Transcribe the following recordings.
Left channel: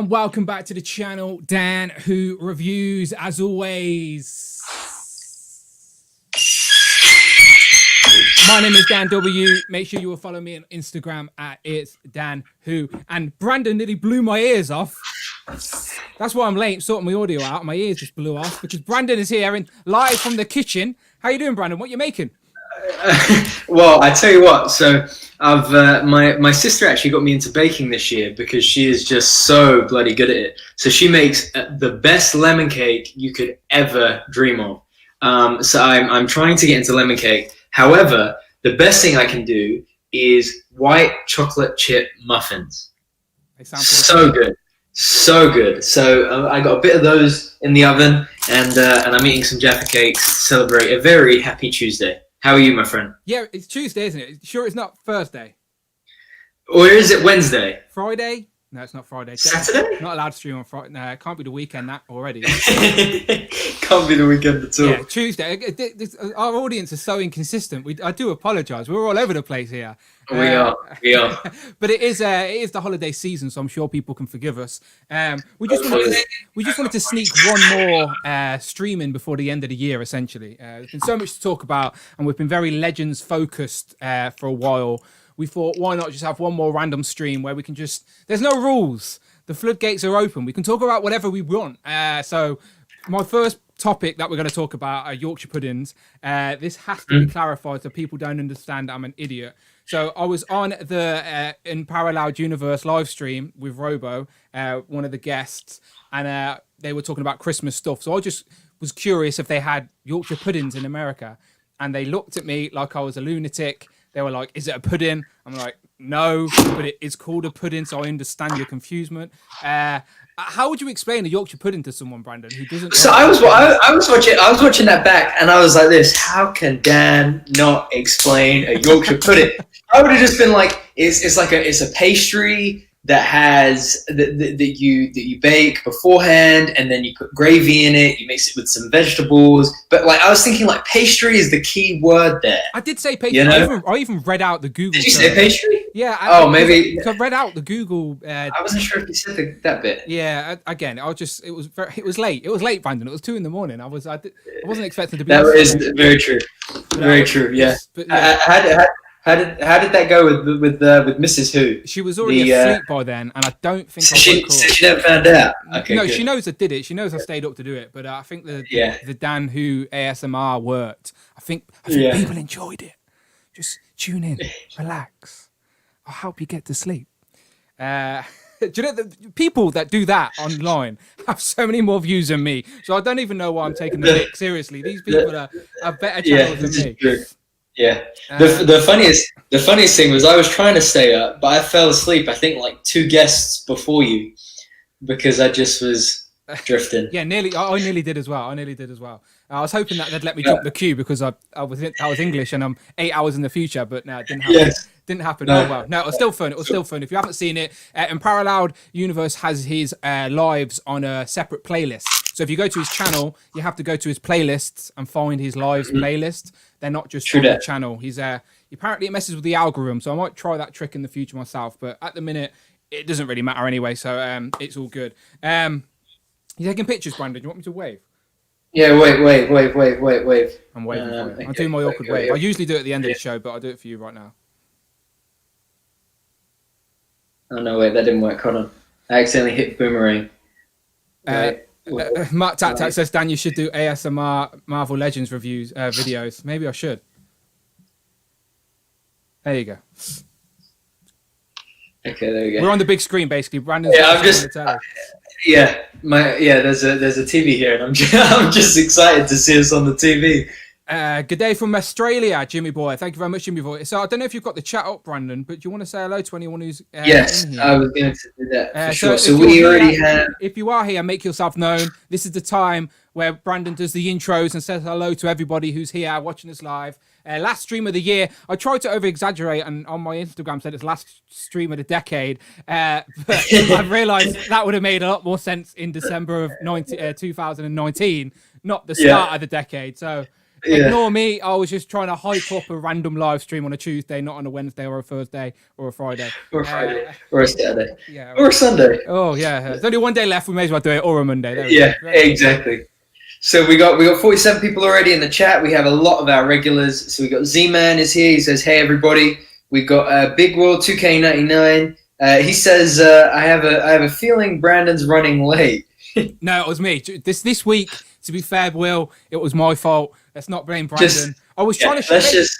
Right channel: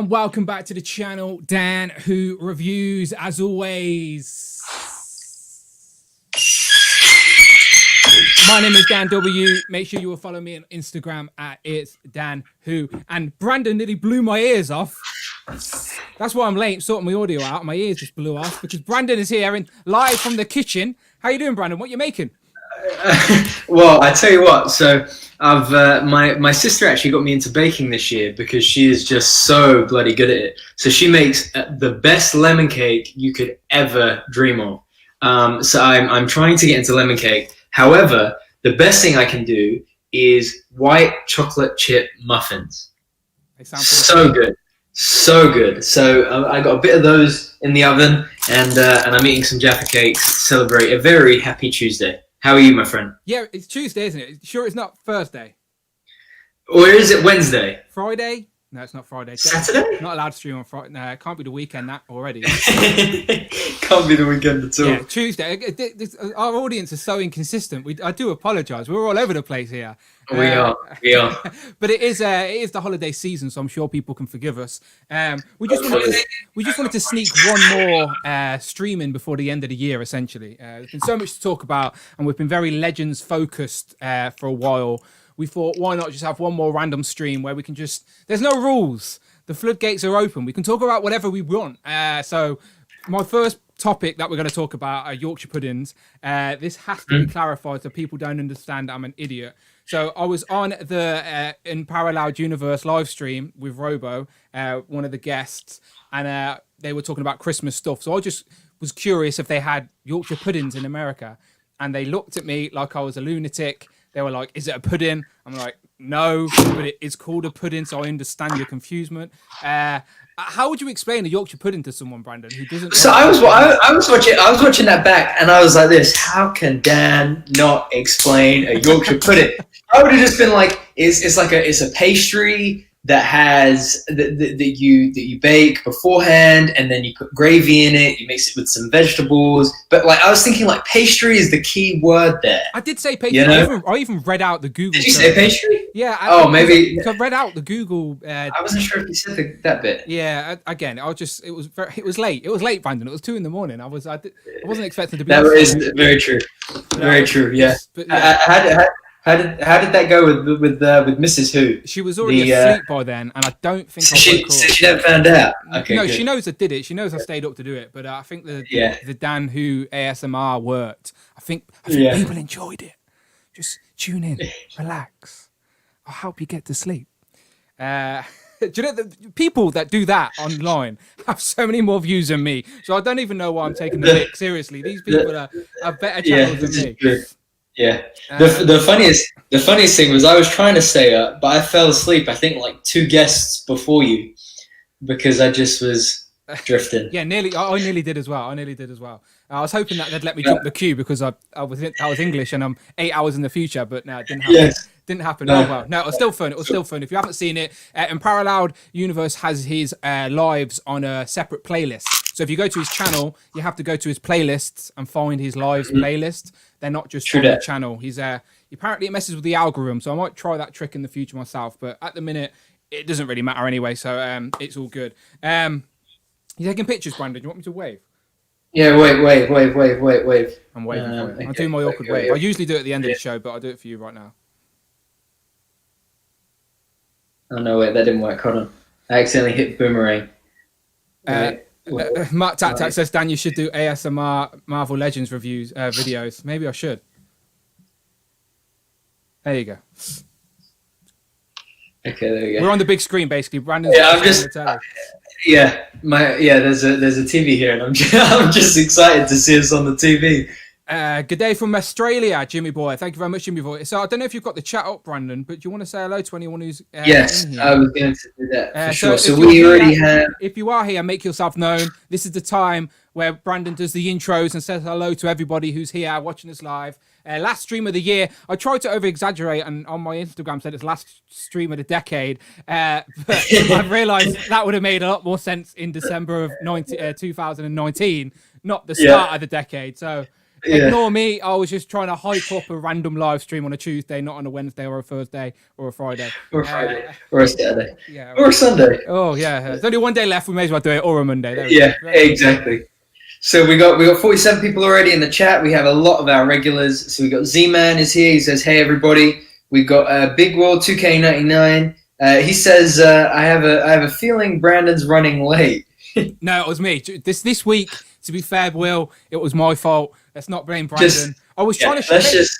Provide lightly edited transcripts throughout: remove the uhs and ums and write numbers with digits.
and welcome back to the channel. Dan Who Reviews, as always. My name is Dan W. Make sure you will follow me on Instagram at It's Dan Who. And Brandon nearly blew my ears off. That's why I'm late sorting my audio out. My ears just blew off because Brandon is here and live from the kitchen. How you doing, Brandon? What you making? Well, I tell you what. So I've my sister actually got me into baking this year because she is just so bloody good at it. So she makes the best lemon cake you could ever dream of. So I'm trying to get into lemon cake. However, the best thing I can do is white chocolate chip muffins. They sound so good. So good. So I got a bit of those in the oven, and I'm eating some Jaffa cakes to celebrate a very happy Tuesday. How are you, my friend? Yeah, it's Tuesday, isn't it? Sure it's not Thursday? Or is it Wednesday? Friday? No, it's not Friday. Saturday? Not allowed to stream on Friday. No, it can't be the weekend that already. Can't be the weekend at all. Yeah, Tuesday. Our audience is so inconsistent. I do apologise. We're all over the place here. We are. But it is the holiday season, so I'm sure people can forgive us. We just wanted to sneak one more stream in before the end of the year. Essentially, there's been so much to talk about, and we've been very Legends focused for a while. We thought, why not just have one more random stream where we can just... There's no rules. The floodgates are open. We can talk about whatever we want. So my first topic that we're going to talk about are Yorkshire puddings. This has to be clarified so people don't understand I'm an idiot. So I was on the In Parallel Universe live stream with Robo, one of the guests, and they were talking about Christmas stuff. So I just was curious if they had Yorkshire puddings in America. And they looked at me like I was a lunatic. They were like, is it a pudding? I'm like, no, but it is called a pudding, so I understand your confusement. How would you explain a Yorkshire pudding to someone, Brandon, who doesn't... So I was watching that back, and I was like this, how can Dan not explain a Yorkshire pudding? I would have just been like, it's a pastry that has that you bake beforehand, and then you put gravy in it. You mix it with some vegetables. But like I was thinking, like pastry is the key word there. I did say pastry. You know? I even read out the Google. Did you say pastry? Yeah. Maybe. I read out the Google. I wasn't sure if you said that bit. Yeah. Again, it was late. It was late, Brandon. It was 2 a.m. I wasn't expecting to be. That is very true. Very true. Yeah. But, yeah. How did that go with Mrs. Who? She was already asleep by then, and I don't think I woke her up. She never found out. Okay, no, good. She knows I did it. She knows I stayed up to do it. But I think the Dan Who ASMR worked. I think people enjoyed it. Just tune in, relax. I'll help you get to sleep. Do you know the people that do that online have so many more views than me? So I don't even know why I'm taking the pic seriously. These people are better channels than me. True. Yeah. The funniest thing was I was trying to stay up, but I fell asleep. I think like 2 guests before you, because I just was drifting. Yeah, nearly. I nearly did as well. I was hoping that they'd let me jump the queue because I was English and I'm 8 hours in the future, but no, it didn't happen. Yes. Didn't happen. No. Oh well, no, it was still fun. If you haven't seen it, In Parallel Universe has his lives on a separate playlist. So if you go to his channel, you have to go to his playlists and find his lives playlist. They're not just on the channel. He's apparently it messes with the algorithm, so I might try that trick in the future myself. But at the minute, it doesn't really matter anyway. So it's all good. You taking pictures, Brandon? Do you want me to wave? Yeah, wave. I'm waving for you. I'm doing my awkward wave. I usually do it at the end of the show, but I'll do it for you right now. Oh no, wait, that didn't work. Hold on. I accidentally hit boomerang. Mark Tat says, Dan, you should do ASMR Marvel Legends reviews videos. Maybe I should. There you go. Okay, there we go. We're on the big screen, basically. Brandon's I'm just. There's a TV here, and I'm just excited to see us on the TV. Good day from Australia, Jimmy boy. Thank you very much, Jimmy boy. So I don't know if you've got the chat up, Brandon, but do you want to say hello to anyone who's yes, in here? I was going to do that for sure. So we already have... If you are here, make yourself known. This is the time where Brandon does the intros and says hello to everybody who's here watching us live. Last stream of the year. I tried to over-exaggerate and on my Instagram said it's last stream of the decade. But I've realised that would have made a lot more sense in December of 2019, not the start of the decade. So Ignore me. I was just trying to hype up a random live stream on a Tuesday, not on a Wednesday or a Thursday or a Friday. Or a Friday. Or a Saturday. Yeah. Or a Sunday. Oh, yeah. There's only one day left. We may as well do it. Or a Monday. There we go. Right. Exactly. So we got 47 people already in the chat. We have a lot of our regulars. So we got Z-Man is here. He says, hey, everybody. We got Big World 2K99. He says, I have a feeling Brandon's running late. No, it was me. This week, to be fair, Will, it was my fault. Let's not blame Brandon. I was trying to... Let's just,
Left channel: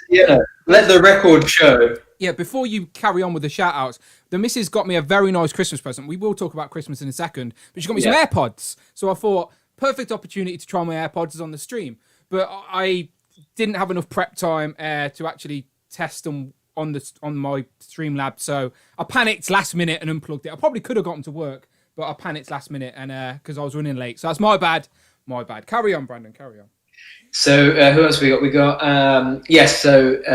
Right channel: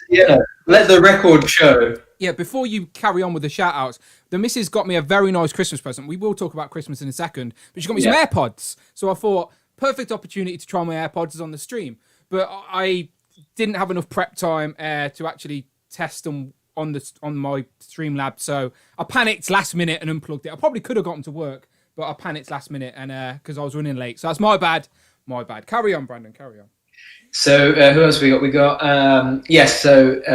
let the record show. Yeah, before you carry on with the shout-outs, the missus got me a very nice Christmas present. We will talk about Christmas in a second, but she got me some AirPods. So I thought, perfect opportunity to try my AirPods on the stream. But I didn't have enough prep time to actually test them on my Streamlab. So I panicked last minute and unplugged it. I probably could have gotten to work, but I panicked last minute and because I was running late. So that's my bad. My bad. Carry on, Brandon. Carry on. So who else we got? We got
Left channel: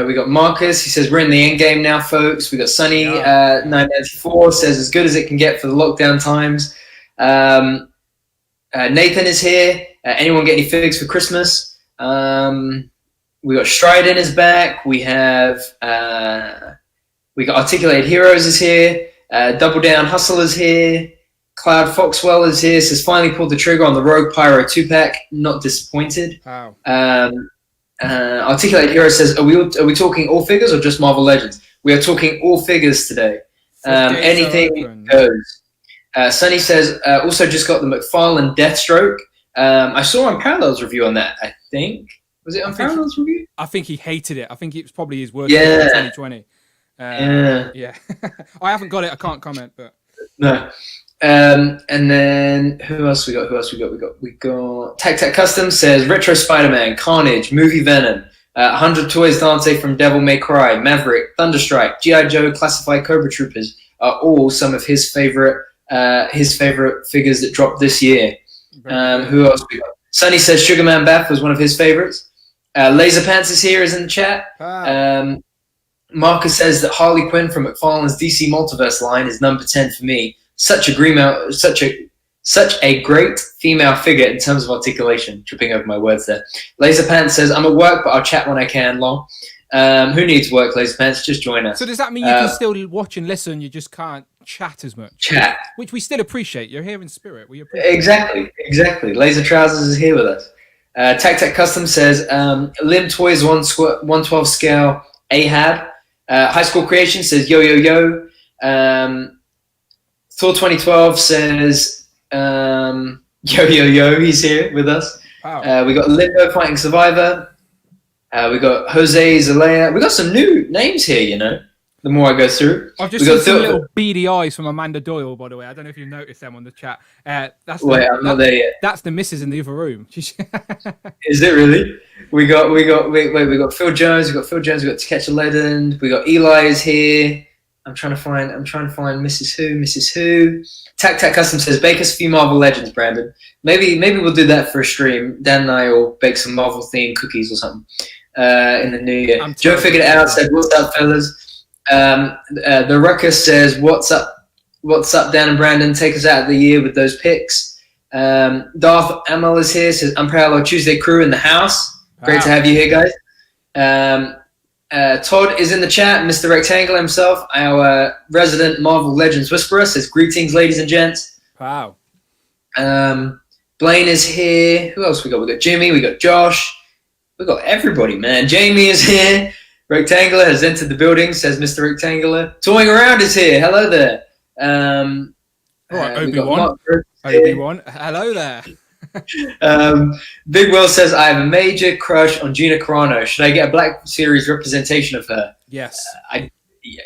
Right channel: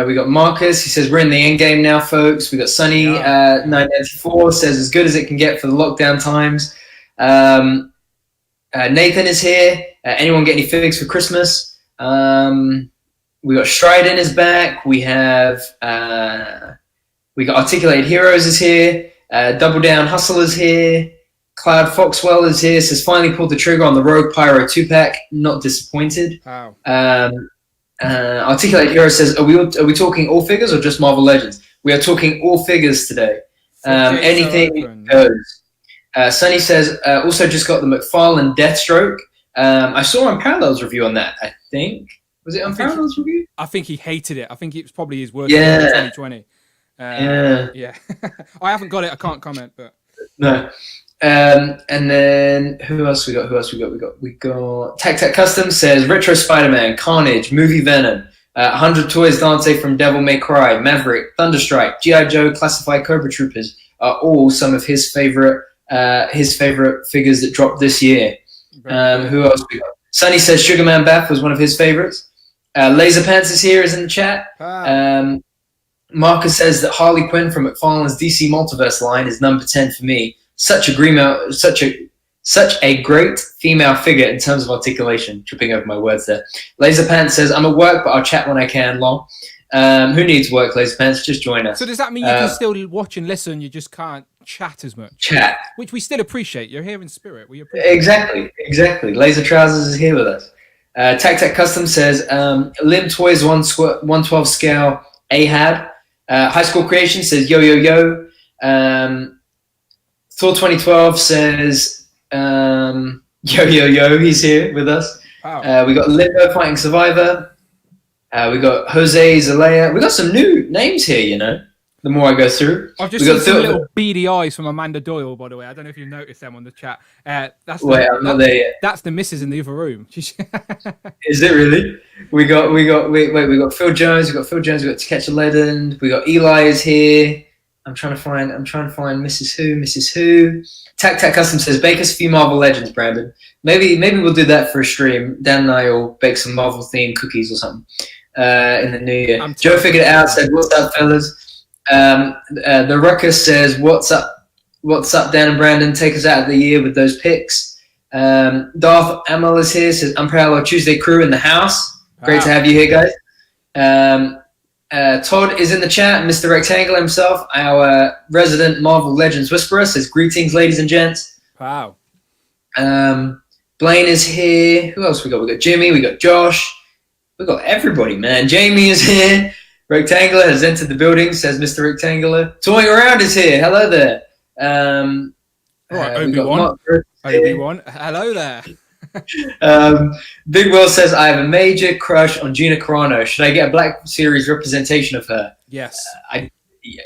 we got Marcus. He says we're in the end game now, folks. We got Sunny 994 says as good as it can get for the lockdown times. Nathan is here. Anyone get any figs for Christmas? We got Strident is back. We got Articulated Heroes is here. Double Down Hustle is here. Cloud Foxwell is here. Says finally pulled the trigger on the Rogue Pyro 2-pack. Not disappointed. Wow. Articulated Hero says, are we talking all figures or just Marvel Legends? We are talking all figures today. Anything goes. Sunny says, also just got the McFarlane Deathstroke. I saw on Parallel's review on that, I think. Was it on Parallel's review? I think he hated it. I think it was probably his worst in 2020. Yeah. I haven't got it. I can't comment, but... No. And then who else we got? We got Tac Custom says Retro Spider-Man, Carnage, Movie Venom, 100 Toys Dante from Devil May Cry, Maverick, Thunderstrike, G.I. Joe, Classified Cobra Troopers are all some of his favorite figures that dropped this year. Who else we got? Sunny says Sugarman Bath was one of his favorites. Laser Pants is here, is in the chat. Marcus says that Harley Quinn from McFarlane's DC Multiverse line is number 10 for me. Such a great female figure in terms of articulation. Tripping over my words there. Laser Pants says, I'm at work, but I'll chat when I can, lol. Who needs work, Laser Pants? Just join us. So does that mean you can still watch and listen, you just can't chat as much? Chat. Which we still appreciate. You're here in spirit. We appreciate Exactly. Laser Trousers is here with us. Tac Custom says, Lim Toys 112 scale Ahab. High School Creation says, yo. Thor 2012 says, yo, he's here with us. Wow. We got Limbo Fighting Survivor. We got Jose Zalea. We got some new names here, you know, the more I go through. I've just seen some little beady eyes from Amanda Doyle, by the way. I don't know if you noticed them on the chat. I'm not there yet. That's the missus in the other room. Is it really? We got Phil Jones. We got To Catch a Legend. We got Eli is here. I'm trying to find Mrs. Who. Tac Custom says, bake us a few Marvel Legends, Brandon. Maybe we'll do that for a stream. Dan and I will bake some Marvel themed cookies or something in the new year. Joe figured it out, said, what's up, fellas? The Ruckus says, what's up, Dan and Brandon? Take us out of the year with those picks. Darth Amal is here, says, Unparalleled Tuesday crew in the house. Great to have you here, guys. Todd is in the chat. Mr. Rectangle himself, our resident Marvel Legends whisperer, says, greetings, ladies and gents. Wow. Blaine is here. Who else we got? We got Jimmy. We got Josh. We got everybody, man. Jamie is here. Rectangular has entered the building, says Mr. Rectangular. Toying Around is here. Hello there. All right, Obi-Wan. Hello there. Big Will says, I have a major crush on Gina Carano. Should I get a Black Series representation of her? Yes.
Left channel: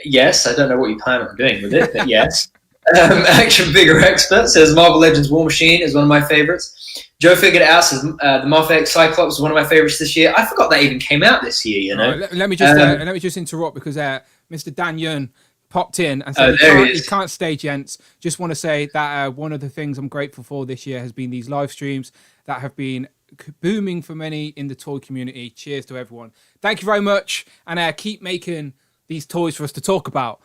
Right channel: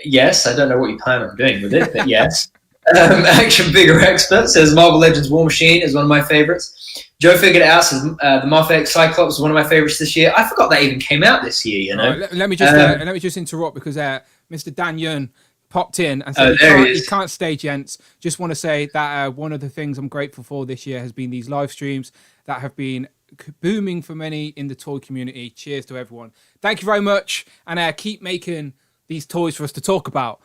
Yes. I don't know what you plan on doing with it, but yes. Action Figure Expert says Marvel Legends War Machine is one of my favorites. Joe figured it out, says the Moth X Cyclops is one of my favorites this year. I forgot that even came out this year, you know. Right, let me just interrupt because Mr. Dan Yun popped in and said he can't stay, gents. Just want to say that one of the things I'm grateful for this year has been these live streams that have been booming for many in the toy community. Cheers to everyone. Thank you very much, and keep making these toys for us to talk about.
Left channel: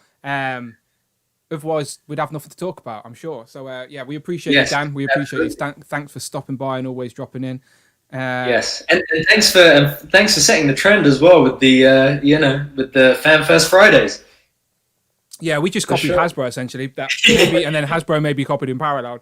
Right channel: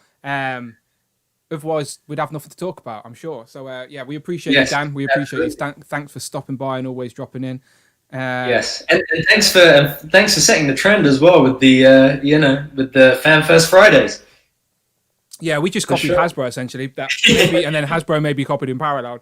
Otherwise, we'd have nothing to talk about, I'm sure. So, we appreciate you, Dan. We appreciate you. Thanks for stopping by and always dropping in. Yes, and thanks for setting the trend as well with the with the Fan First Fridays. Yeah, we just copied Hasbro essentially. That maybe, and then Hasbro maybe copied in parallel.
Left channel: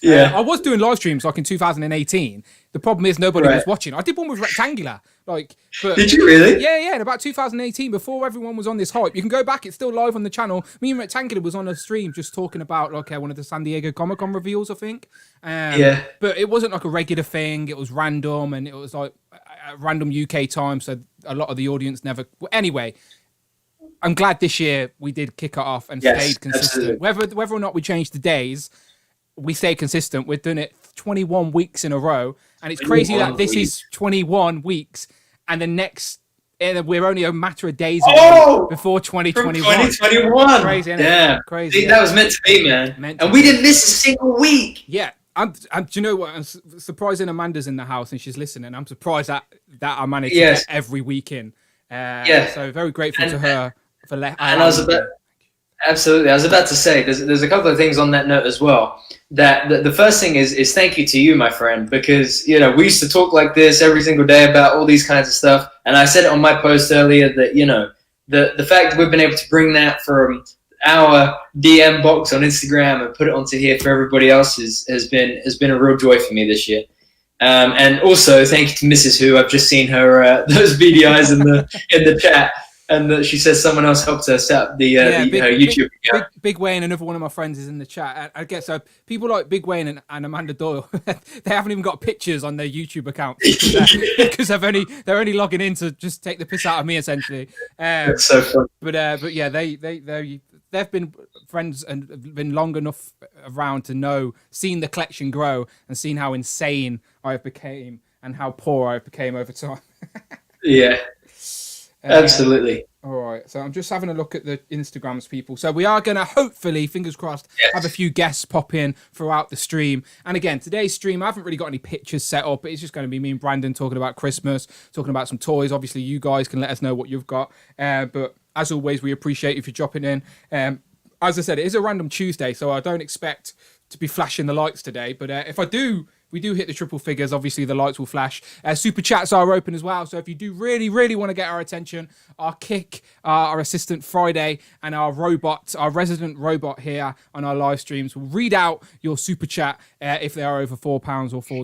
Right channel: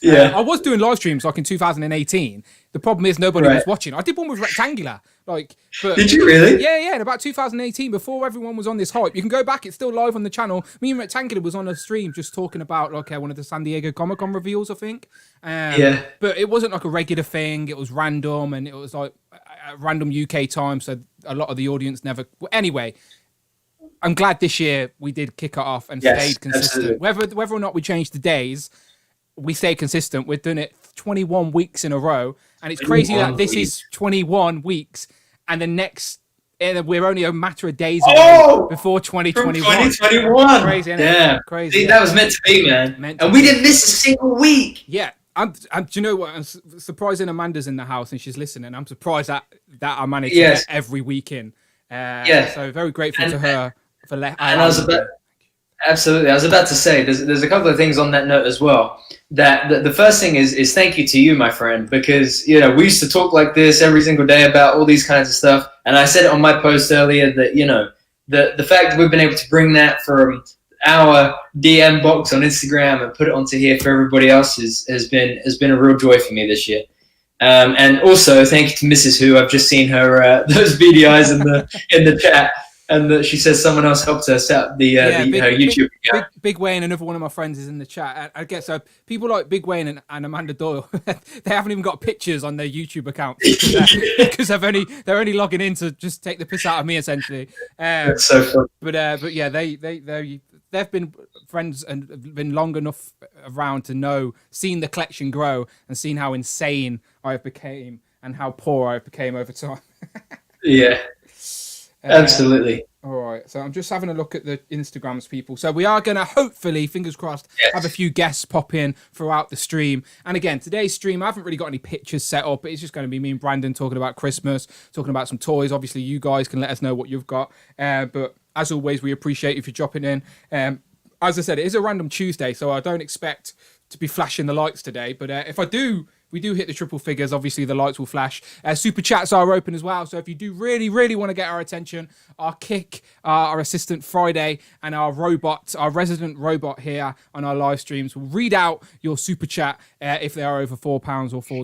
Yeah, I was doing live streams like in 2018. The problem is nobody was watching. I did one with Rectangular. But did you really? Yeah. In about 2018, before everyone was on this hype, you can go back. It's still live on the channel. Me and Rectangular was on a stream just talking about like one of the San Diego Comic-Con reveals, I think. But it wasn't like a regular thing. It was random, and it was like a random UK time. So a lot of the audience never. Anyway. I'm glad this year we did kick it off and stayed consistent. Whether or not we changed the days, we stayed consistent. We're doing it 21 weeks in a row, and it's crazy that this is 21 weeks, and the next we're only a matter of days away before 2021. 2021, crazy, isn't it? Yeah, crazy. That was meant to be, man. We didn't miss a single week. Yeah. Do you know what? I'm surprising Amanda's in the house and she's listening. I'm surprised that I managed to get every week in. So very grateful to her. Absolutely. I was about to say, there's a couple of things on that note as well. That the first thing is thank you to you, my friend, because we used to talk like this every single day about all these kinds of stuff, and I said it on my post earlier that the fact that we've been able to bring that from our DM box on Instagram and put it onto here for everybody else has been a real joy for me this year. And also thank you to Mrs. Who. I've just seen her those beady eyes in the chat. And she says someone else helped her set up the YouTube account. Big Wayne, another one of my friends, is in the chat. I guess people like Big Wayne and Amanda Doyle, they haven't even got pictures on their YouTube account because they're only logging in to just take the piss out of me essentially. That's so fun. But yeah, they've been friends and been long enough around to seen the collection grow and seen how insane I became and how poor I became over time. Yeah. Absolutely. All right. So I'm just having a look at the Instagrams, people. So we are going to hopefully, fingers crossed, have a few guests pop in throughout the stream. And again, today's stream, I haven't really got any pictures set up. It's just going to be me and Brandon talking about Christmas, talking about some toys. Obviously, you guys can let us know what you've got. But as always, we appreciate if you're dropping in. As I said, it is a random Tuesday, so I don't expect to be flashing the lights today. But if we do hit the triple figures, obviously the lights will flash. Super chats are open as well. So if you do really, really want to get our attention, our Kick, our assistant Friday, and our resident robot here on our live streams will read out your super chat if they are over £4 or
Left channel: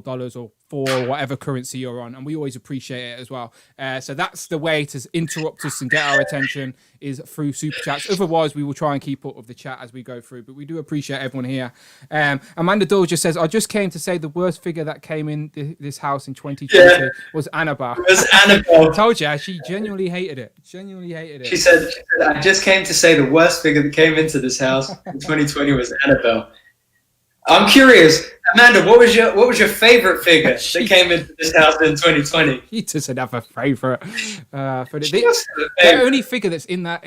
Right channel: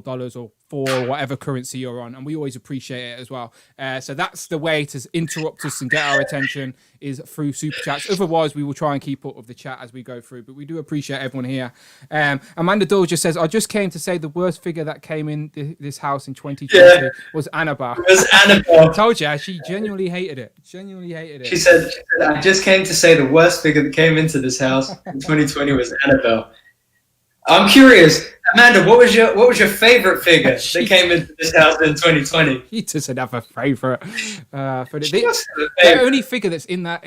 $4 or for whatever currency you're on, and we always appreciate it as well. So that's the way to interrupt us and get our attention, is through super chats. Otherwise, we will try and keep up with the chat as we go through, but we do appreciate everyone here. Amanda Doyle just says, I just came to say the worst figure that came in this house in 2020 was Annabelle. It was Annabelle. I told you, she genuinely hated it. She said, I just came to say the worst figure that came into this house in 2020 was Annabelle. I'm curious, Amanda, what was your favorite figure that came into this house in 2020? He doesn't have a favorite. The only figure that's not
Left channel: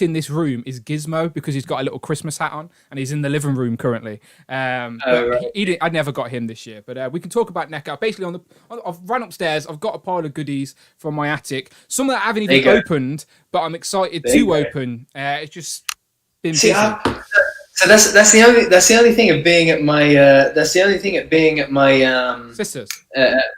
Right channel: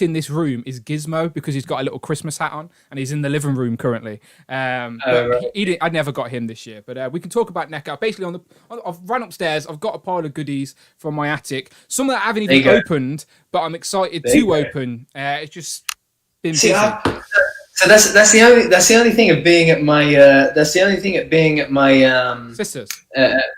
in this room is Gizmo, because he's got a little Christmas hat on and he's in the living room currently. But I never got him this year. But we can talk about NECA. Basically, I've run upstairs. I've got a pile of goodies from my attic. Some that I haven't even opened, but I'm excited to open. It's just been busy. So that's the only thing of being at my sisters.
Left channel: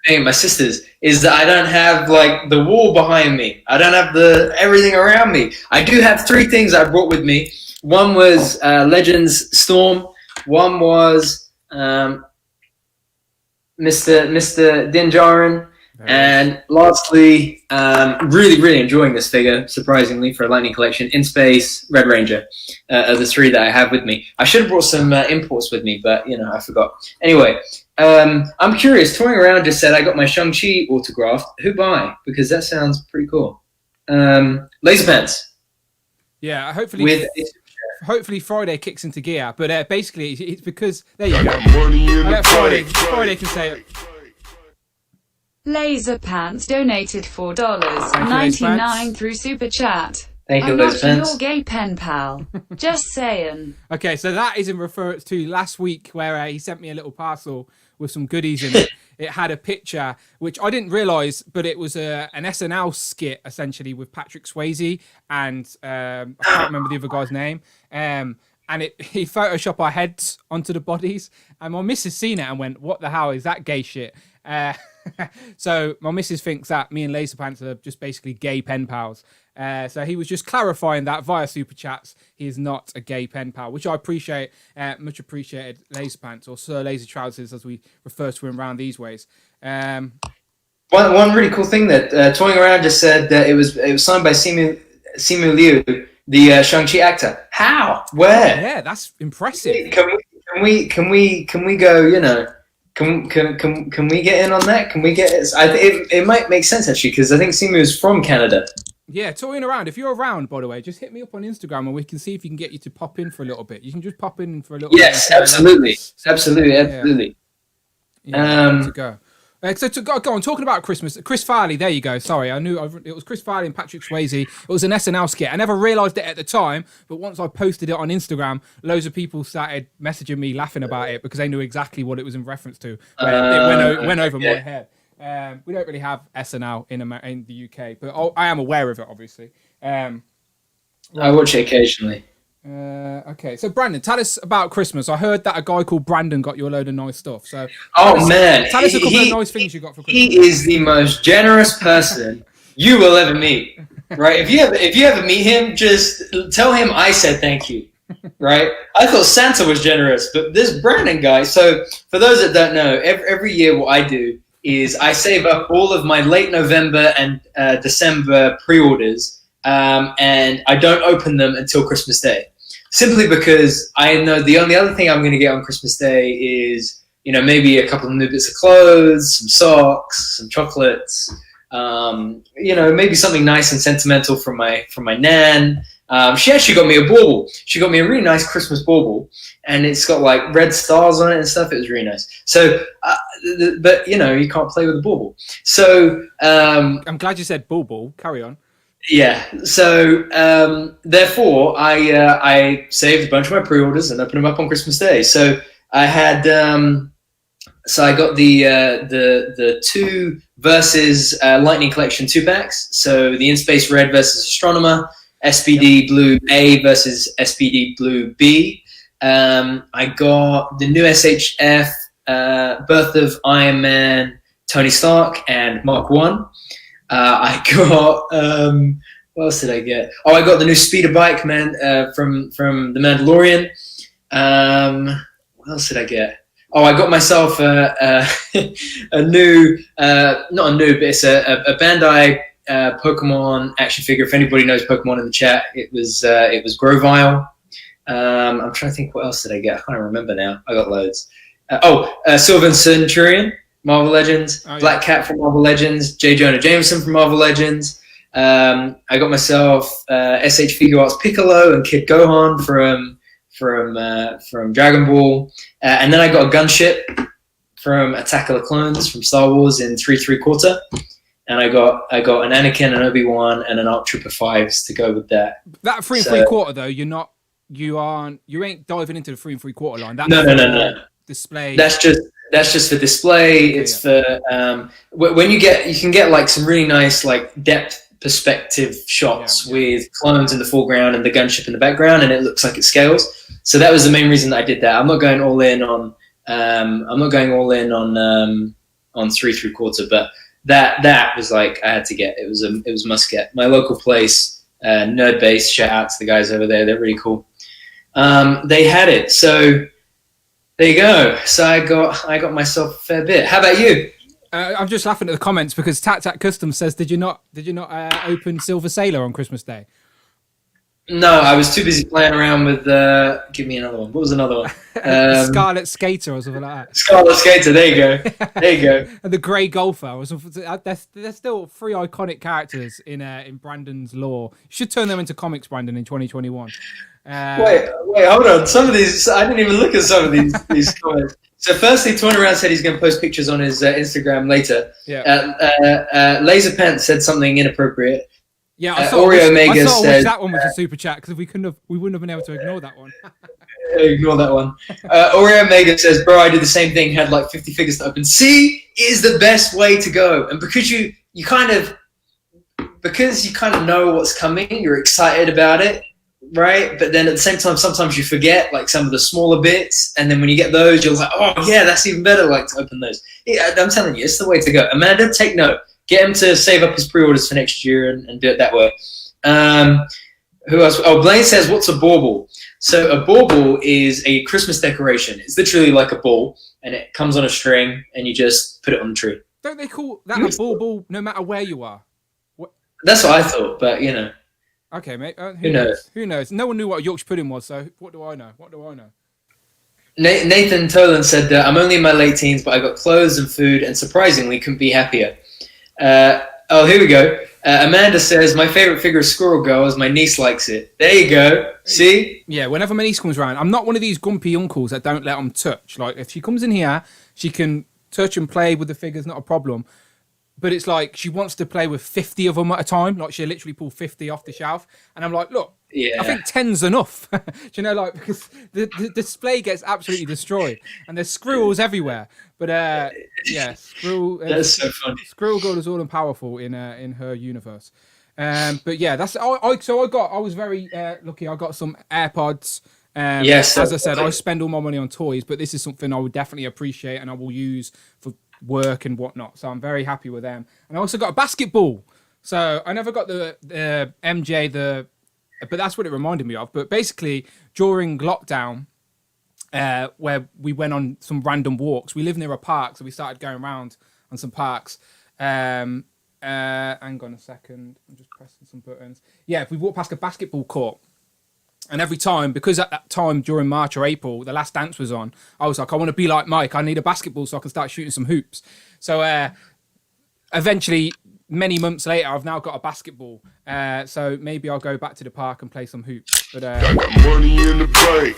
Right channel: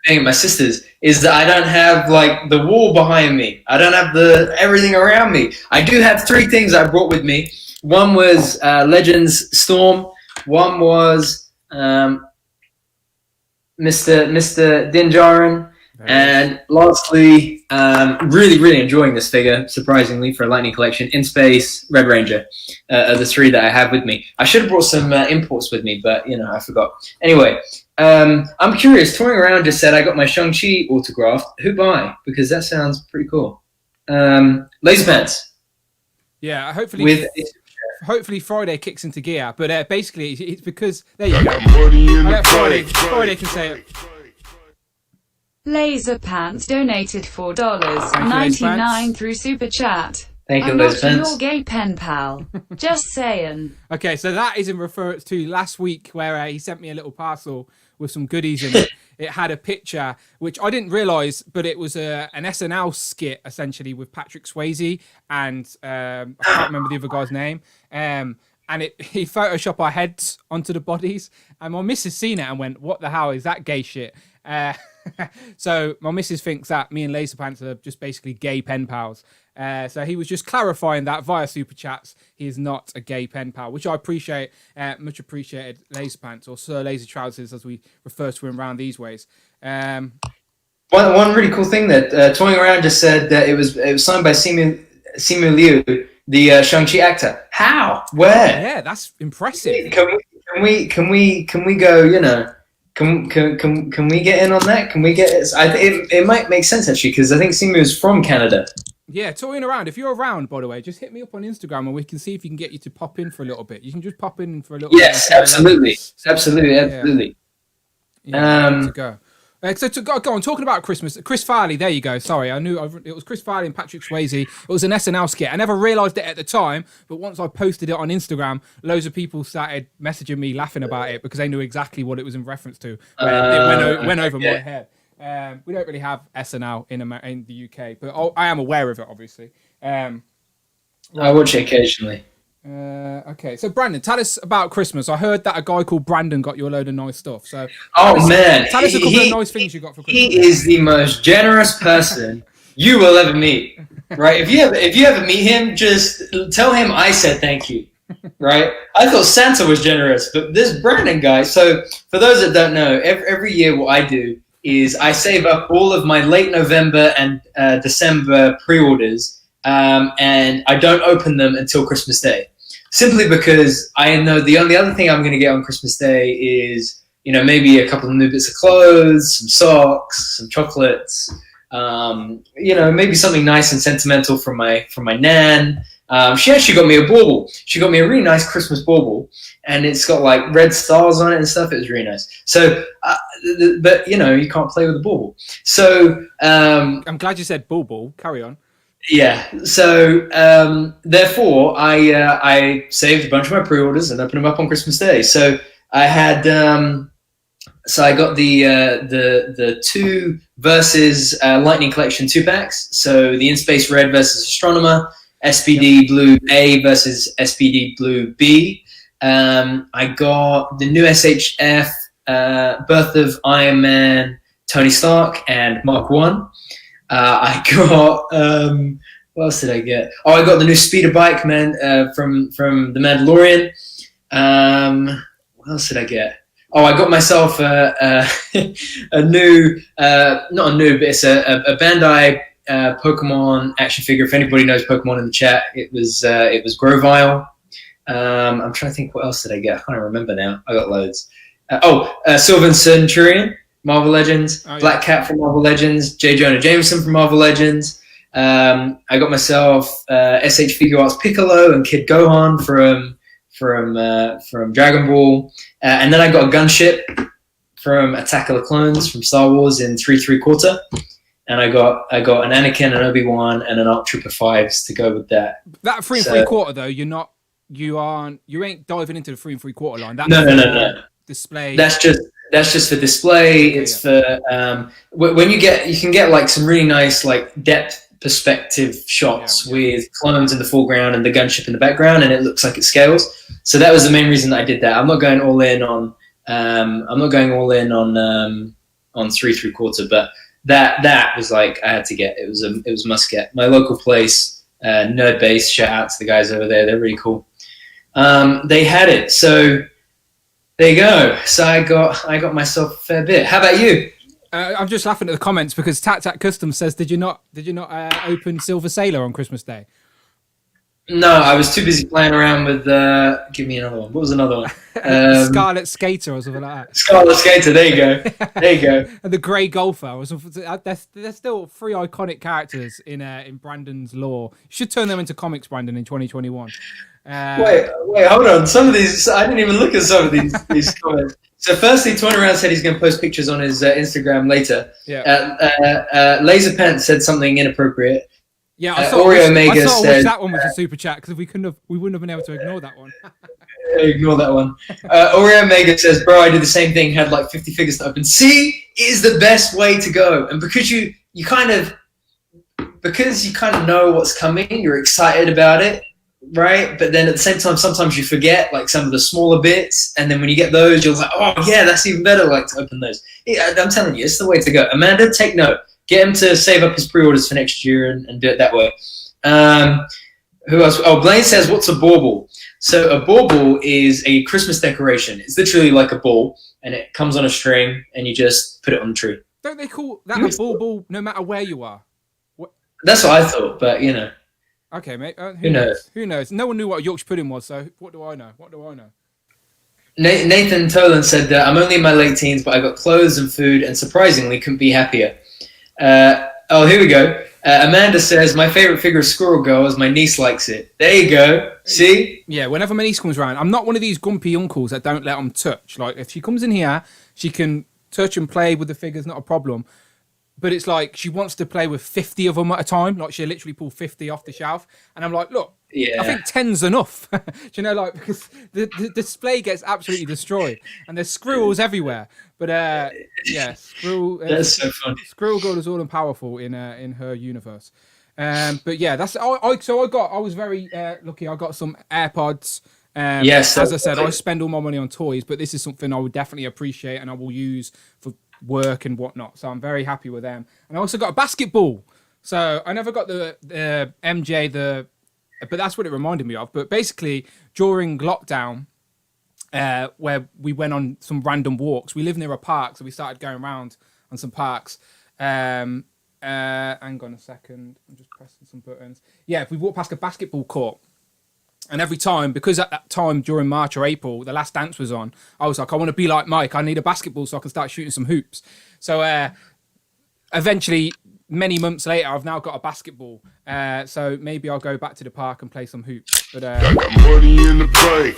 Being at my sisters is that I don't have like the wall behind me. I don't have everything around me. I do have 3 things I brought with me. One was Legends Storm. One was Mr. Dinjarin. And lastly, really, really enjoying this figure, surprisingly, for a Lightning Collection, In Space, Red Ranger, are the 3 that I have with me. I should have brought some imports with me, but, I forgot. Anyway, I'm curious, touring around just said I got my Shang-Chi autographed. Who by? Because that sounds pretty cool. Laser Pants. Yeah, hopefully Friday kicks into gear, but basically it's because, there you go. I let Friday can say it. Laser Pants donated $4.99 through Super Chat. Thank you, I'm Laser not Pants. your gay pen pal. Just saying. Okay, so that is in reference to last week where he sent me a little parcel with some goodies in it. It had a picture, which I didn't realise, but it was an SNL skit, essentially, with Patrick Swayze and I can't remember the other guy's name. And he photoshopped our heads onto the bodies. And my missus seen it and went, what the hell is that gay shit? So my missus thinks that me and Laser Pants are just basically gay pen pals. So he was just clarifying that via super chats. He is not a gay pen pal, which I appreciate. Much appreciated, Laser Pants, or Sir Laser Trousers, as we refer to him around these ways. One really cool thing that Toying Around just said that it was signed by Simu Liu, the Shang-Chi actor. How? Where? Yeah, that's impressive. Can we go? You know, can we get in on that? Can we get? It might make sense actually, because I think Simu is from Canada. Yeah, Toying Around. If you're around, by the way, just hit me up on Instagram and we can see if you can get you to pop in for a little bit. You can just pop in for a little bit. Yes, absolutely. Yeah, to go. So to go on, talking about Christmas, Chris Farley, there you go. Sorry, I knew it was Chris Farley and Patrick Swayze. It was an SNL skit. I never realised it at the time, but once I posted it on Instagram, loads of people started messaging me laughing about it because they knew exactly what it was in reference to. It went over my head. We don't really have SNL in the UK, but I am aware of it, obviously. I watch it occasionally. Okay, so Brandon, tell us about Christmas. I heard that a guy called Brandon got you a load of nice stuff. So, tell us a couple of nice things you got for Christmas. He is the most generous person you will ever meet. Right? If you ever meet him, just tell him I said thank you. Right? I thought Santa was generous, but this Brandon guy. So, for those that don't know, every year what I do is I save up all of my late November and December pre-orders, and I don't open them until Christmas Day. Simply because I know the only other thing I'm going to get on Christmas Day is, you know, maybe a couple of new bits of clothes, some socks, some chocolates, you know, maybe something nice and sentimental from my nan. She actually got me a bauble. She got me a really nice Christmas bauble, and it's got like red stars on it and stuff. It was really nice. So, but you know, you can't play with a bauble. So I'm glad you said bauble. Carry on. Yeah. So therefore, I saved a bunch of my pre-orders and opened them up on Christmas Day. So I had, so I got the two Versus Lightning Collection 2-packs. So the In Space Red versus Astronomer, SPD Blue A versus SPD Blue B. I got the new SHF Birth of Iron Man, Tony Stark, and Mark 1. I got what else did I get? Oh, I got the new speeder bike, man, from The Mandalorian. What else did I get? Oh, I got myself a new, not a new, but it's a Bandai Pokemon action figure. If anybody knows Pokemon in the chat, it was Grovyle. I'm trying to think, what else did I get? I can't remember now. I got loads. Sylvan Centurion, Marvel Legends, Black Cat from Marvel Legends, J. Jonah Jameson from Marvel Legends. I got myself SH Figure Arts Piccolo and Kid Gohan from Dragon Ball, and then I got a gunship from Attack of the Clones from Star Wars in 3 3/4, and I got an Anakin, an Obi-Wan, and an ARC Trooper 5s to go with that. That 3 3/4 though, you ain't diving into the 3 3/4 line. That's no. Display. That's just for display. Okay, it's for when you can get like some really nice like depth perspective shots with clones in the foreground and the gunship in the background, and it looks like it scales. So that was the main reason that I did that. I'm not going all in on 3 3/4, but that was like I had to get. It was a must get. My local place, Nerd Base. Shout out to the guys over there. They're really cool. They had it, so there you go. So I got myself a fair bit. How about you? I'm just laughing at the comments because Tat Custom says, "Did you not open Silver Sailor on Christmas Day?" No, I was too busy playing around with. Give me another one. What was another one? Scarlet Skater or something like that. Scarlet Skater. There you go. There you go. And the Grey Golfer. There's still 3 iconic characters in Brandon's lore. You should turn them into comics, Brandon, in 2021. Wait, hold on. Some of these, I didn't even look at some of these comments. So firstly, Toying Around said he's going to post pictures on his Instagram later. Yeah. Laser Pants said something inappropriate. Yeah, I sort of wish that one was a super chat because we wouldn't have been able to ignore that one. Ignore that one. Oreo Mega says, "Bro, I did the same thing. Had like 50 figures to open. See, it is the best way to go. And because you kind of know what's coming, you're excited about it. right? But then at the same time, sometimes you forget like some of the smaller bits, and then when you get those, you're like, oh yeah, that's even better. Like to open those. Yeah, I'm telling you, it's the way to go. Amanda, take note. Get him to save up his pre-orders for next year and do it that way. Who else? Oh, Blaine says, what's a bauble? So a bauble is a Christmas decoration. It's literally like a ball, and it comes on a string, and you just put it on the tree. Don't they call that a bauble no matter where you are? What? That's what I thought, but you know. Okay, mate. Who knows? Who knows? No one knew what a Yorkshire pudding was, so what do I know? Nathan Tolan said that I'm only in my late teens, but I got clothes and food, and surprisingly couldn't be happier. Here we go. Amanda says, my favorite figure is Squirrel Girl, as my niece likes it. There you go. See? Yeah, whenever my niece comes around, I'm not one of these grumpy uncles that don't let them touch. Like, if she comes in here, she can touch and play with the figures, not a problem. But it's like she wants to play with 50 of them at a time. Like, she'll literally pull 50 off the shelf. And I'm like, look, I think 10's enough. Do you know, like, because the display gets absolutely destroyed. And there's squirrels everywhere. But, yeah, That's so fun. Squirrel Girl is all and powerful in her universe. But, yeah, that's... I was very lucky. I got some AirPods. Yes. As I said, I spend all my money on toys. But this is something I would definitely appreciate and I will use for work and whatnot, so I'm very happy with them. And I also got a basketball, so I never got the MJ but that's what it reminded me of. But basically during lockdown, where we went on some random walks, we live near a park, so we started going around on some parks. Hang on a second, I'm just pressing some buttons. Yeah, we walked past a basketball court. And every time, because at that time during March or April, The Last Dance was on, I was like, I want to be like Mike. I need a basketball so I can start shooting some hoops. So eventually, many months later, I've now got a basketball. So maybe I'll go back to the park and play some hoops. But money in the bank.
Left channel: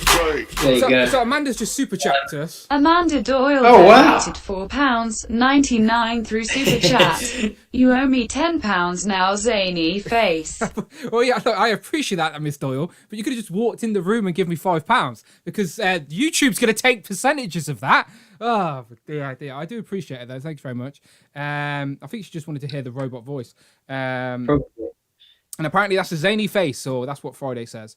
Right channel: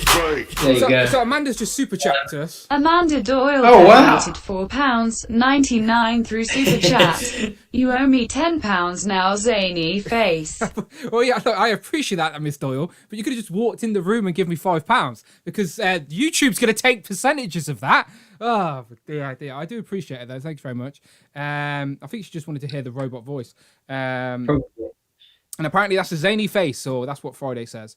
There you go. So Amanda's just super chatted us. Amanda Doyle wow. donated £4.99 through Super Chat. You owe me £10 now, zany face. Well, yeah, look, I appreciate that, Miss Doyle, but you could have just walked in the room and given me £5 because YouTube's going to take percentages of that. Oh, dear. I do appreciate it, though. Thanks very much. I think she just wanted to hear the robot voice. Probably. And apparently that's a zany face, or that's what Friday says.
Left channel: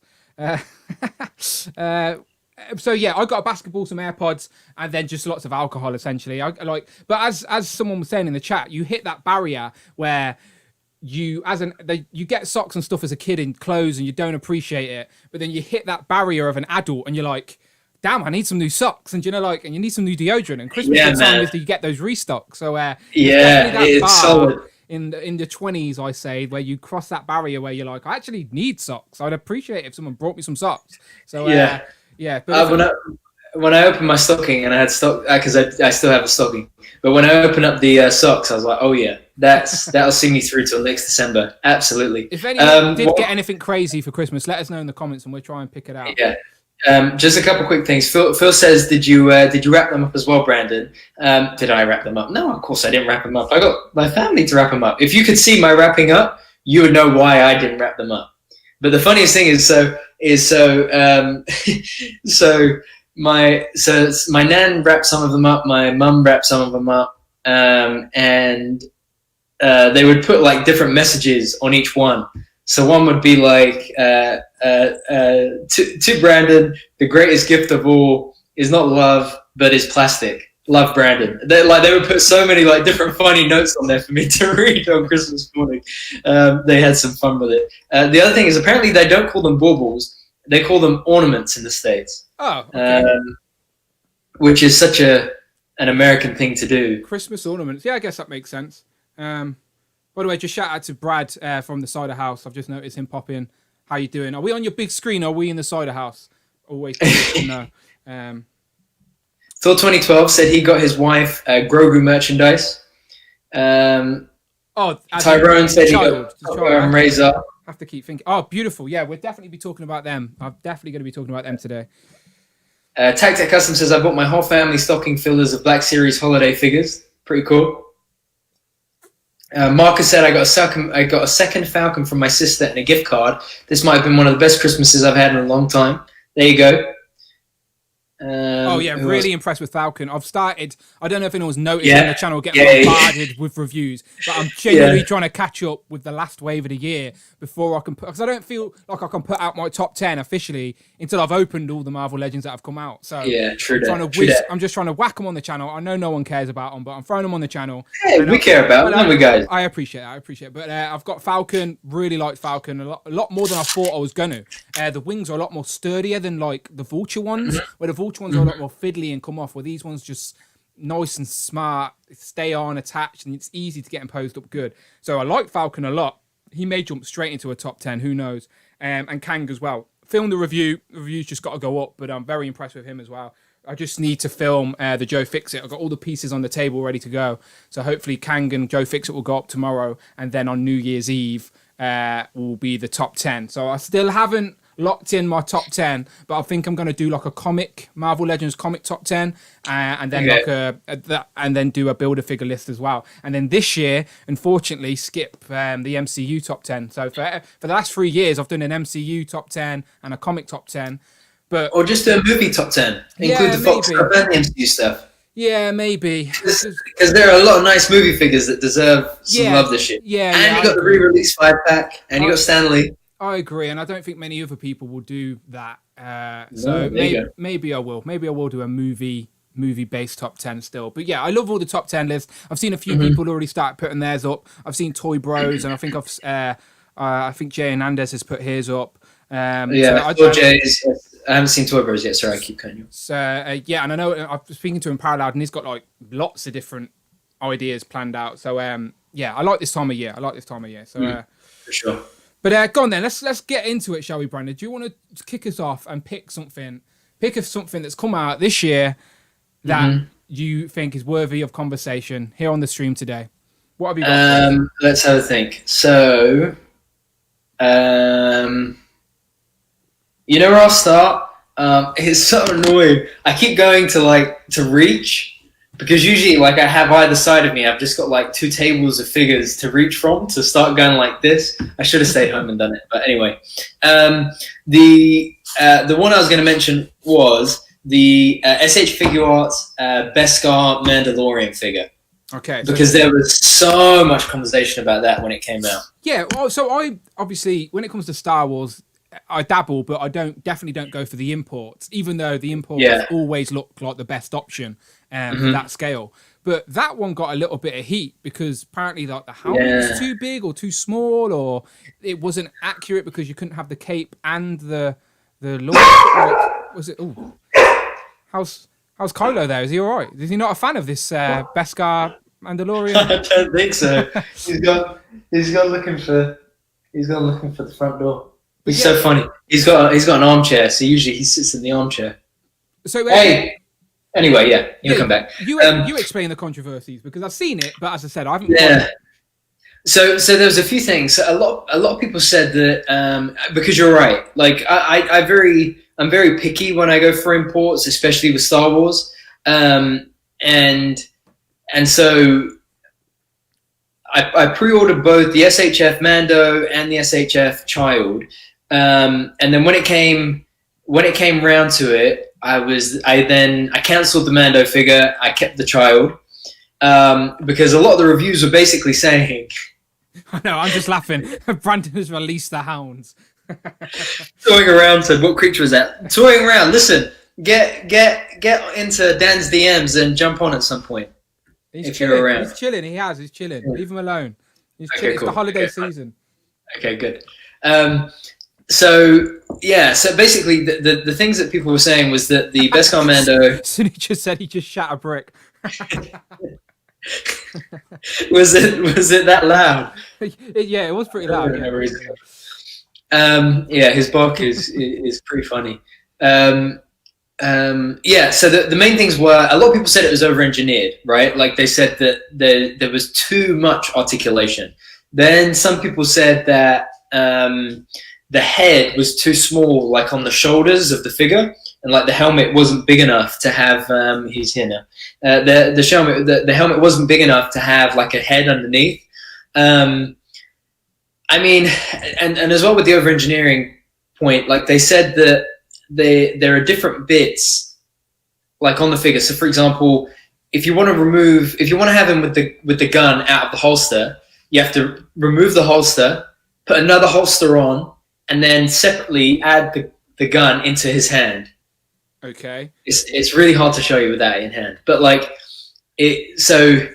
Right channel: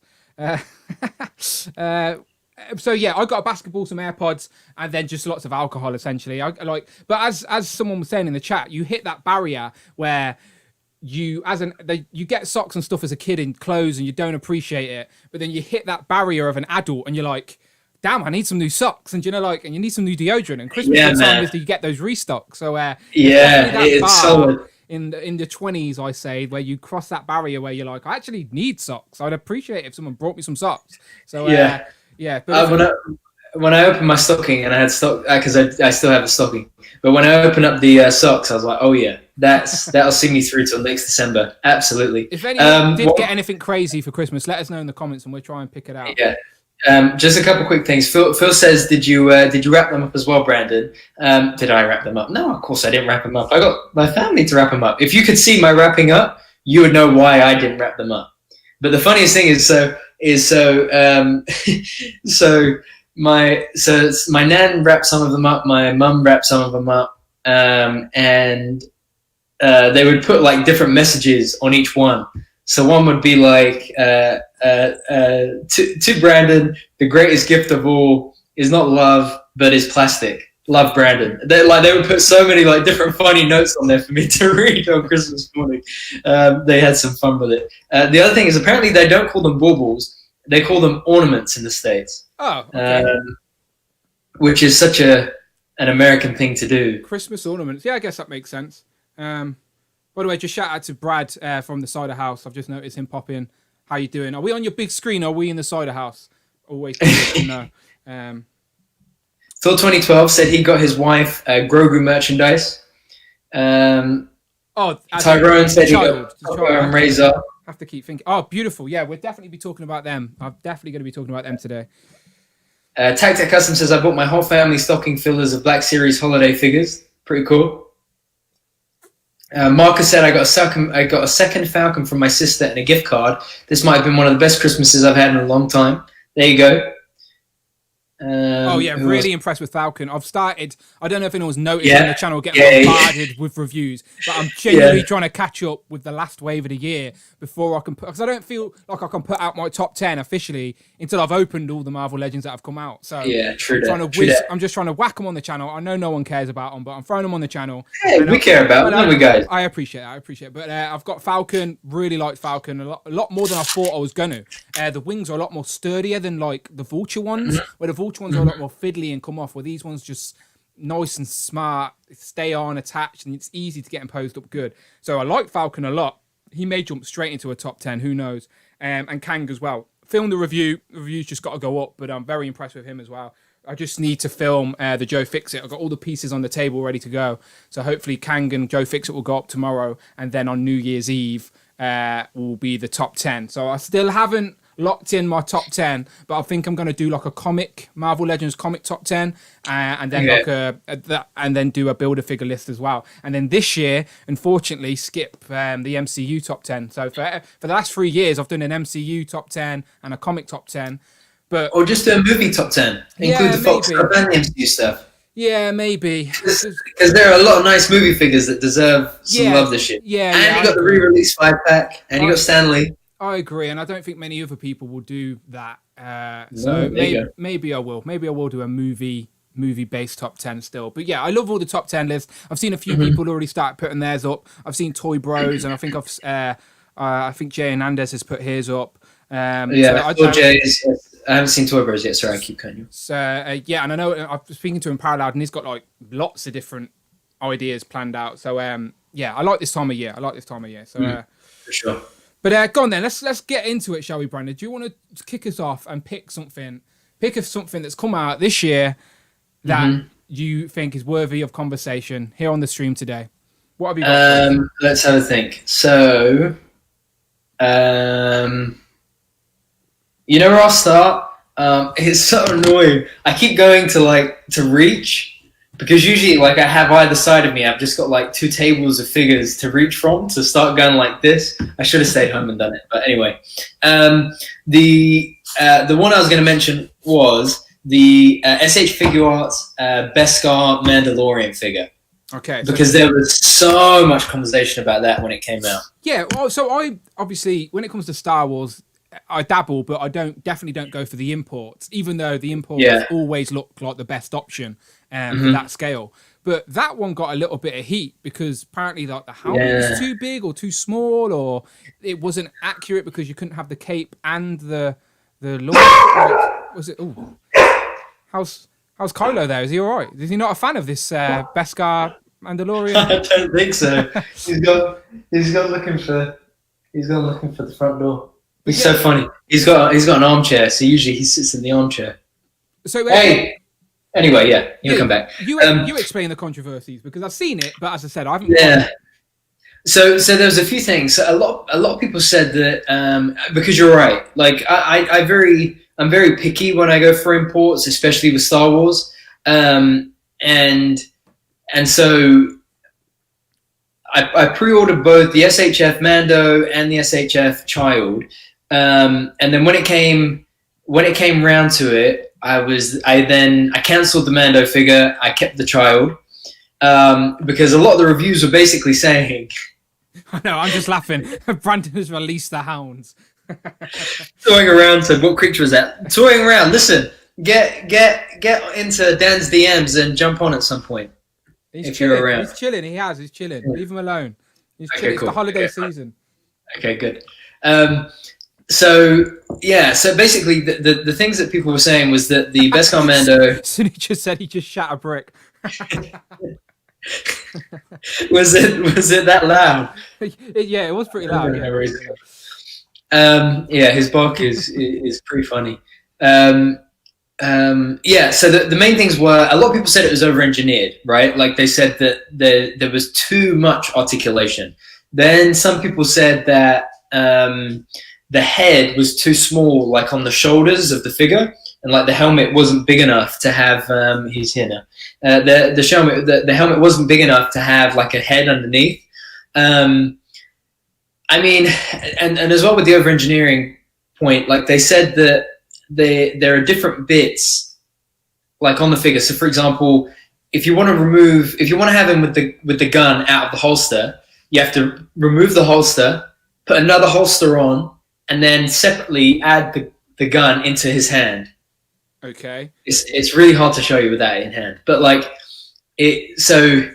So yeah, I got a basketball, some AirPods, and then just lots of alcohol, essentially. But as someone was saying in the chat, you hit that barrier where you get socks and stuff as a kid in clothes, and you don't appreciate it. But then you hit that barrier of an adult, and you're like, damn, I need some new socks, and and you need some new deodorant. And Christmas time is you get those restocks. So it's solid. In the 20s, I say, where you cross that barrier where you're like, I actually need socks. I'd appreciate if someone brought me some socks. So But when I opened my stocking and I had stock because I still have a stocking, but when I opened up the socks, I was like, oh yeah, that'll see me through till next December. Absolutely. If anyone did get anything crazy for Christmas, let us know in the comments and we'll try and pick it out. Yeah. Just a couple quick things. Phil says, did you wrap them up as well, Brandon? Did I wrap them up? No, of course I didn't wrap them up. I got my family to wrap them up. If you could see my wrapping up, you would know why I didn't wrap them up. But the funniest thing is my nan wrapped some of them up, my mum wrapped some of them up, and they would put like different messages on each one. So one would be like, to Brandon, the greatest gift of all is not love, but is plastic. Love, Brandon. They would put so many like different funny notes on there for me to read on Christmas morning. They had some fun with it. The other thing is apparently they don't call them baubles. They call them ornaments in the States. Oh, okay. Which is such an American thing to do. Christmas ornaments. Yeah, I guess that makes sense. By the way, just shout out to Brad from the cider house. I've just noticed him pop in. How you doing? Are we on your big screen or are we in the cider house? Always curious to know. Phil 2012 said he got his wife Grogu merchandise. Tyrone said he got Razor. Have to keep thinking. Oh, beautiful. Yeah, we'll definitely be talking about them. I'm definitely going to be talking about them today. Tactic Custom says, I bought my whole family stocking fillers of Black Series holiday figures. Pretty cool. Marcus said, I got a second Falcon from my sister and a gift card. This might have been one of the best Christmases I've had in a long time. There you go. Oh yeah, who really else? impressed with Falcon. I've started. I don't know if anyone's noticed Yeah. on the channel getting Yeah. bombarded with reviews, but I'm genuinely trying to catch up with the last wave of the year before I can put. Because I don't feel like I can put out my top 10 officially until I've opened all the Marvel Legends that have come out. So Yeah, true I'm trying that, to true whiz. that. I'm just trying to whack them on the channel. I know no one cares about them, but I'm throwing them on the channel. Hey, And we care about but them, we guys. I appreciate it. I appreciate it. But I've got Falcon. Really liked Falcon a lot more than I thought I was going to. The wings are a lot more sturdier than like the Vulture ones, where the Vulture ones are a lot more fiddly and come off, where these ones just nice and smart, stay on, attached, and it's easy to get them posed up good. So I like Falcon a lot. He may jump straight into a top 10, who knows? And Kang as well. Filmed the review. The review's just got to go up, but I'm very impressed with him as well. I just need to film the Joe Fixit. I've got all the pieces on the table ready to go. So hopefully Kang and Joe Fixit will go up tomorrow, and then on New Year's Eve will be the top 10. So I still haven't locked in my top 10, but I think I'm going to do like a comic, Marvel Legends comic top 10, and then and then do a Build-A-Figure list as well. And then this year, unfortunately, skip the MCU top 10. So for the last 3 years, I've done an MCU top 10 and a comic top 10. But Or just do a movie top 10. Yeah, Include the Fox maybe. stuff and the MCU stuff. yeah, maybe. Because there are a lot of nice movie figures that deserve some Yeah, love this year. yeah, And yeah, you I got the agree. re-release 5-pack, and you got Stanley. I agree, and I don't think many other people will do that. there So you maybe I will. Maybe I will do a movie-based top 10 still. But yeah, I love all the top 10 lists. I've seen a few people already start putting theirs up. I've seen Toy Bros, and I think I think Jay Hernandez has put his up. I haven't seen Toy Bros yet. Sorry, I keep cutting you. So yeah, and I know I've been speaking to him parallel, and he's got like lots of different ideas planned out. So yeah, I like this time of year. So For sure. But go on then. Let's get into it, shall we, Brandon? Do you want to kick us off and pick something that's come out this year that you think is worthy of conversation here on the stream today? What have you got? For us? Let's have a think. So, you know where I'll start? It's so annoying. I keep going to reach, because usually like I have either side of me, I've just got like 2 tables of figures to reach from to start going like this. I should have stayed home and done it. But anyway, the one I was going to mention was the SH Figure Arts Beskar Mandalorian figure. Okay. Because there was so much conversation about that when it came out. Yeah, well, so I obviously, when it comes to Star Wars, I dabble, but I definitely don't go for the imports, even though the imports always look like the best option for that scale. But that one got a little bit of heat because apparently like the helmet was too big or too small, or it wasn't accurate because you couldn't have the cape and the launch. Like, was it? Ooh, how's Kylo there? Is he all right? Is he not a fan of this Beskar Mandalorian? I don't think so. He's gone looking for the front door. He's so funny. He's got an armchair, so usually he sits in the armchair. So Hey. Anyway, yeah, you'll come back. You explain the controversies because I've seen it, but as I said, I haven't. Yeah. So there was a few things. A lot of people said that because you're right. Like I'm very picky when I go for imports, especially with Star Wars, and so I pre-ordered both the SHF Mando and the SHF Child, and then when it came round to it, I cancelled the Mando figure. I kept the Child because a lot of the reviews were basically saying, I know, I'm just laughing. Brandon has released the hounds. toying around. Said, "What creature is that?" Toying around. Listen, get into Dan's DMs and jump on at some point. He's chilling. He's chilling. He's chilling. Yeah. Leave him alone. He's chilling. Cool. It's the holiday season. Okay, good. So basically the things that people were saying was that the Beskar Mando Sunny just said he just shat a brick. was it that loud? Yeah, it was pretty loud. His bark is pretty funny. So the main things were, a lot of people said it was over-engineered, right? Like they said that there was too much articulation. Then some people said that the head was too small, like on the shoulders of the figure, and like the helmet wasn't big enough to have. He's here now. The helmet wasn't big enough to have like a head underneath. I mean, and as well with the over-engineering point, like they said that there are different bits like on the figure. So for example, if you want to have him with the gun out of the holster, you have to remove the holster, put another holster on, and then separately add the gun into his hand. Okay. It's really hard to show you with that in hand, but like so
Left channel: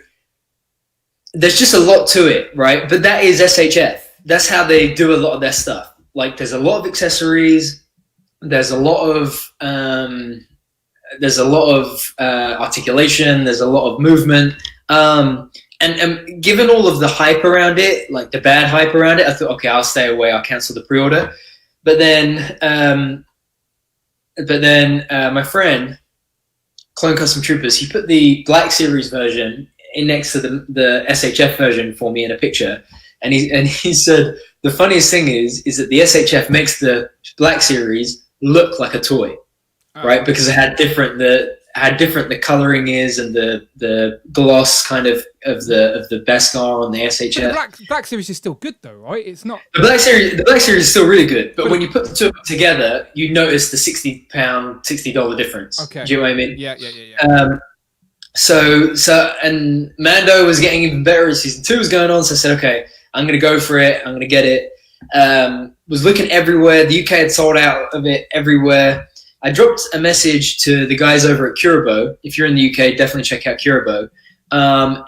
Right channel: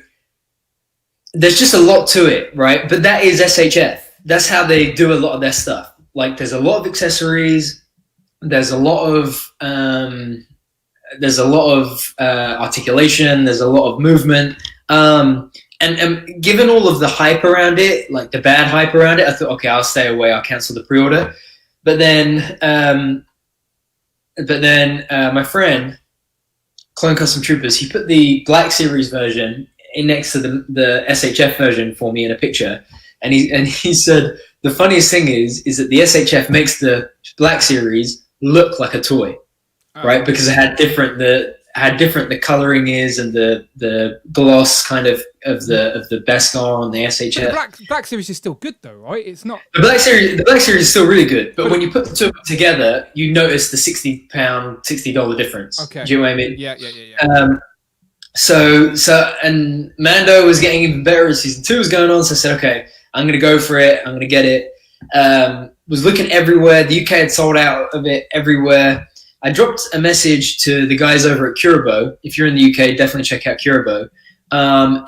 there's just a lot to it, right? But that is SHF. That's how they do a lot of their stuff. Like there's a lot of accessories. There's a lot of articulation. There's a lot of movement. And given all of the hype around it, like the bad hype around it, I thought, okay, I'll stay away. I'll cancel the pre-order. But then my friend, Clone Custom Troopers, he put the Black Series version in next to the SHF version for me in a picture, and he said the funniest thing is that the SHF makes the Black Series look like a toy, right? Because it had different the coloring is and the gloss kind of the Beskar on the SHF. But the Black Series is still good though, right? It's not the Black Series is still really good, but when you put the two of them together, you notice the $60 difference. Okay. Do you know what I mean? Yeah. So and Mando was getting even better as season 2 was going on, so I said, okay, I'm gonna go for it, I'm gonna get it. Was looking everywhere. The UK had sold out of it everywhere. I dropped a message to the guys over at Curabo. If you're in the UK, definitely check out Curabo.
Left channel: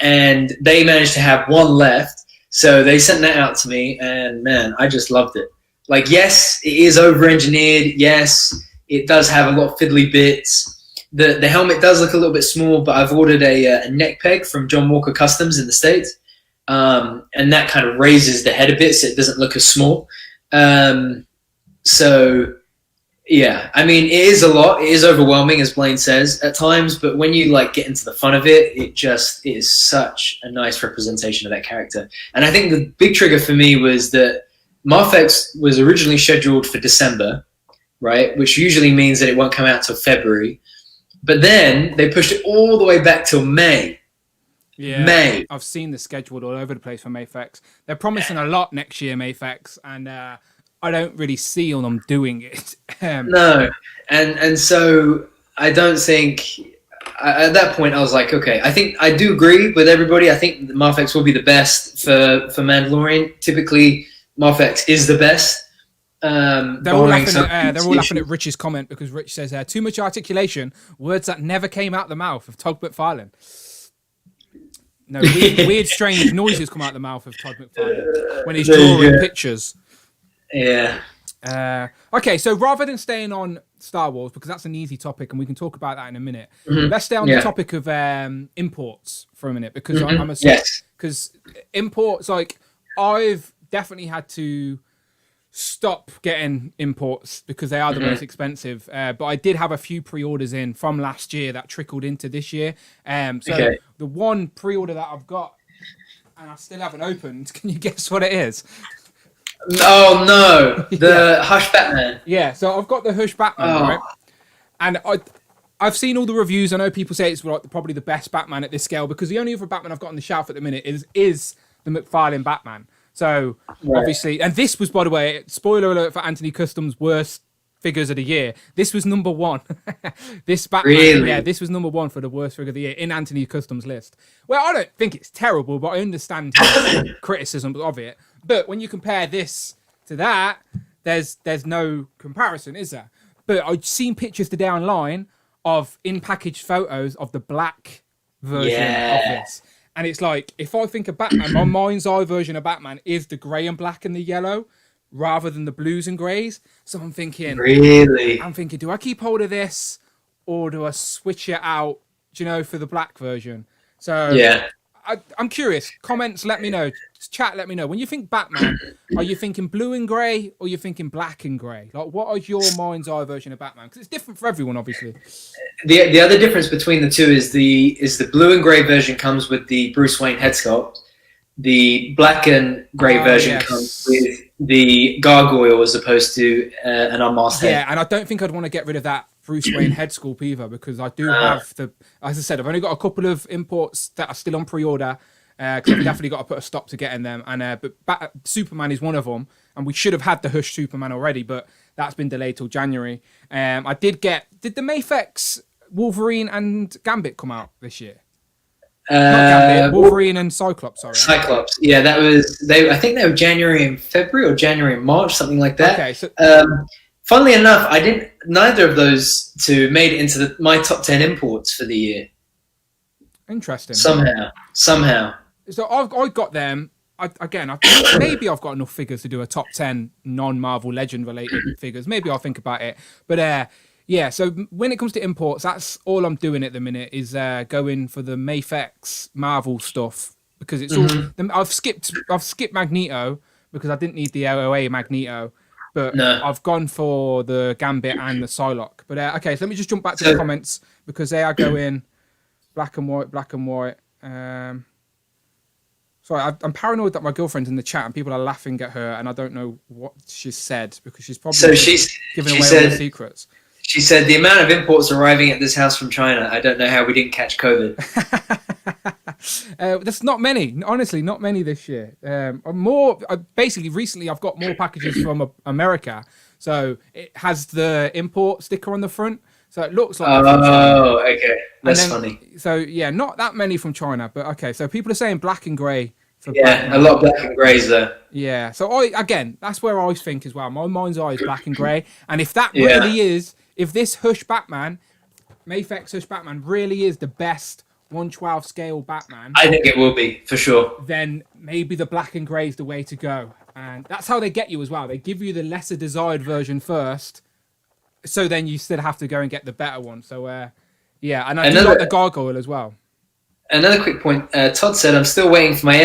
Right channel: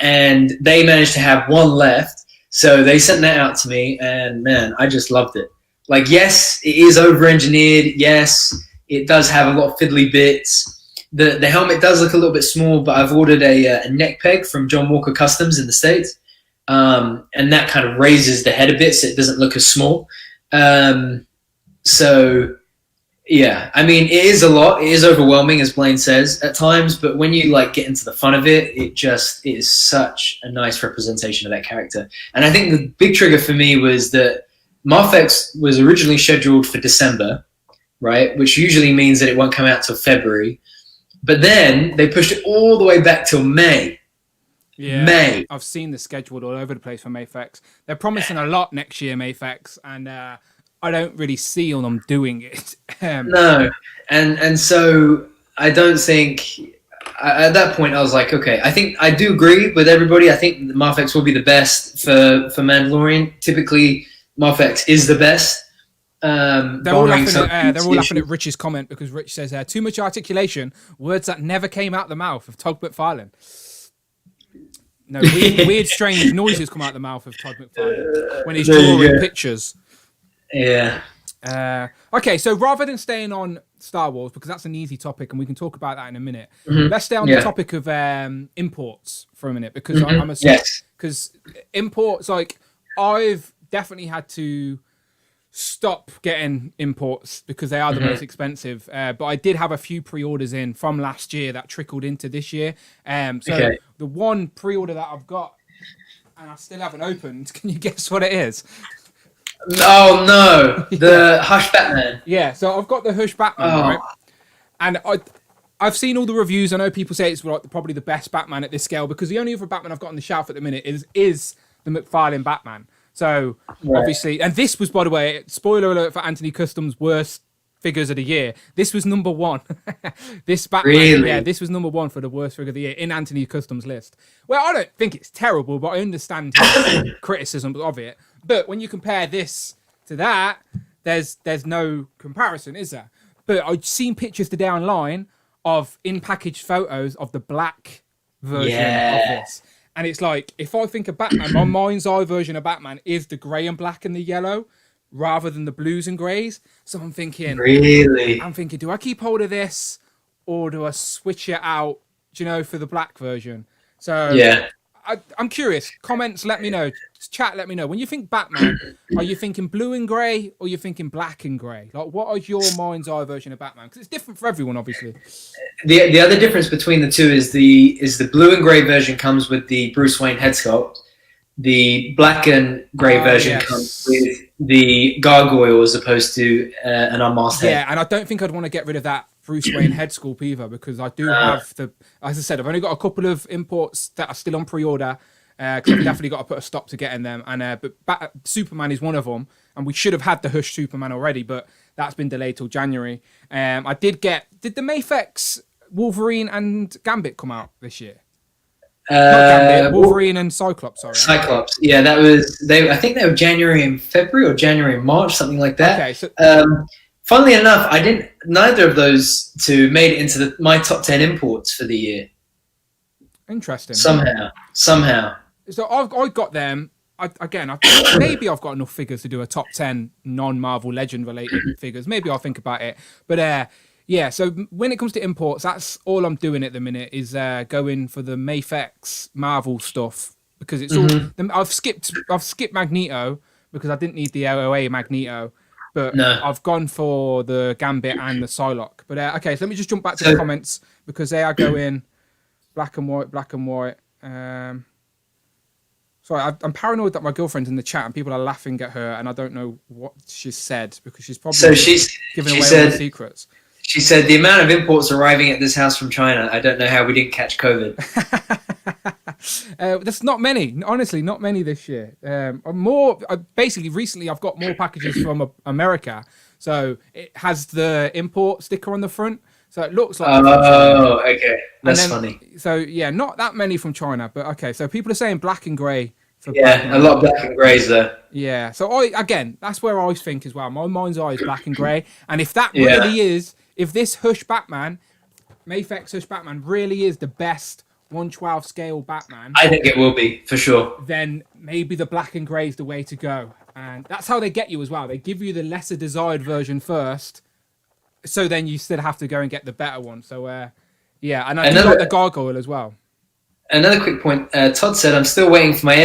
And they managed to have one left. So they sent that out to me, and man, I just loved it. Like, yes, it is over-engineered. Yes, it does have a lot of fiddly bits. The helmet does look a little bit small, but I've ordered a neck peg from John Walker Customs in the States. And that kind of raises the head a bit so it doesn't look as small. So, yeah, I mean, it is a lot. It is overwhelming, as Blaine says, at times. But when you like get into the fun of it, it is such a nice representation of that character. And I think the big trigger for me was that Marfex was originally scheduled for December, right? Which usually means that it won't come out till February. But then they pushed it all the way back till May. Yeah, May. I've seen the schedule all over the place for Mayfex. They're promising a lot next year, Mayfex, and I don't really see on them doing it. No, and so I don't think at that point I was like, okay, I think I do agree with everybody. I think Marfex will be the best for Mandalorian. Typically, Marfex is the best. They're all laughing at Rich's comment because Rich says too much articulation, words that never came out the mouth of Todd McFarlane. No, weird, strange noises come out the mouth of Todd McFarlane when he's drawing pictures. Yeah. Okay, so rather than staying on Star Wars, because that's an easy topic and we can talk about that in a minute, let's stay on the topic of imports for a minute, because I'm assuming because imports, like, I've definitely had to stop getting imports because they are the most expensive, but I did have a few pre-orders in from last year that trickled into this year. The one pre-order that I've got and I still haven't opened, can you guess what it is? Oh no, the Hush Batman. Yeah, so I've got the Hush Batman, right? And I've seen all the reviews. I know people say it's like probably the best Batman at this scale, because the only other Batman I've got on the shelf at the minute is the McFarlane Batman. So obviously, and this was, by the way, spoiler alert for Anthony Custom's worst figures of the year. This was number one. This Batman, yeah, this was number one for the worst figure of the year in Anthony Custom's list. Well, I don't think it's terrible, but I understand his criticism of it. But when you compare this to that, there's no comparison, is there? But I've seen pictures today online of in-packaged photos of the black version of this. And it's like, if I think of Batman, my mind's eye version of Batman is the grey and black and the yellow rather than the blues and greys. So I'm thinking, do I keep hold of this or do I switch it out, for the black version? So I'm curious. Comments, let me know. Chat, let me know. When you think Batman, are you thinking blue and grey or are you thinking black and grey? Like, what is your mind's eye version of Batman? Because it's different for everyone, obviously. The other difference between the two is the blue and grey version comes with the Bruce Wayne head sculpt. The black and grey version comes with the gargoyle as opposed to an unmasked head. Yeah, and I don't think I'd want to get rid of that Bruce Wayne head sculpt either, because I do have as I said, I've only got a couple of imports that are still on pre-order. Because I've definitely got to put a stop to getting them, and but Superman is one of them, and we should have had the Hush Superman already, but that's been delayed till January. I did the Mayfex Wolverine and Gambit come out this year? Not Gambit, Wolverine and Cyclops. Sorry, Cyclops. Yeah, that was they. I think they were January and February or January and March, something like that. Okay, so funnily enough, I didn't. Neither of those two made it into my top 10 imports for the year. Interesting. Somehow. So I got them. Maybe I've got enough figures to do a top 10 non-Marvel Legend related figures. Maybe I'll think about it. But yeah, so when it comes to imports, that's all I'm doing at the minute is going for the Mafex Marvel stuff because it's all. I've skipped Magneto because I didn't need the LOA Magneto, but I've gone for the Gambit and the Psylocke. But okay, so let me just jump back to the comments because they are going black and white. Sorry, I'm paranoid that my girlfriend's in the chat and people are laughing at her and I don't know what she's said because she's probably giving away all the secrets. She said, the amount of imports arriving at this house from China, I don't know how we didn't catch COVID. There's not many, honestly, not many this year. Basically, recently I've got more packages from America. So it has the import sticker on the front. So it looks like. Oh, okay. That's funny. So yeah, not that many from China, but okay. So people are saying black and grey. Yeah, a lot of black and greys there. Yeah. So that's where I think as well. My mind's eye is black and grey. And if that really is, if this Hush Batman, Mafex Hush Batman really is the best 1/12 scale Batman. I think it will be, for sure. Then maybe the black and grey is the way to go. And that's how they get you as well. They give you the lesser desired version first. So then you still have to go and get the better one. So, yeah. And I do like the gargoyle as well. Another quick point. Todd said, I'm still waiting for my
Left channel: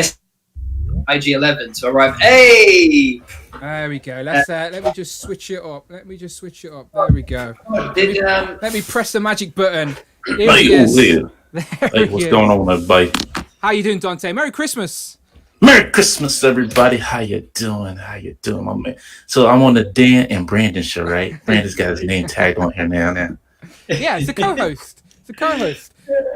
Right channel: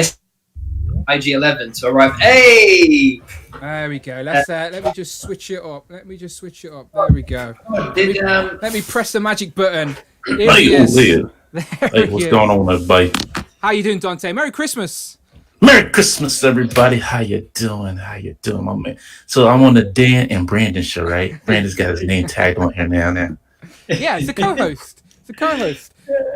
IG-11 to arrive. Hey! There we go. Let me just switch it up. There we go. Let me press the magic button. Here he is. Hey, what's going on, everybody? How you doing, Dante? Merry Christmas. Merry Christmas, everybody. How you doing, my man? So I'm on the Dan and Brandon show, right? Brandon's got his name tagged on here now. Yeah, it's a co-host.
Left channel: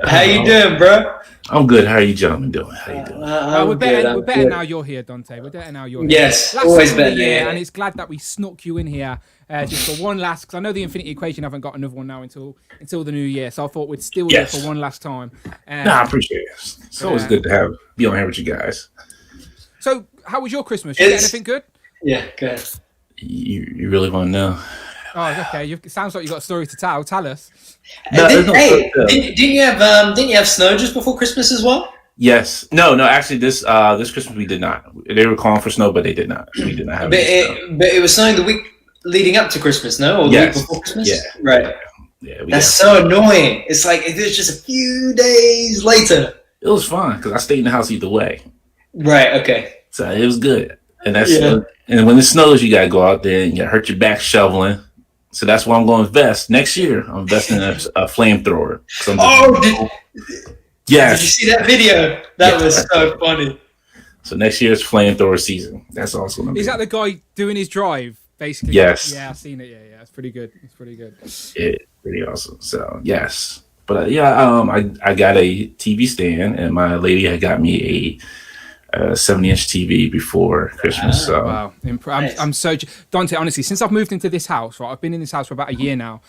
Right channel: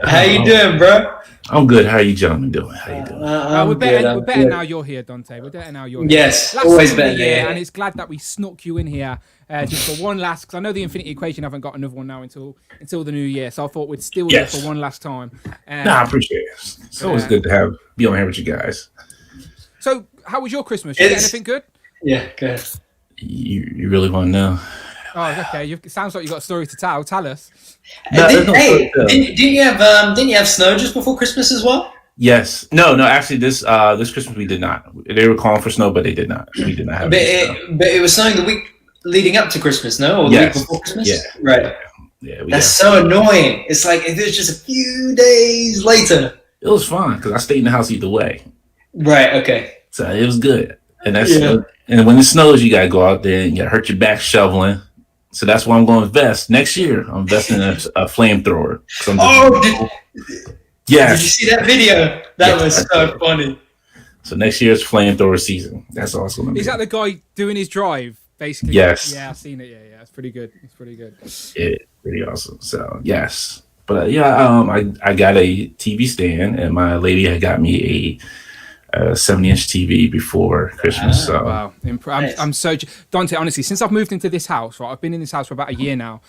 How you doing, bro? I'm good. How are you gentlemen doing? We're better now you're here, Dante. We're better now you're here. Yes, last always better. Of the year, and it's glad that we snuck you in here just for one last. Because I know the Infinity Equation haven't got another one now until the new year, so I thought we'd still do it for one last time. I appreciate it. It's always good to be on here with you guys. So, how was your Christmas? You get anything good? Yeah, good. You really want to know? Oh, okay. It sounds like you got a story to tell. Tell us. Didn't you have snow just before Christmas as well? Yes. No. Actually, this Christmas we did not. They were calling for snow, but they did not. We did not have. But it was snowing the week leading up to Christmas, no? Or the week before Christmas? Yeah. Right. Yeah. That's so annoying. It's like if it's just a few days later. It was fine because I stayed in the house either way. Right. Okay. So it was good, and and when it snows, you gotta go out there and you gotta hurt your back shoveling. So that's why I'm going to invest next year. I'm investing in a flamethrower. Yes. Did you see that video? That was so funny. So next year's flamethrower season. That's awesome. Is that the guy doing his drive, basically? Yes. Yeah, I've seen it. Yeah. It's pretty good. Yeah, pretty awesome. So, yes. But, I got a TV stand, and my lady had got me a 70-inch TV before Christmas. So. Wow. I'm so... Dante, honestly, since I've moved into this house, right, I've been in this house for about a year now,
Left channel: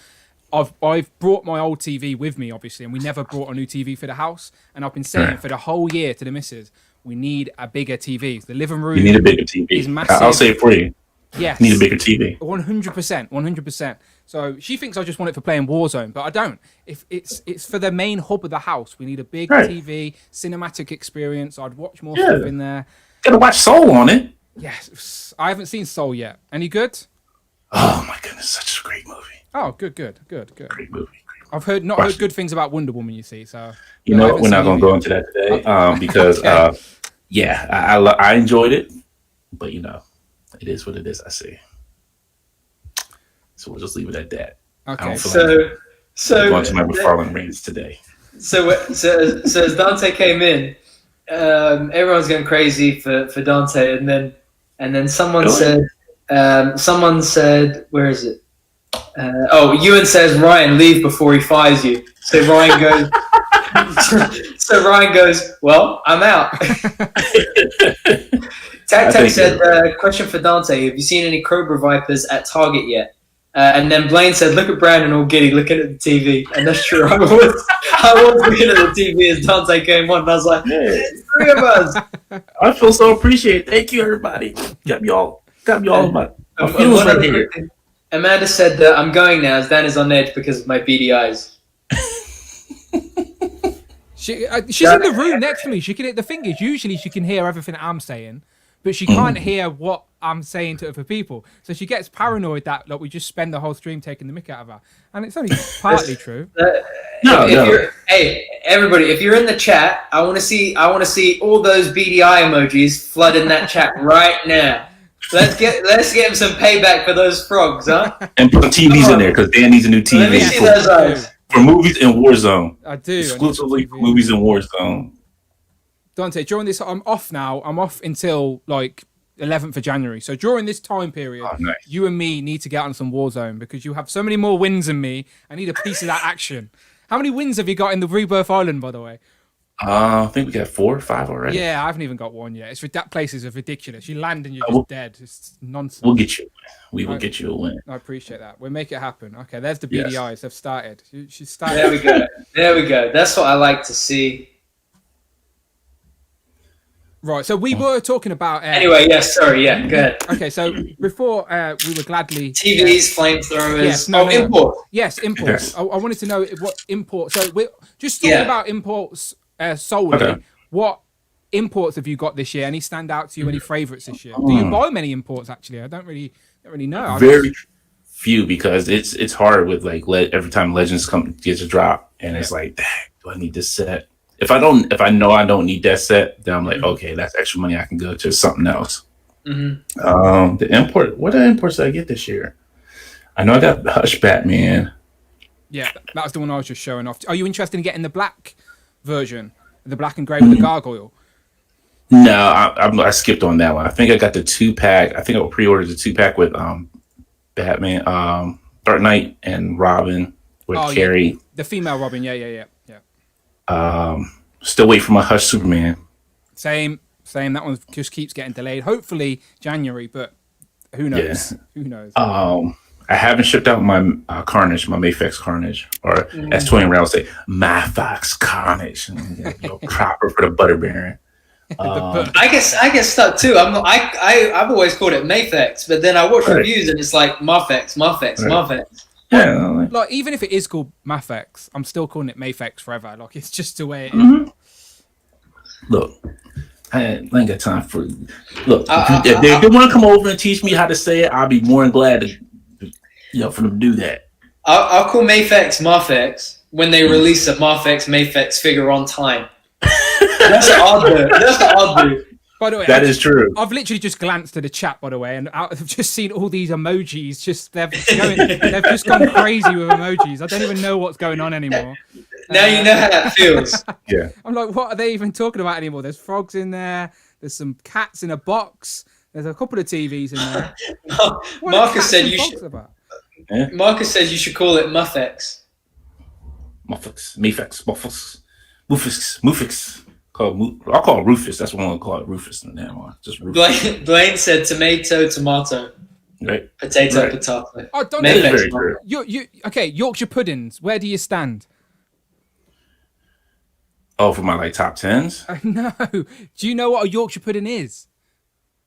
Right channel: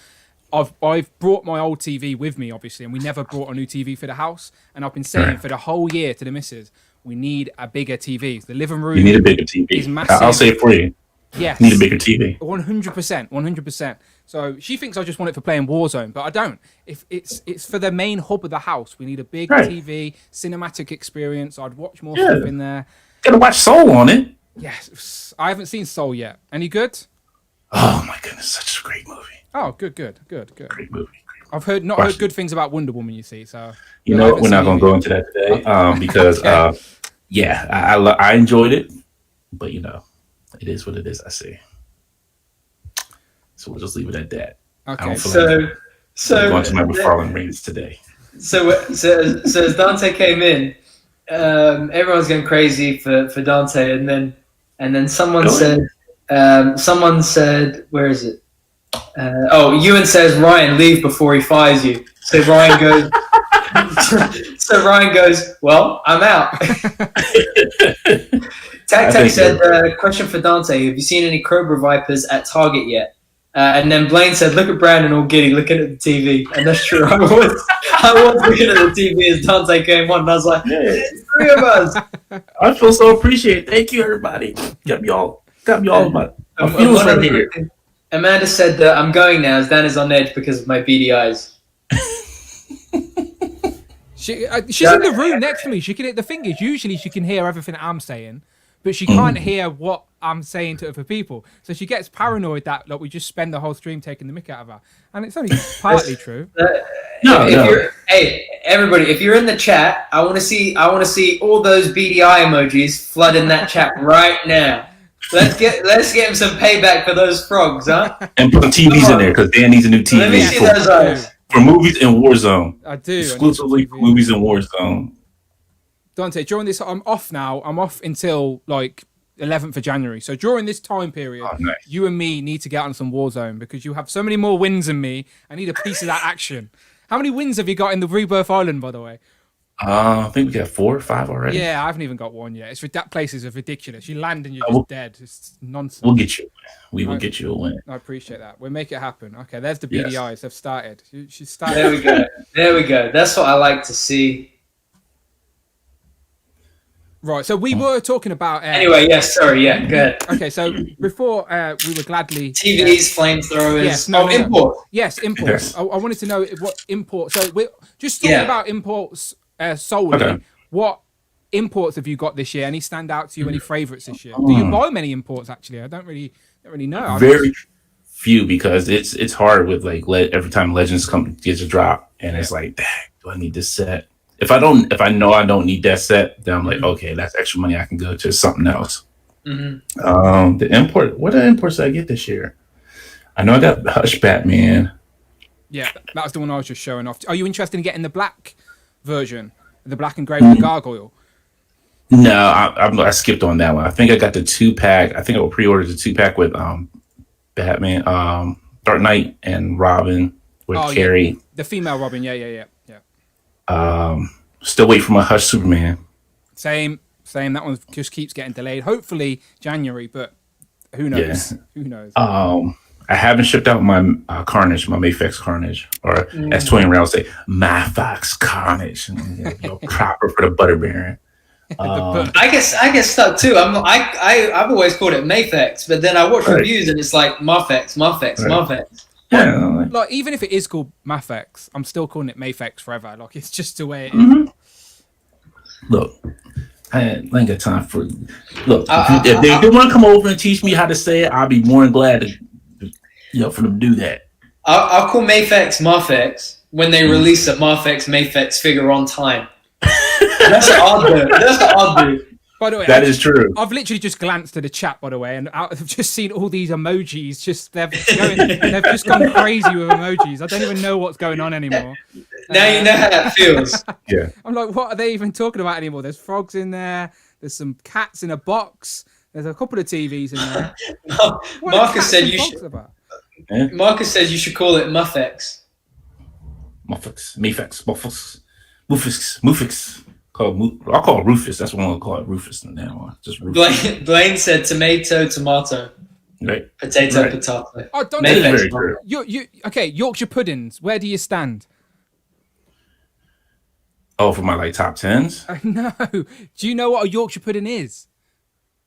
I've brought my old TV with me, obviously, and we never brought a new TV for the house. And I've been saying for the whole year to the missus, we need a bigger TV. The living room you need a bigger TV. Is massive. I'll say it for you. Yes. You need a bigger TV. 100%. So she thinks I just want it for playing Warzone, but I don't. If it's for the main hub of the house, we need a big TV, cinematic experience. I'd watch more stuff in there. Gotta watch Soul on it. Yes. I haven't seen Soul yet. Any good? Oh my goodness, such a great movie. Oh, good. Great movie. I've heard good things about Wonder Woman. You see, so we're not going to go into that today because I enjoyed it, but it is what it is. I see. So we'll just leave it at that. Okay. So I'm going to my McFarlane rants today. So as Dante came in, everyone's going crazy for Dante, and then someone said, where is it? Ewan says, Ryan, leave before he fires you. So Ryan goes, well, I'm out. Tac said, question for Dante, have you seen any Cobra Vipers at Target yet? And then Blaine said, "Look at Brandon all giddy looking at the TV," and that's true. I was looking at the TV as Dante came on, and I was like, "It's 3 of us." I feel so appreciated. Thank you, everybody. Got me all my feels right here. Amanda said that I'm going now as Dan is on edge because of my beady eyes. She's in the room next to me. The thing is, usually she can hear everything that I'm saying, but she can't hear what I'm saying to other people. So she gets paranoid that we just spend the whole stream taking the mick out of her. And it's only partly true. Hey, everybody, if you're in the chat, I want to see all those beady eye emojis flood in that chat right now. Let's get him some payback for those frogs, huh? And put TVs in there because Dan needs a new TV. Let me see those eyes. For movies in Warzone. I do. Exclusively for movies in Warzone. Dante, during this, I'm off now. I'm off until 11th of January. So during this time period, nice. You and me need to get on some Warzone because you have so many more wins than me. I need a piece of that action. How many wins have you got in the Rebirth Island, by the way? I think we got 4 or 5 already. Yeah, I haven't even got one yet. That place is ridiculous. You land and you're just dead. It's nonsense. We'll get you. We will get you a win. I appreciate that. We'll make it happen. Okay, there's the BDIs. They've started. She's started. There we go. There we go. That's what I like to see. Right, so we were talking about... anyway, yes, sorry, yeah, go ahead. Okay, so before we were gladly... TVs, flamethrowers... Yes, import. Yes, imports. I wanted to know what imports... So we're just talking about imports solely. Okay. What imports have you got this year? Any stand out to you? Any favourites this year? Do you buy many imports, actually? I don't really know. Very few because it's hard with every time Legends gets a drop and it's like, dang, do I need this set? If I know I don't need that set, then I'm like, okay, that's extra money. I can go to something else. Mm-hmm. The import. What imports did I get this year? I know I got Hush Batman. Yeah, that was the one I was just showing off. Are you interested in getting the black version, the black and grey with the gargoyle? No, I skipped on that one. I think I got the 2-pack. I think I pre-ordered the 2-pack with Batman, Dark Knight, and Robin with Carrie. Yeah. The female Robin. Yeah. Still wait for my Hush Superman. Same. That one just keeps getting delayed. Hopefully January, but who knows? Yeah. Who knows? I haven't shipped out my Carnage, my Mayfax Carnage, or as Twain Brown would say, Mayfax Carnage. Proper for the Butter Baron. I get stuck too. I've always called it Mayfax, but then I watch reviews and it's like Marfex. Yeah. Even if it is called Mafex, I'm still calling it Mayfex forever. It's just the way it is. Look, I ain't got time for. Look, if they want to come over and teach me how to say it, I'll be more than glad to, for them to do that. I'll call Mayfex Marfex when they release a Marfex Mayfex figure on time. That's the odd move. By the way, that is true. I've literally just glanced at the chat, by the way, and I've just seen all these emojis. They've just gone crazy with emojis. I don't even know what's going on anymore. Now you know how that feels. Yeah. I'm like, what are they even talking about anymore? There's frogs in there. There's some cats in a box. There's a couple of TVs in there. Marcus said you should. Marcus says you should call it Muffex. Mufix. I'll call it Rufus. That's what I'm gonna call it, Rufus from now on. Just Rufus. Blaine said tomato. Right. Potato. Oh, don't do you. Okay, Yorkshire puddings. Where do you stand? Oh, for my top 10s? No. Do you know what a Yorkshire pudding is?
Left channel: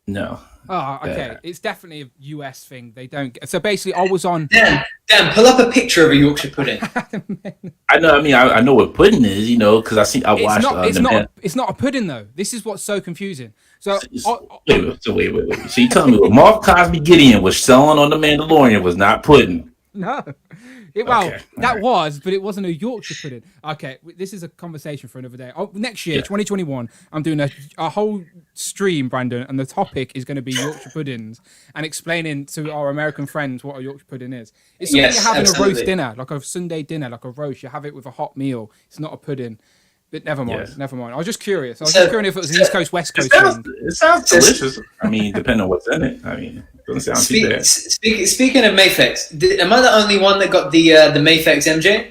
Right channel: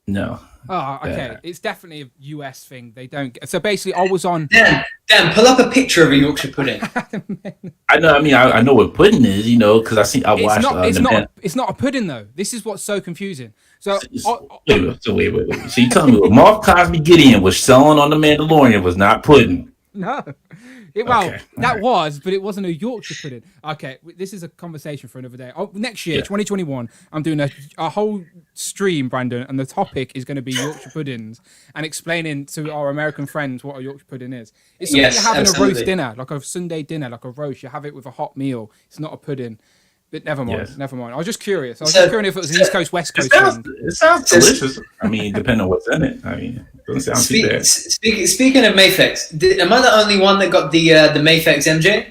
No. Oh, okay. It's definitely a US thing. They don't get... So basically, I was on... Dan, pull up a picture of a Yorkshire pudding. I know. I mean, I know what pudding is, because I watched... It's not a pudding, though. This is what's so confusing. So wait. So you tell me what Mark Cosby Gideon was selling on The Mandalorian was not pudding? No. But it wasn't a Yorkshire pudding. Okay, this is a conversation for another day. Next year, 2021, I'm doing a whole stream, Brandon, and the topic is going to be Yorkshire puddings and explaining to our American friends what a Yorkshire pudding is. It's something you have in a roast dinner, like a Sunday dinner, like a roast. You have it with a hot meal. It's not a pudding. But never mind. I was just curious. If it was an East Coast, West Coast thing. It sounds delicious. I mean, depending on what's in it. I mean, it doesn't sound too bad. Speaking of Mayfex, am I the only one that got the Mayfex MJ?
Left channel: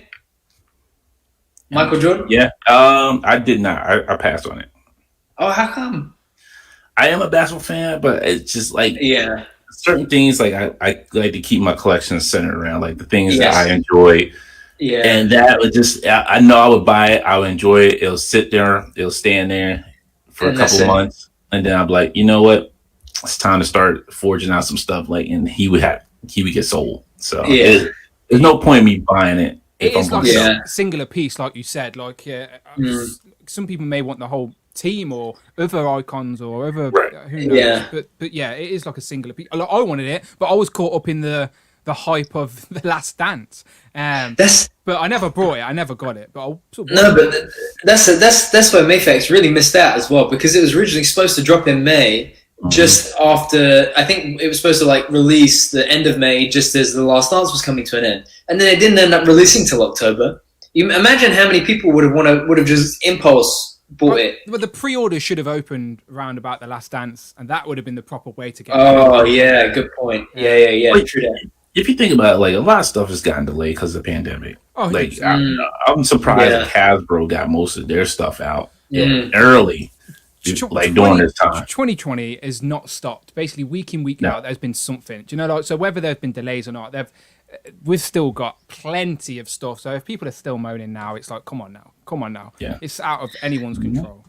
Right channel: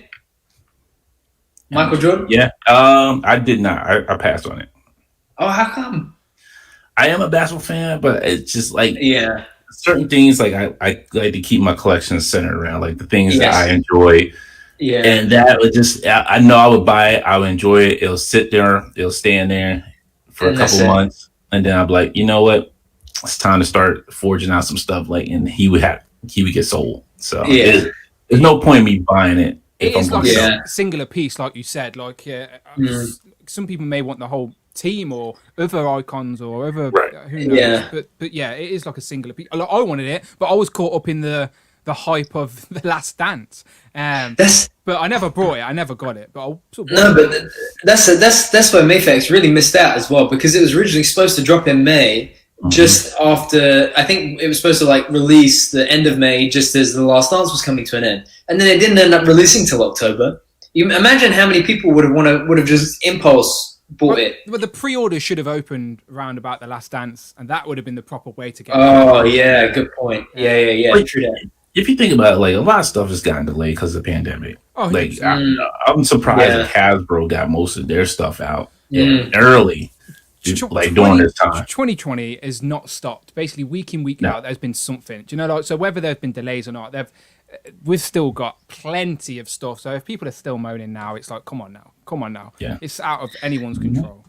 Michael Jordan? Yeah. I did not. I passed on it. Oh, how come? I am a basketball fan, but it's just like... Yeah. certain things like I like to keep my collection centered around like the things Yes. that I enjoy. Yeah. And that would just, I know I would buy it. I would enjoy it. It'll sit there. It'll stand there for And a that's couple it. months. And then I'll be like, you know what? It's time to start forging out some stuff. Like, and he would get sold. So Yeah. there's no point in me buying it. It is like Yeah. a singular piece, like you said. Like some people may want the whole team or other icons or other who knows. Yeah. But yeah, it is like a singular piece. Like, I wanted it, but I was caught up in the hype of the Last Dance. But I never brought it. I never got it. But I sort of No, but that's where Mayfax really missed out as well, because it was originally supposed to drop in May, just after, I think it was supposed to like release the end of May, just as the Last Dance was coming to an end, and then it didn't end up releasing till October. You imagine how many people would have just impulse bought it. But the pre-order should have opened around about the Last Dance, and that would have been the proper way to get. Oh yeah, good point. Yeah. Wait, True that. If you think about it, like a lot of stuff has gotten delayed because of the pandemic. Oh, like 100%. I'm surprised Yeah. that Hasbro got most of their stuff out Mm. early, like during this time. 2020 is not stopped. Basically, week in, week out, there's been something. Do you know, like, so whether there's been delays or not, we've still got plenty of stuff. So if people are still moaning now, it's like, come on now. Yeah. It's out of anyone's control.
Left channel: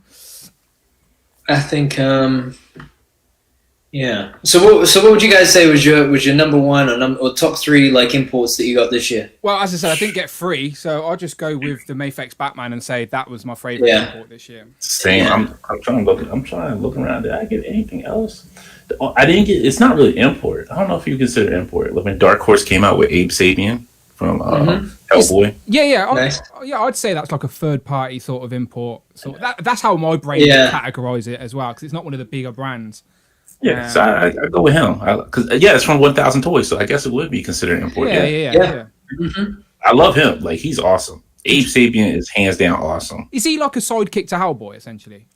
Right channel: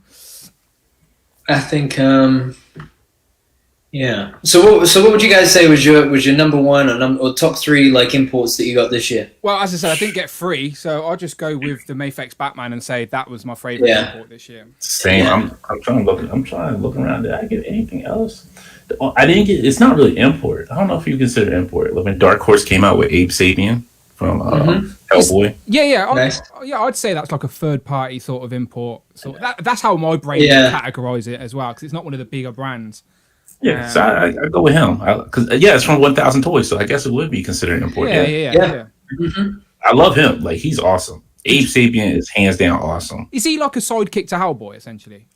I think, yeah. So what would you guys say was your number one or top three like imports that you got this year? Well, as I said, I didn't get free, so I'll just go with the Mayfex Batman and say that was my favorite import this year. Same. Yeah. I'm trying to look around. Did I get anything else? I didn't get. It's not really import. I don't know if you consider import. When Dark Horse came out with Abe Sapien from Hellboy. Yeah. Nice. I'd say that's like a third party sort of import. So that's how my brain would categorize it as well, because it's not one of the bigger brands. Yeah, so I go with him. Because it's from 1,000 Toys, so I guess it would be considered import. Yeah. I love him. Like, he's awesome. Abe Sapien is hands down awesome. Is he like a sidekick to Hellboy, essentially?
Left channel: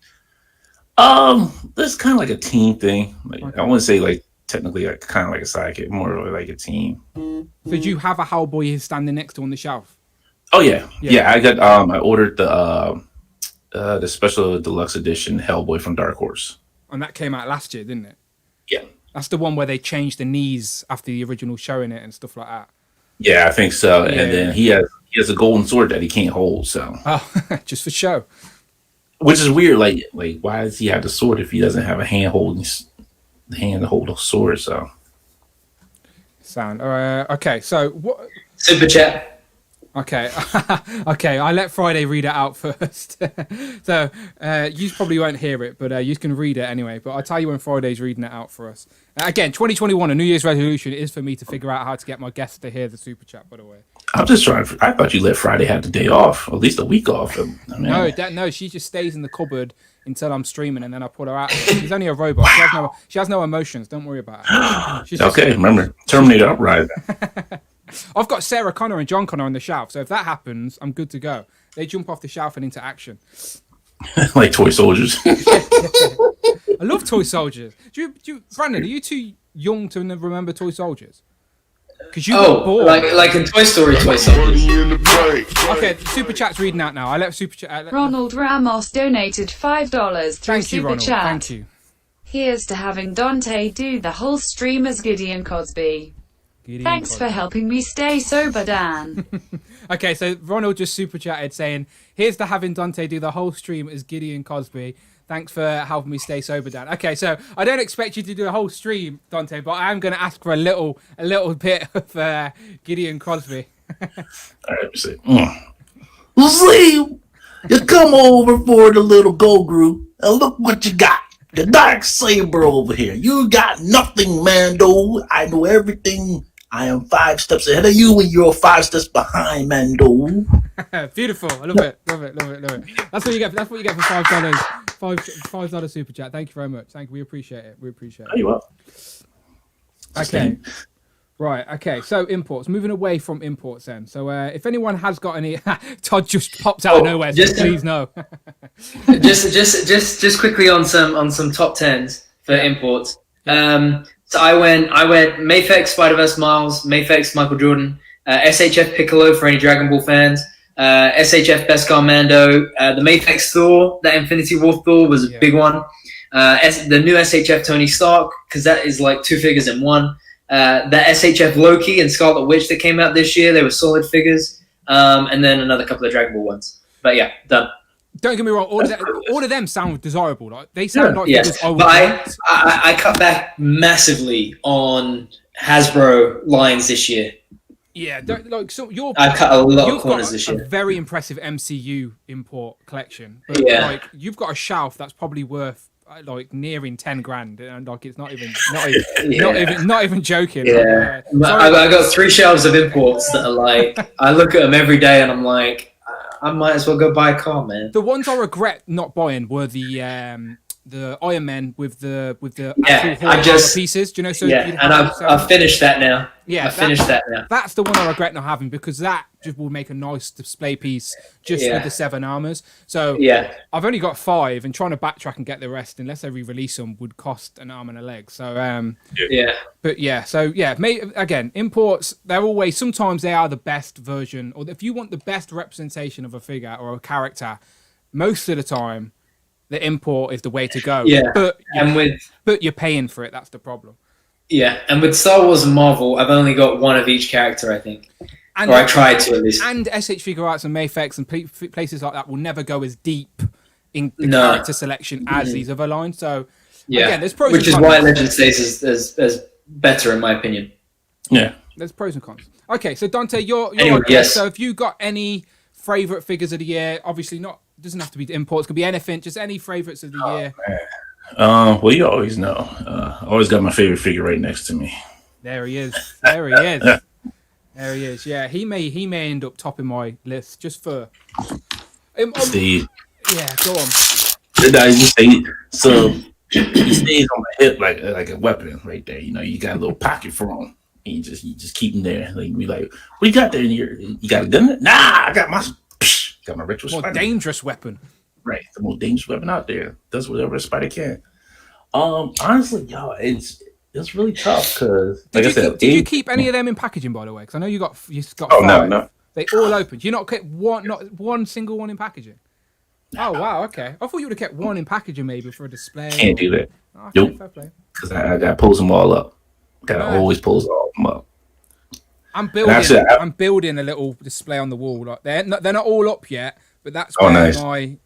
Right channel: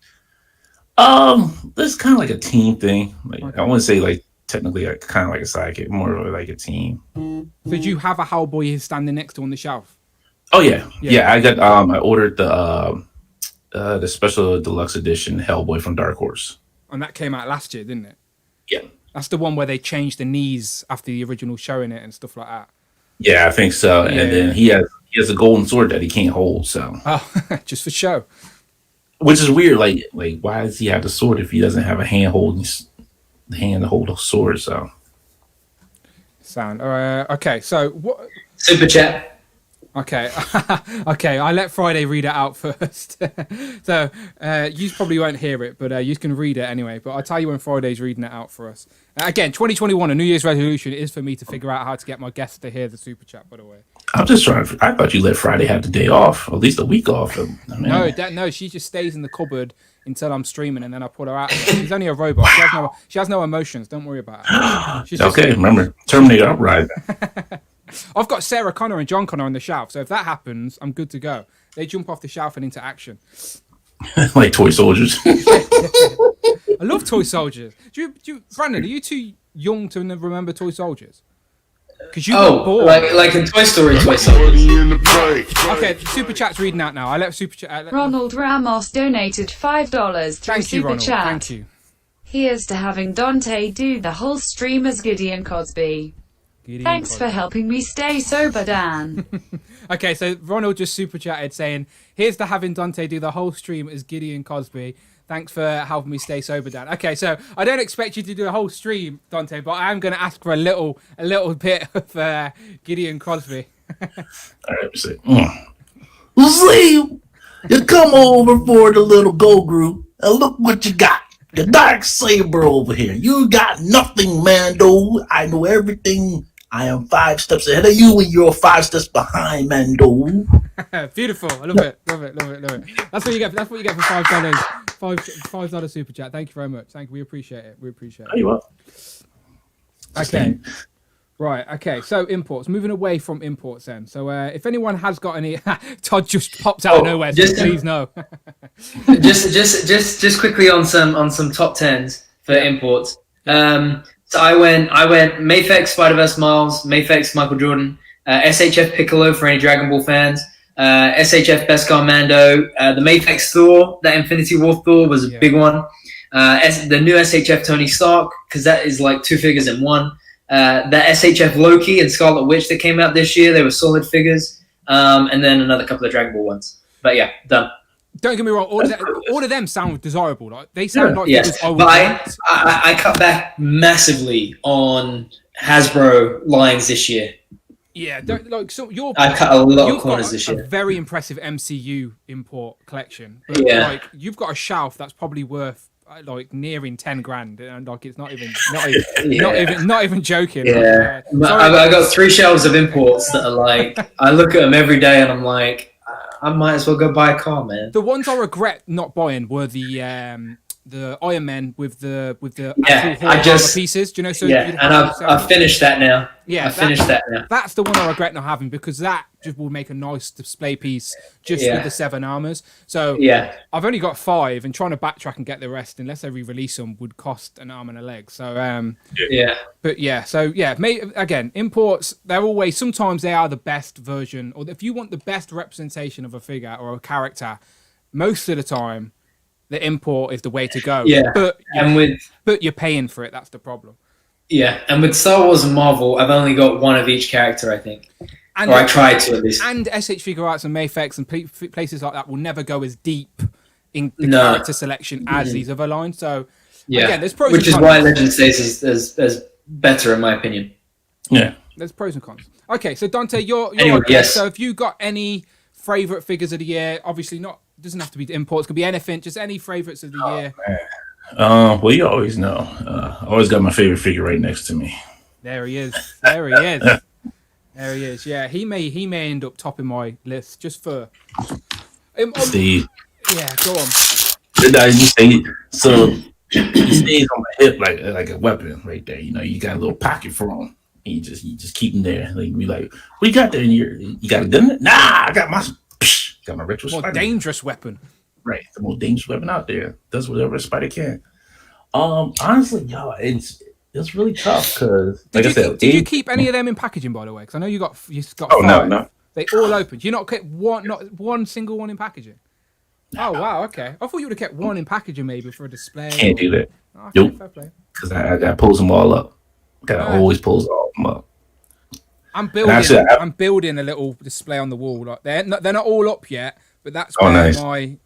This kind of like a team thing. Like, I wouldn't say like technically like kind of like a sidekick, more of like a team. So do you have a Hellboy standing next to on the shelf? Oh yeah. I got I ordered the special deluxe edition Hellboy from Dark Horse. And that came out last year, didn't it? Yeah. That's the one where they changed the knees after the original showing it and stuff like that. Yeah, I think so. And then he has a golden sword that he can't hold. So just for show. Which is weird. Like why does he have the sword if he doesn't have a hand to hold a sword? So sound. Okay. So what? Super chat. Okay. Okay. I let Friday read it out first. So you probably won't hear it, but you can read it anyway. But I'll tell you when Friday's reading it out for us. Again, 2021, a New Year's resolution is for me to figure out how to get my guests to hear the super chat, by the way. I'm just trying. I thought you let Friday have the day off, or at least a week off. No, she just stays in the cupboard until I'm streaming, and then I pull her out. She's only a robot. She has no emotions. Don't worry about her. She's okay, remember Terminator Uprising. I've got Sarah Connor and John Connor on the shelf, so if that happens, I'm good to go. They jump off the shelf and into action. Like toy soldiers. I love toy soldiers. Brandon, are you too young to remember toy soldiers? Because you got bored. like in Toy Story, Toy Soldiers. Money in the bank. Okay, Super Chat's reading out now. I let Super Chat. Ronald Ramos donated $5 through Thank you, Super Ronald. Chat. Thank you. Here's to having Dante do the whole stream as Gideon Cosby. Thanks for helping me stay sober, Dan. Okay, so Ronald just super chatted saying, here's to having Dante do the whole stream as Gideon Cosby. Thanks for helping me stay sober, Dan. Okay, so I don't expect you to do a whole stream, Dante, but I am going to ask for a little bit of Gideon Cosby. All right, see. See, you come over for the little go group, and look what you got. The Dark Saber over here. You got nothing, Mando. I know everything. I am 5 steps ahead of you, and you're 5 steps behind, Mando. Beautiful. I love it. Love it. That's what you get. That's what you get for $5. $5 super chat. Thank you very much. Thank you. We appreciate it. Are you up? Okay. Right. Okay. So imports. Moving away from imports then. So if anyone has got any, Todd just popped out of nowhere. So please no. just quickly on some top tens for imports. So I went Mayfex Spider-Verse Miles, Mayfex Michael Jordan, SHF Piccolo for any Dragon Ball fans, SHF Beskar Mando, the Mayfex Thor, that Infinity War Thor was a big one. The new SHF Tony Stark, because that is like 2 figures in one. That SHF Loki and Scarlet Witch that came out this year, they were solid figures. And then another couple of Dragon Ball ones. But yeah, done. Don't get me wrong, all of them sound desirable. Like they sound like figures I would want. I cut back massively on Hasbro lines this year. Yeah, I cut a lot of corners this year. You've got a very impressive MCU import collection, but like you've got a shelf that's probably worth like nearing 10 grand, and like it's not even joking. Yeah, I got 3 shelves of imports that are like I look at them every day and I'm like, I might as well go buy a car, man. The ones I regret not buying were the Iron Man with the actual armor pieces. Do you know? So and I've finished that now. Yeah, I've finished that now. That's the one I regret not having, because that just will make a nice display piece just with the 7 armors. So I've only got 5, and trying to backtrack and get the rest, unless they re-release them, would cost an arm and a leg. So again, imports, they're always, sometimes they are the best version, or if you want the best representation of a figure or a character, most of the time the import is the way to go. Yeah, but you're paying for it. That's the problem. Yeah, and with Star Wars and Marvel, I've only got one of each character, I think. Or I tried to, at least. And SH Figure Arts and Mayfex and places like that will never go as deep in the character selection as these other lines. So, again, there's pros and cons. Which is why Legend stays as better, in my opinion. Yeah, there's pros and cons. Okay, so Dante, you're our guest. So have you got any favourite figures of the year? Obviously not, doesn't have to be imports, could be anything, just any favourites of the year. Man. Well, you always know. I always got my favorite figure right next to me. There he is. There he is. There he is. Yeah, he may end up topping my list just for. Steve. Yeah, go on. So he stays on my hip like a weapon right there. You know, you got a little pocket for him. And you just keep him there. Like be like, what you got there? You got a gun? Nah, I got my retro. More dangerous weapon. Right, the most dangerous weapon out there. Does whatever a spider can. Honestly, y'all, it's really tough because did you keep any of them in packaging, by the way? Because I know you got 5. No. They all opened. You not kept not one single one in packaging. Oh wow, okay. I thought you would have kept one in packaging maybe for a display. Can't do that. Okay, nope. Fair play. Because I got to pulls them all up. Gotta always pulls all them up. I'm building a little display on the wall. Like they're not all up yet, but that's where my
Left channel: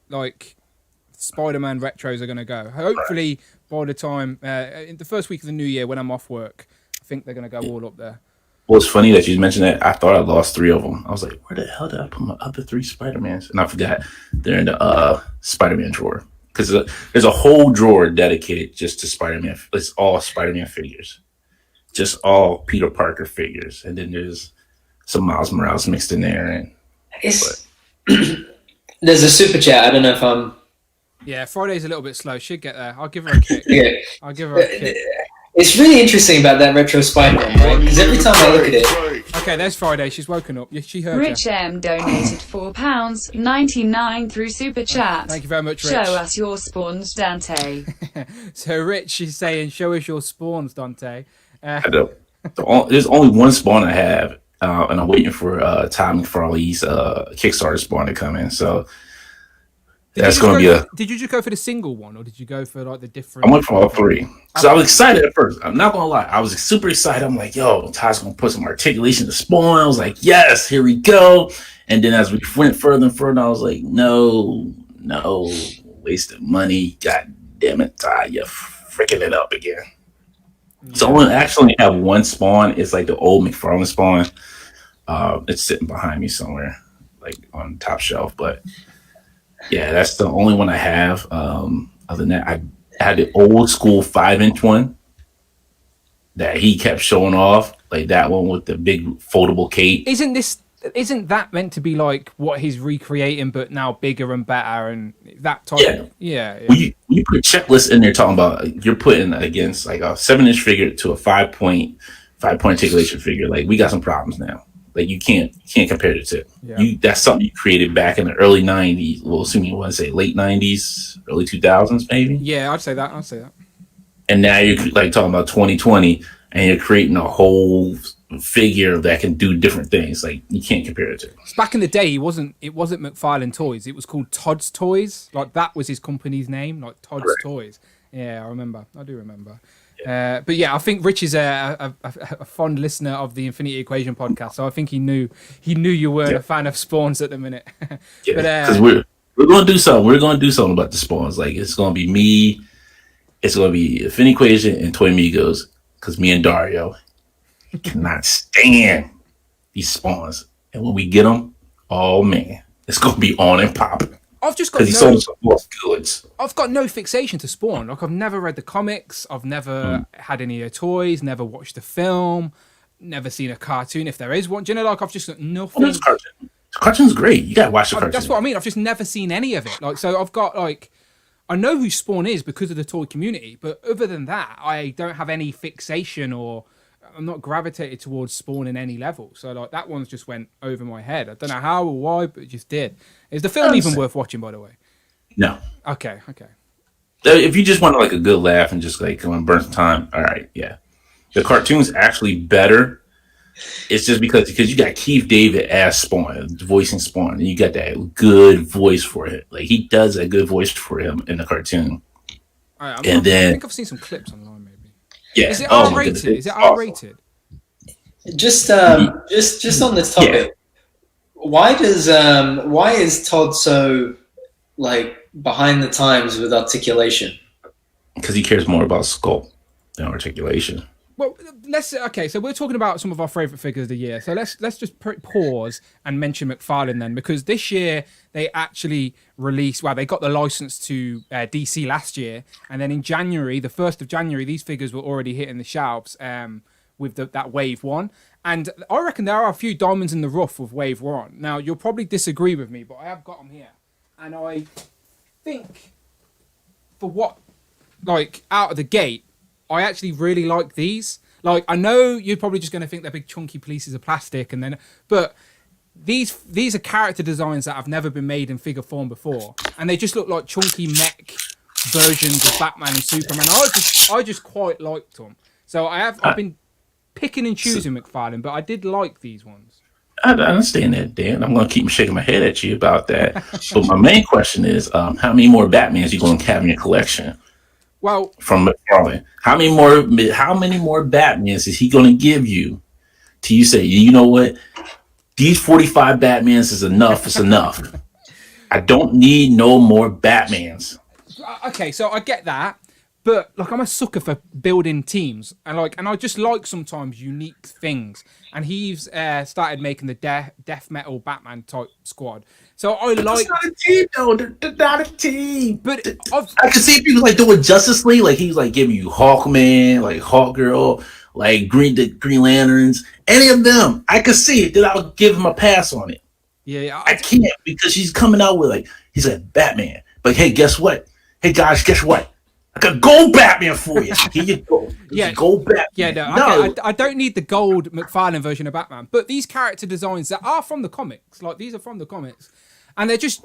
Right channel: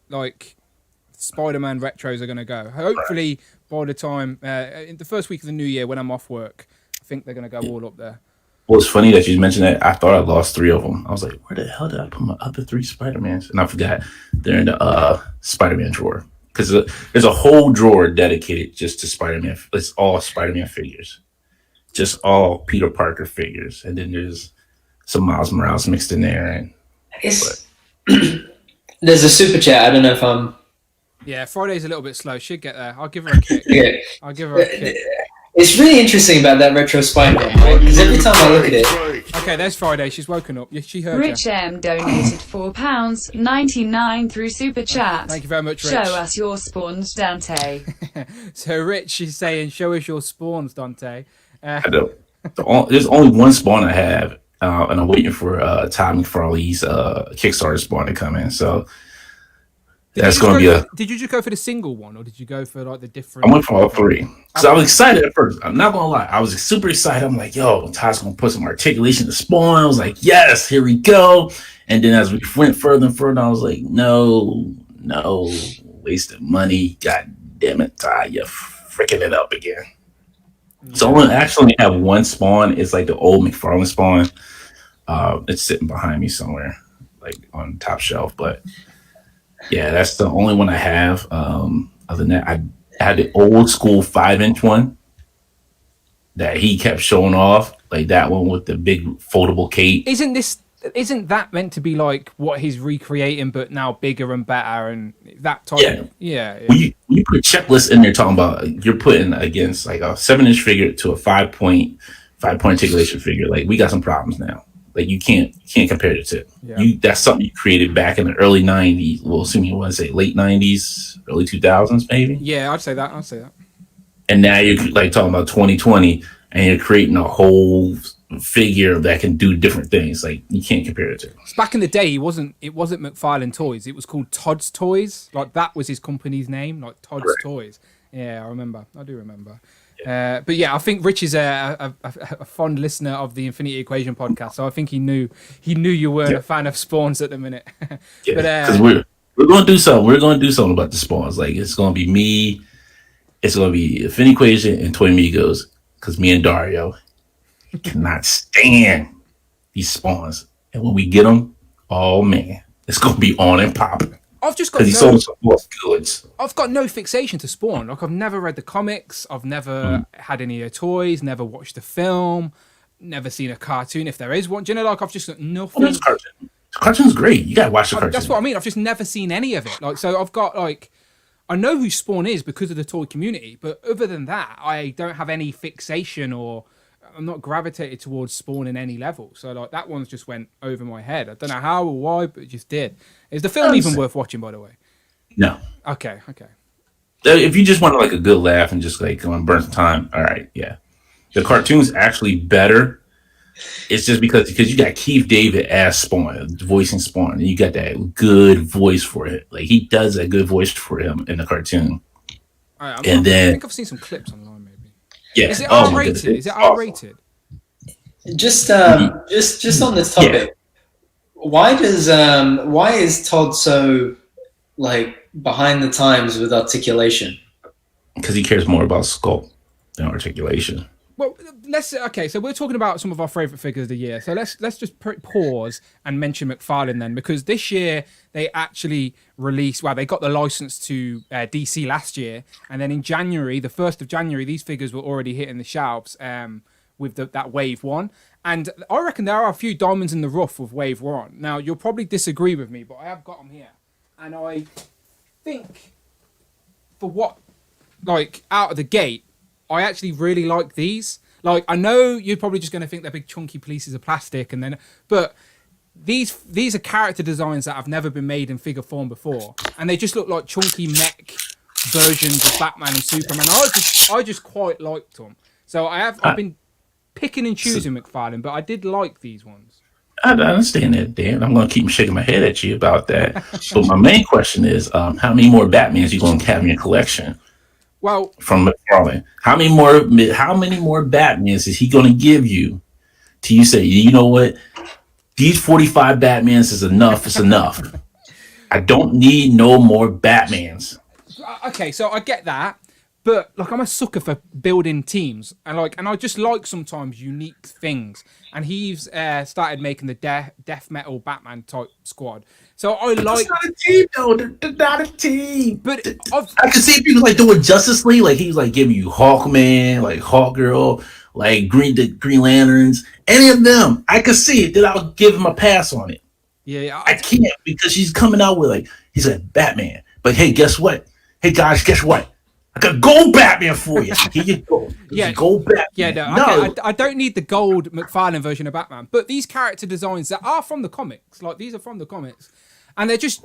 Spider-Man retros are going to go. Hopefully by the time in the first week of the new year when I'm off work, I think they're going to go all up there. Well, it's funny that you mentioned that. I thought I lost 3 of them. I was like, where the hell did I put my other 3 Spider-Mans? And I forgot they're in the Spider-Man drawer, because there's a whole drawer dedicated just to Spider-Man. It's all Spider-Man figures, just all Peter Parker figures, and then there's some Miles Morales mixed in there. And there's a super chat. I don't know if I'm. Yeah, Friday's a little bit slow. She'd get there. I'll give her a kick. I'll give her a kick. It's really interesting about that retro Spider-Man, right? Because every time I look at it. Okay, there's Friday. She's woken up. Yeah, she heard Rich M donated £4.99 through Super Chat. Thank you very much, Rich. Show us your spawns, Dante. So Rich, she's saying, show us your spawns, Dante. I don't. There's only one spawn I have, and I'm waiting for Todd McFarlane's Kickstarter spawn to come in. So that's going to be Did you just go for the single one, or did you go for like the different? I went for all 3. So I was excited at first. I'm not going to lie. I was super excited. I'm like, yo, Todd's going to put some articulation to spawn. I was like, yes, here we go. And then as we went further and further, I was like, no, wasted money. God damn it, Todd, you're freaking it up again. Yeah. So I actually have one spawn. It's like the old McFarlane spawn. It's sitting behind me somewhere, like on the top shelf. But yeah, that's the only one I have. Other than that, I had the old school 5-inch one that he kept showing off, like that one with the big foldable cape. Isn't that meant to be like what he's recreating, but now bigger and better and that type? Yeah. When you put checklists in there talking about you're putting against like a 7-inch figure to a 5-point articulation figure, like we got some problems now. Like you can't compare the two. Yeah. That's something you created back in the early 90s. Well, assuming you want to say late 90s, early 2000s, maybe. Yeah, I'd say that. And now you're like talking about 2020, and you're creating a whole figure that can do different things. Like you can't compare it to. Back in the day, it wasn't McFarlane Toys. It was called Todd's Toys. Like that was his company's name, like Todd's Toys. Yeah, I remember. I do remember. But yeah, I think Rich is a fond listener of the Infinity Equation podcast, so I think he knew you weren't a fan of spawns at the minute. But because we're gonna do something. We're gonna do something about the spawns. Like it's gonna be me. It's gonna be Infinity Equation and Toy Migos. Because me and Dario cannot stand these spawns, and when we get them, oh man, it's gonna be on and popping. I've just got goods. I've got no fixation to Spawn. Like I've never read the comics. I've never had any of the toys. Never watched the film. Never seen a cartoon. If there is one, do you know? Like I've just got nothing. Oh, cartoon. The cartoon's great. You gotta watch the cartoon. That's what I mean. I've just never seen any of it. Like so, I've got like I know who Spawn is because of the toy community, but other than that, I don't have any fixation or I'm not gravitated towards Spawn in any level. So like that one's just went over my head. I don't know how or why, but it just did. Is the film even worth watching, by the way? No. Okay. If you just want like a good laugh and just like burn some time, all right, yeah. The cartoon's actually better. It's just because you got Keith David as Spawn, voicing Spawn, and you got that good voice for it. Like he does that good voice for him in the cartoon. All right, I think I've seen some clips online, maybe. Yeah. Is it R-rated? Is it R-rated? Just on this topic, why is Todd so like behind the times with articulation? Because he cares more about sculpt than articulation. Well, so we're talking about some of our favorite figures of the year. So let's just pause and mention McFarlane then, because this year they actually released. Well, they got the license to DC last year, and then in January, the 1st of January, these figures were already hitting the shelves with that Wave 1. And I reckon there are a few diamonds in the rough with Wave 1. Now you'll probably disagree with me, but I have got them here, and I think for what out of the gate, I actually really like these. Like, I know you're probably just going to think they're big chunky pieces of plastic, but these are character designs that have never been made in figure form before, and they just look like chunky mech versions of Batman and Superman. I just quite liked them. So I've been picking and choosing McFarlane, but I did like these ones. I understand that, Dan. I'm going to keep shaking my head at you about that. But my main question is, how many more Batmans you going to have in your collection? Well, from McFarlane, how many more Batmans is he going to give you? Till you say, you know what, these 45 Batmans is enough. It's enough. I don't need no more Batmans. Okay, so I get that, but like I'm a sucker for building teams, and I just like sometimes unique things. And he's started making the death metal Batman type squad. So it's not a team, though. They're not a team. But I can see people like doing Justice League, like he's like giving you Hawkman, like Hawkgirl, like Green Lanterns, any of them. I could see it. Then I'll give him a pass on it. Yeah, I can't because she's coming out with he's like Batman. But hey, guess what? Hey guys, guess what? I got gold Batman for you. Here you go. Gold Batman. Yeah, no. Okay, I don't need the gold McFarlane version of Batman, but these character designs that are from the comics, like these are from the comics, and they're just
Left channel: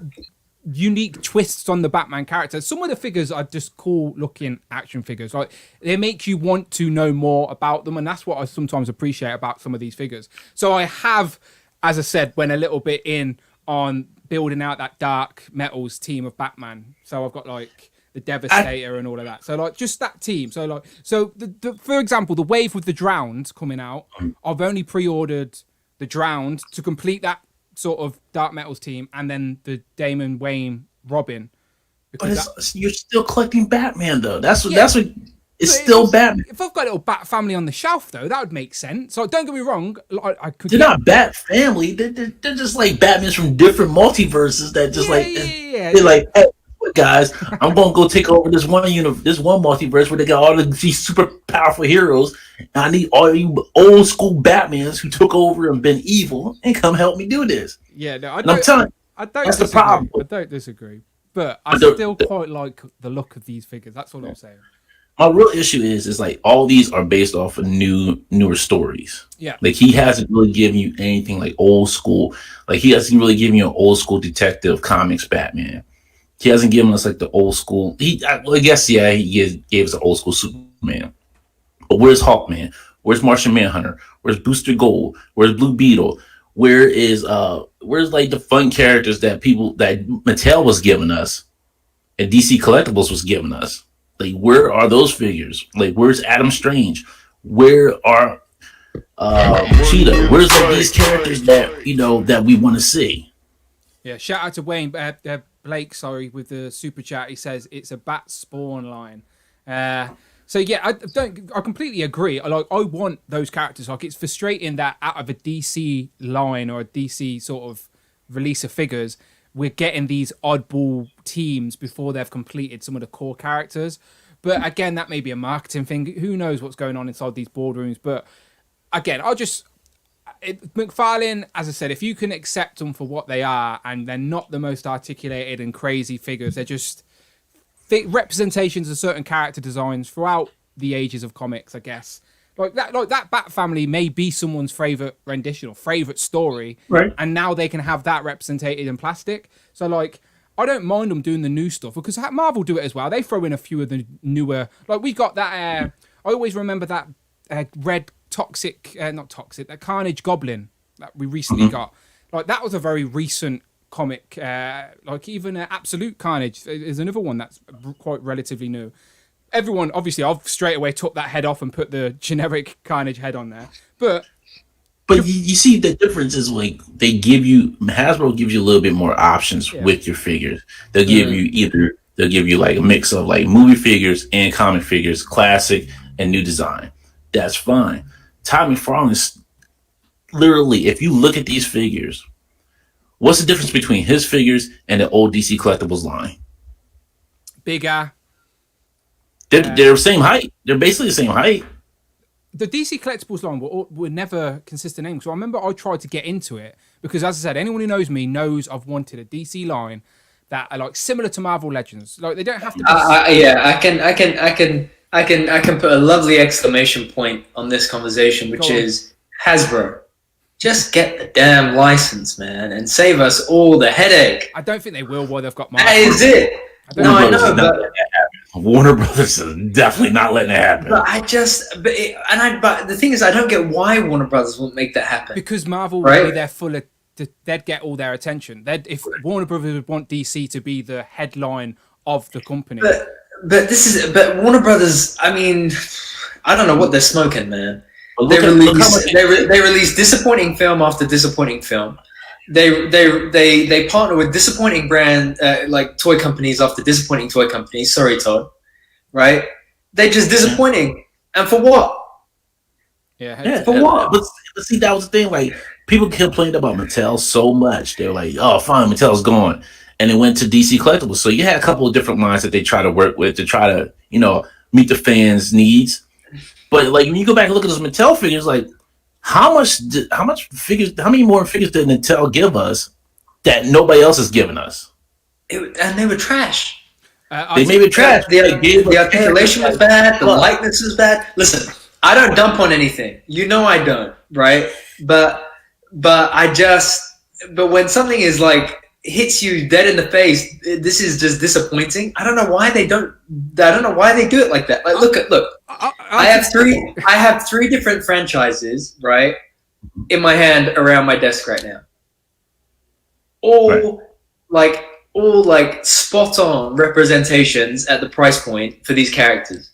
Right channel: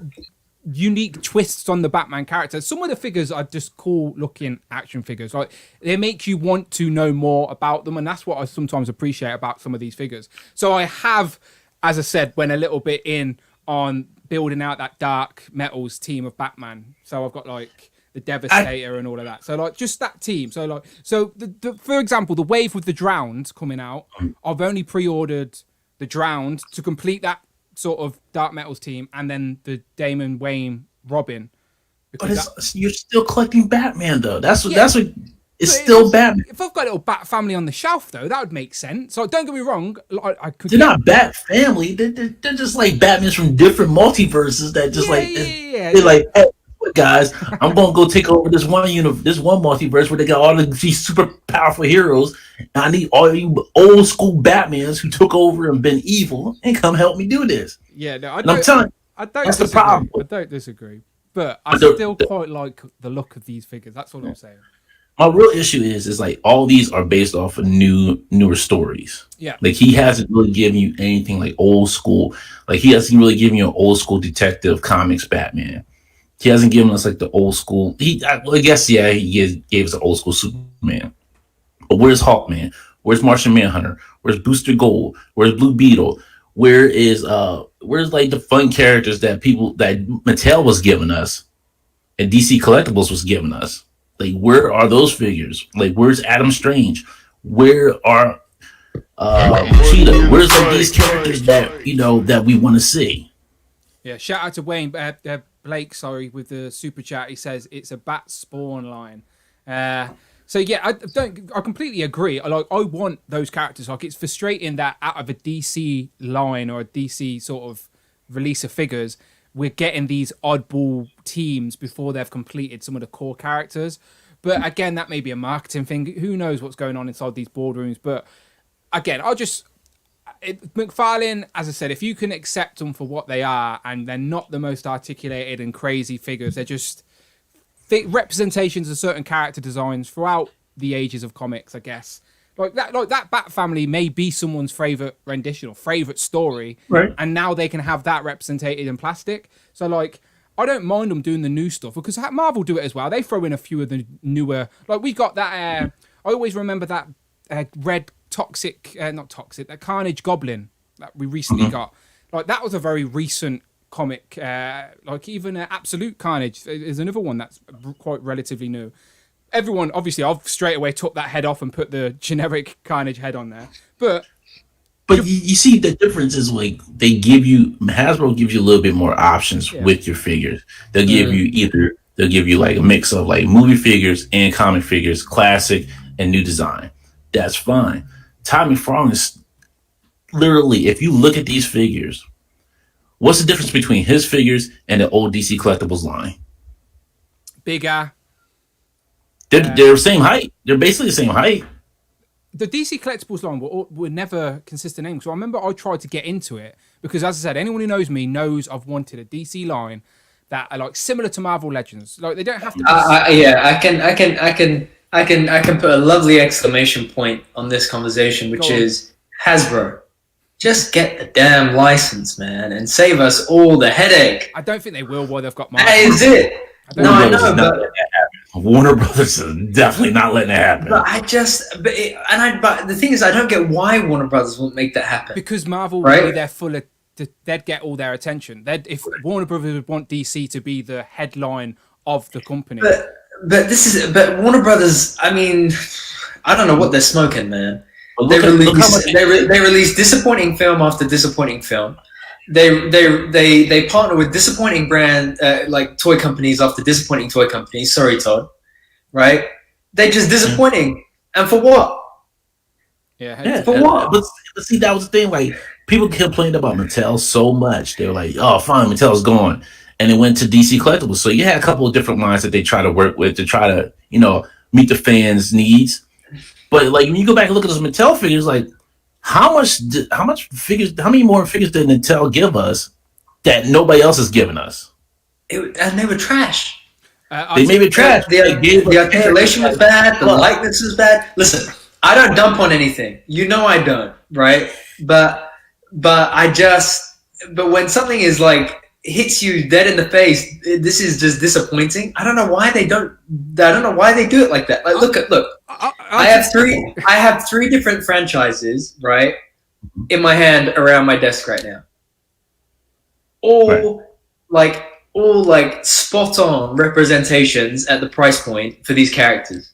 unique twists on the Batman character. Some of the figures are just cool looking action figures. Like they make you want to know more about them, and that's what I sometimes appreciate about some of these figures. So I have, as I said, went a little bit in on building out that Dark Metals team of Batman. So I've got like the Devastator and all of that. So like just that team. So like the for example, the Wave with the Drowned coming out, I've only pre-ordered the Drowned to complete that sort of Dark Metals team, and then the Damon Wayne Robin. Because you're still collecting Batman though. That's what it's still Batman. If I've got a little Bat family on the shelf though, that would make sense. So don't get me wrong, I could. They're not Bat family. They're just like Batmans from different multiverses that just they're like, hey, guys, I'm gonna go take over this one multiverse where they got all of these super powerful heroes. And I need all you old school Batmans who took over and been evil and come help me do this. Yeah, no, I don't that's disagree. The problem. I don't disagree, but I still quite like the look of these figures. That's all I'm saying. My real issue is like all these are based off of newer stories. Yeah, like he hasn't really given you anything like old school. Like he hasn't really given you an old school detective comics Batman. He hasn't given us like the old school. I guess he gave us an old school Superman. But where's Hawkman? Where's Martian Manhunter? Where's Booster Gold? Where's Blue Beetle? Where's like the fun characters that Mattel was giving us and DC Collectibles was giving us? Like, where are those figures? Like, where's Adam Strange? Where are Cheetah? Where's like these characters that that we want to see? Yeah, shout out to Wayne Blake. Sorry, with the super chat, he says it's a bat spawn line. So yeah, I completely agree. I want those characters. Like, it's frustrating that out of a DC line or a DC sort of release of figures, we're getting these oddball teams before they've completed some of the core characters. But again, that may be a marketing thing. Who knows what's going on inside these boardrooms? But again, McFarlane, as I said, if you can accept them for what they are, and they're not the most articulated and crazy figures, they're just representations of certain character designs throughout the ages of comics, I guess. Like that Bat family may be someone's favorite rendition or favorite story, right? And now they can have that represented in plastic. So like, I don't mind them doing the new stuff because Marvel do it as well. They throw in a few of the newer. Like, we got that. I always remember that red that Carnage Goblin that we recently got. Like, that was a very recent comic. Like, even Absolute Carnage is another one that's quite relatively new. Everyone, obviously, I've straight away took that head off and put the generic Carnage head on there. But you see, the difference is, like, Hasbro gives you a little bit more options with your figures. They'll give you like a mix of like movie figures and comic figures, classic and new design. That's fine. Todd McFarlane is literally, if you look at these figures, what's the difference between his figures and the old DC Collectibles line? Bigger. They're the same height. They're basically the same height. The DC Collectibles line were never consistent names. So I remember I tried to get into it because, as I said, anyone who knows me knows I've wanted a DC line that are like similar to Marvel Legends. Like, they don't have to be. I can put a lovely exclamation point on this conversation, which is Hasbro. Just get the damn license, man, and save us all the headache. I don't think they will while they've got Marvel. That is it. I know, but Warner Brothers is definitely not letting it happen. But but the thing is, I don't get why Warner Brothers won't make that happen. Because Marvel would be there full of, they'd get all their attention. If Warner Brothers would want DC to be the headline of the company. But Warner Brothers, I mean, I don't know what they're smoking, man. They release disappointing film after disappointing film. They partner with disappointing brand like toy companies after disappointing toy companies. Sorry, Todd. Right? They're just disappointing, and for what? For what? But see, that was the thing. Like, people complained about Mattel so much. They were like, "Oh, fine, Mattel's gone," and it went to DC Collectibles. So you had a couple of different lines that they try to work with to try to, meet the fans' needs. But like, when you go back and look at those Mattel figures, like, how many more figures did Mattel give us that nobody else has given us? And they were trash. They made it trash. The articulation was bad. The likeness was bad. Listen, I don't dump on anything. You know I don't, right? But when something is like hits you dead in the face, this is just disappointing. I don't know why they do it like that. Like, look. I have three different franchises, right, in my hand around my desk right now. All spot on representations at the price point for these characters.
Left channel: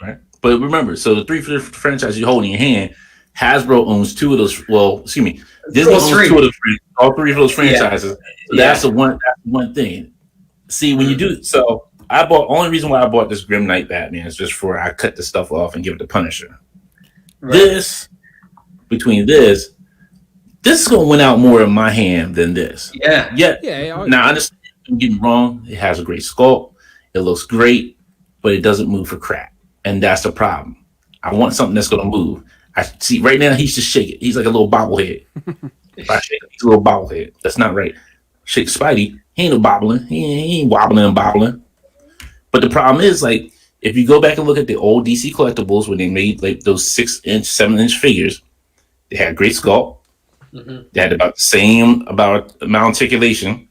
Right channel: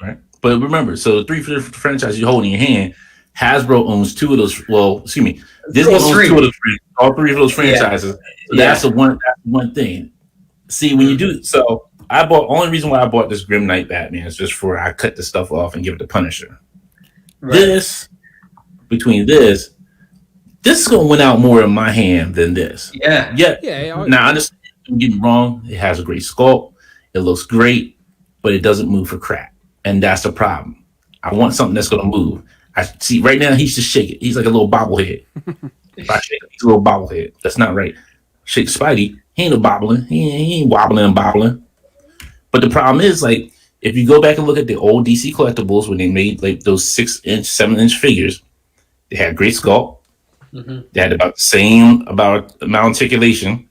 Right. But remember, so the three franchises you hold in your hand, Hasbro owns two of those. Well, excuse me, Disney owns two of those. All three of those franchises. So that's the one thing. See, when you do so. Only reason why I bought this Grim Knight Batman is just for I cut the stuff off and give it to Punisher. Right. This is going to win out more in my hand than this. Yeah. Now, I understand, don't get me wrong. It has a great sculpt. It looks great, but it doesn't move for crap. And that's the problem. I want something that's going to move. I see right now he's just shaking. He's like a little bobblehead. If I shake him, he's a little bobblehead. That's not right. Shake Spidey. He ain't no bobbling. He ain't wobbling and bobbling. But the problem is, like, if you go back and look at the old DC Collectibles when they made like those 6-inch, 7-inch figures, they had great sculpt. Mm-hmm. They had about the same amount of articulation.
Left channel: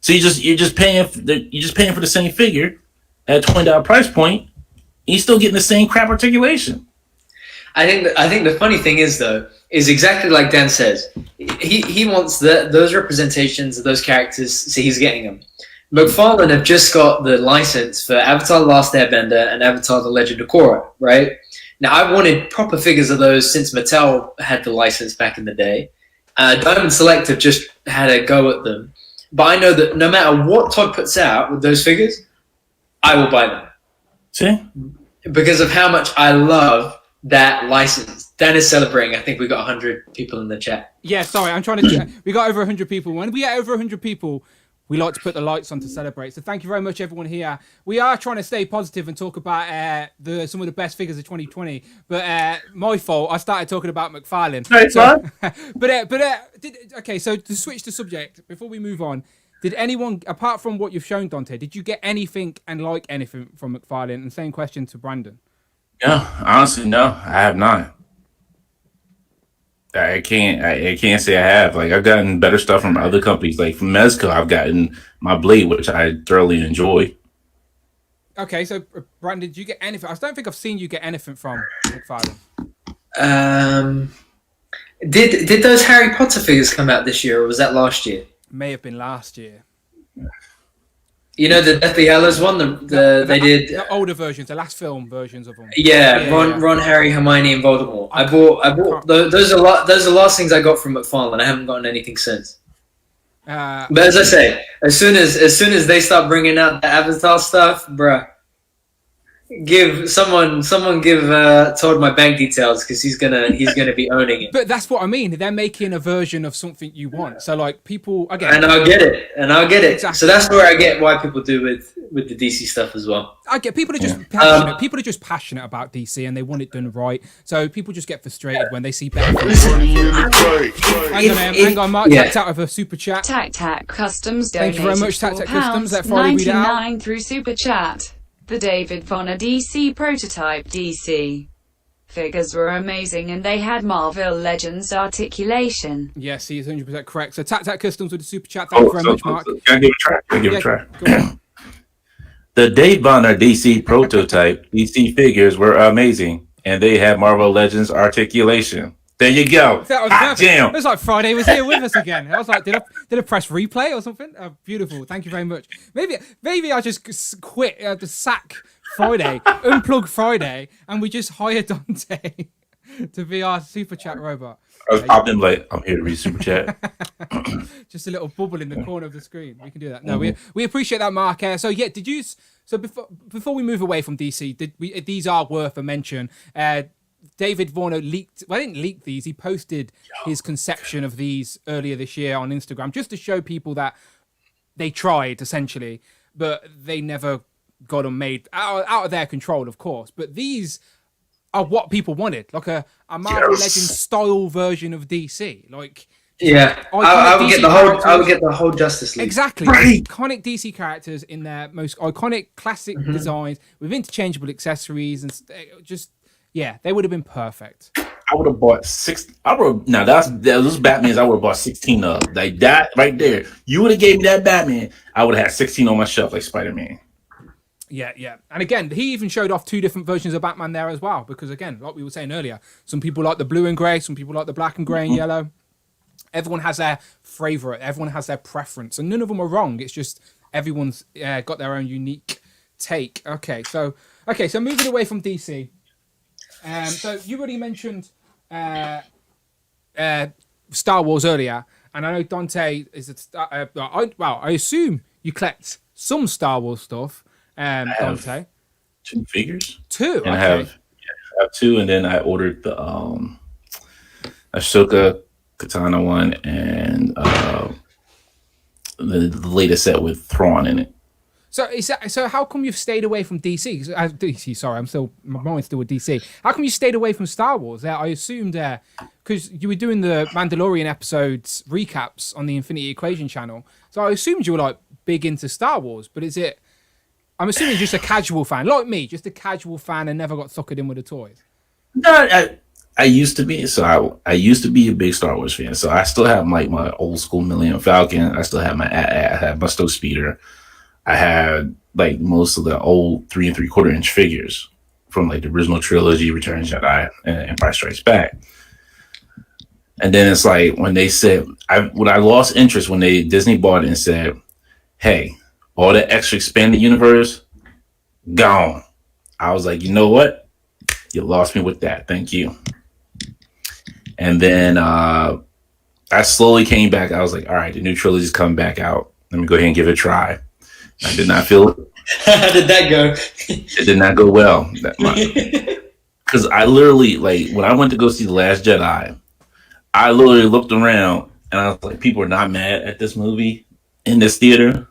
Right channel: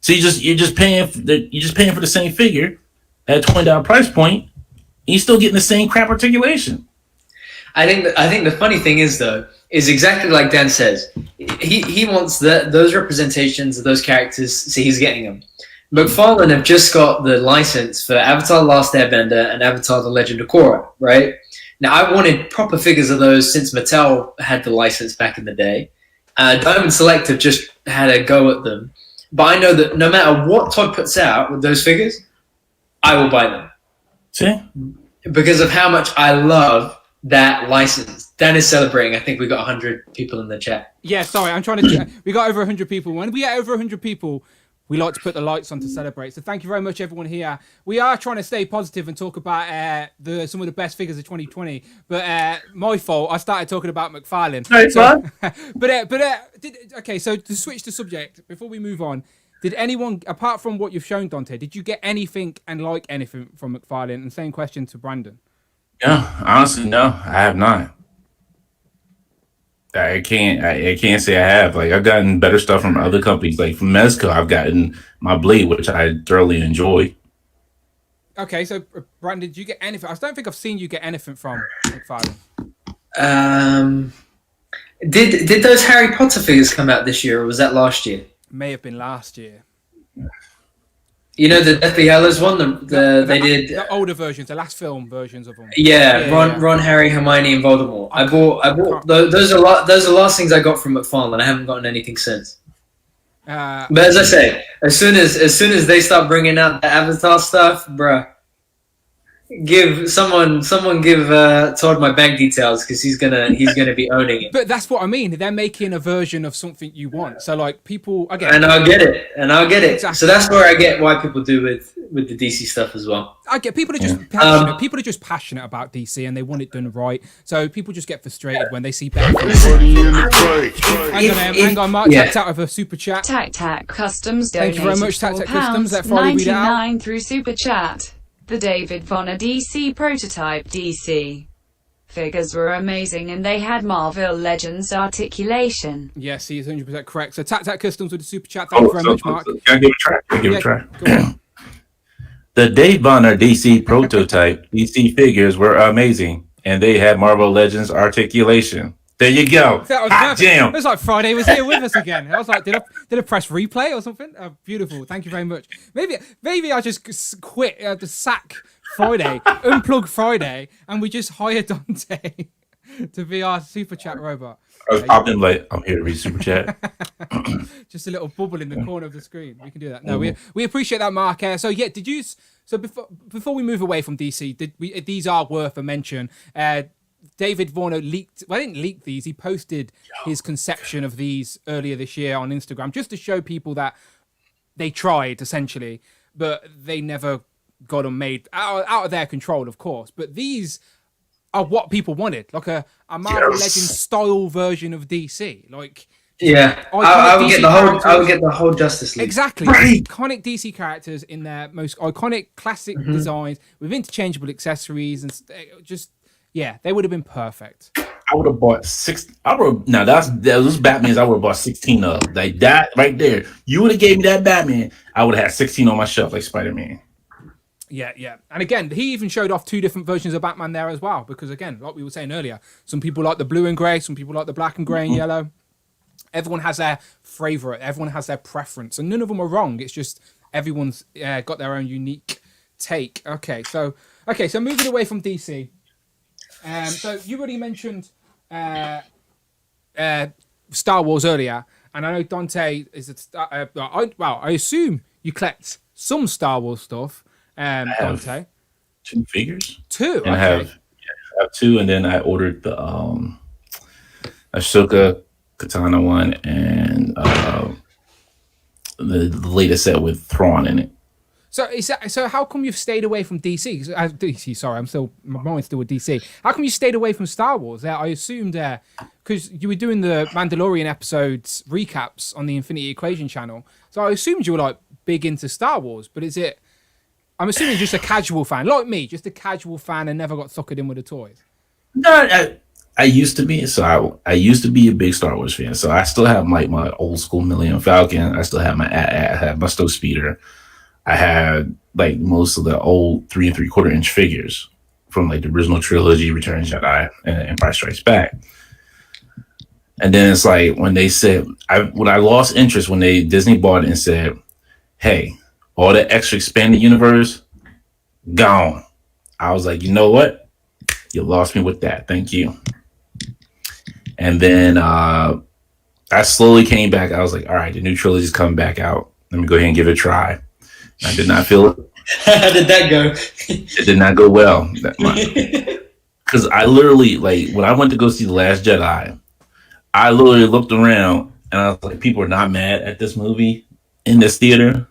So you're just paying for the same figure at a $20 price point, and you're still getting the same crap articulation. I think the funny thing is, though, is exactly like Dan says. He wants those representations of those characters, so he's getting them. McFarlane have just got the license for Avatar: The Last Airbender and Avatar: The Legend of Korra, right? Now, I wanted proper figures of those since Mattel had the license back in the day. Diamond Select have just had a go at them. But I know that no matter what Todd puts out with those figures, I will buy them. See? Because of how much I love that license. Dan is celebrating. I think we got 100 people in the chat. Yeah, sorry, I'm trying to. We got over 100 people. When we get over 100 people, we like to put the lights on to celebrate. So thank you very much, everyone here. We are trying to stay positive and talk about some of the best figures of 2020. But my fault. I started talking about McFarlane. No, it's fine. Okay. So to switch the subject before we move on, did anyone, apart from what you've shown, Dante, did you get anything and like anything from McFarlane? And same question to Brandon. Yeah, honestly, no, I have not. I can't say I have. Like, I've gotten better stuff from other companies. Like from Mezco, I've gotten my blade, which I thoroughly enjoy. Okay, so Brandon, did you get anything? I don't think I've seen you get anything from McFarlane. Did those Harry Potter figures come out this year, or was that last year? May have been last year. You know the Deathly Hallows one. They did the older versions, the last film versions of them. Yeah, Ron, Harry, Hermione, and Voldemort. I bought those are the last things I got from McFarlane. I haven't gotten anything since. But as I say, as soon as they start bringing out the Avatar stuff, bruh, give someone give Todd my bank details because he's gonna be owning it. But that's what I mean. They're making a version of something you want. So like people again, and I'll get it. Exactly. So that's where I get why people do with the DC stuff as well. I get people are just passionate. People are just passionate about DC and they want it done right. So people just get frustrated when they see better things. Hang on, Mark tapped out of a super chat. Tac Customs. Thank you very much, Tac Customs. Let Friday read it out. Through super chat. The David Vonner DC prototype DC figures were amazing and they had Marvel Legends articulation. Yes, he is 100% correct. So Tac Customs with the super chat. Thank you very much, Mark. Can I give it a try? Go on. The Dave Bonner DC prototype DC figures were amazing, and they had Marvel Legends articulation. There you go. That was perfect. Damn. It was like Friday was here with us again. I was like, did I press replay or something? Beautiful. Thank you very much. Maybe I just quit the sack Friday, unplug Friday, and we just hire Dante to be our super chat robot. I was popping like, I'm here to read super chat. Just a little bubble in the corner of the screen. We can do that. No, we appreciate that, Mark. So yeah, did you? So before we move away from DC, these are worth a mention. David Varno leaked. Well, I didn't leak these. He posted his conception of these earlier this year on Instagram, just to show people that they tried essentially, but they never got them made out of their control, of course. But these are what people wanted, like a Marvel Legends style version of DC. Like, I would get the whole Justice League. Exactly, right. Iconic DC characters in their most iconic classic designs with interchangeable accessories and just. Yeah, they would have been perfect. I would have bought six. Those Batmans. I would have bought 16 of like that right there. You would have gave me that Batman. I would have had 16 on my shelf like Spider-Man. Yeah. And again, he even showed off 2 different versions of Batman there as well. Because again, like we were saying earlier, some people like the blue and grey, some people like the black and grey and yellow. Everyone has their favorite. Everyone has their preference, and none of them are wrong. It's just everyone's got their own unique take. Okay, so moving away from DC. So you already mentioned Star Wars earlier, and I know Dante is I assume you collect some Star Wars stuff. Dante, 2 figures. 2. And I have 2, and then I ordered the Ahsoka Katana one and the latest set with Thrawn in it. So how come you've stayed away from DC? Sorry, my mind's still with DC. How come you stayed away from Star Wars? I assumed because you were doing the Mandalorian episodes recaps on the Infinity Equation channel. So I assumed you were like big into Star Wars. But is it? I'm assuming you're just a casual fan, like me, just a casual fan and never got suckered in with the toys. No, I used to be. So I used to be a big Star Wars fan. So I still have my old school Millennium Falcon. I still have I have my Stow Speeder. I had like most of the old 3 3/4 inch figures from like the original trilogy, Return of the Jedi, and Empire Strikes Back. And then it's like when they said, I lost interest when Disney bought it and said, "Hey, all that extra expanded universe, gone. I was like, you know what? You lost me with that. Thank you. And then I slowly came back. I was like, all right, the new trilogy's coming back out. Let me go ahead and give it a try. I did not feel it. How did that go? It did not go well. Because I literally, like, when I went to go see The Last Jedi, I literally looked around and I was like, people are not mad at this movie in this theater.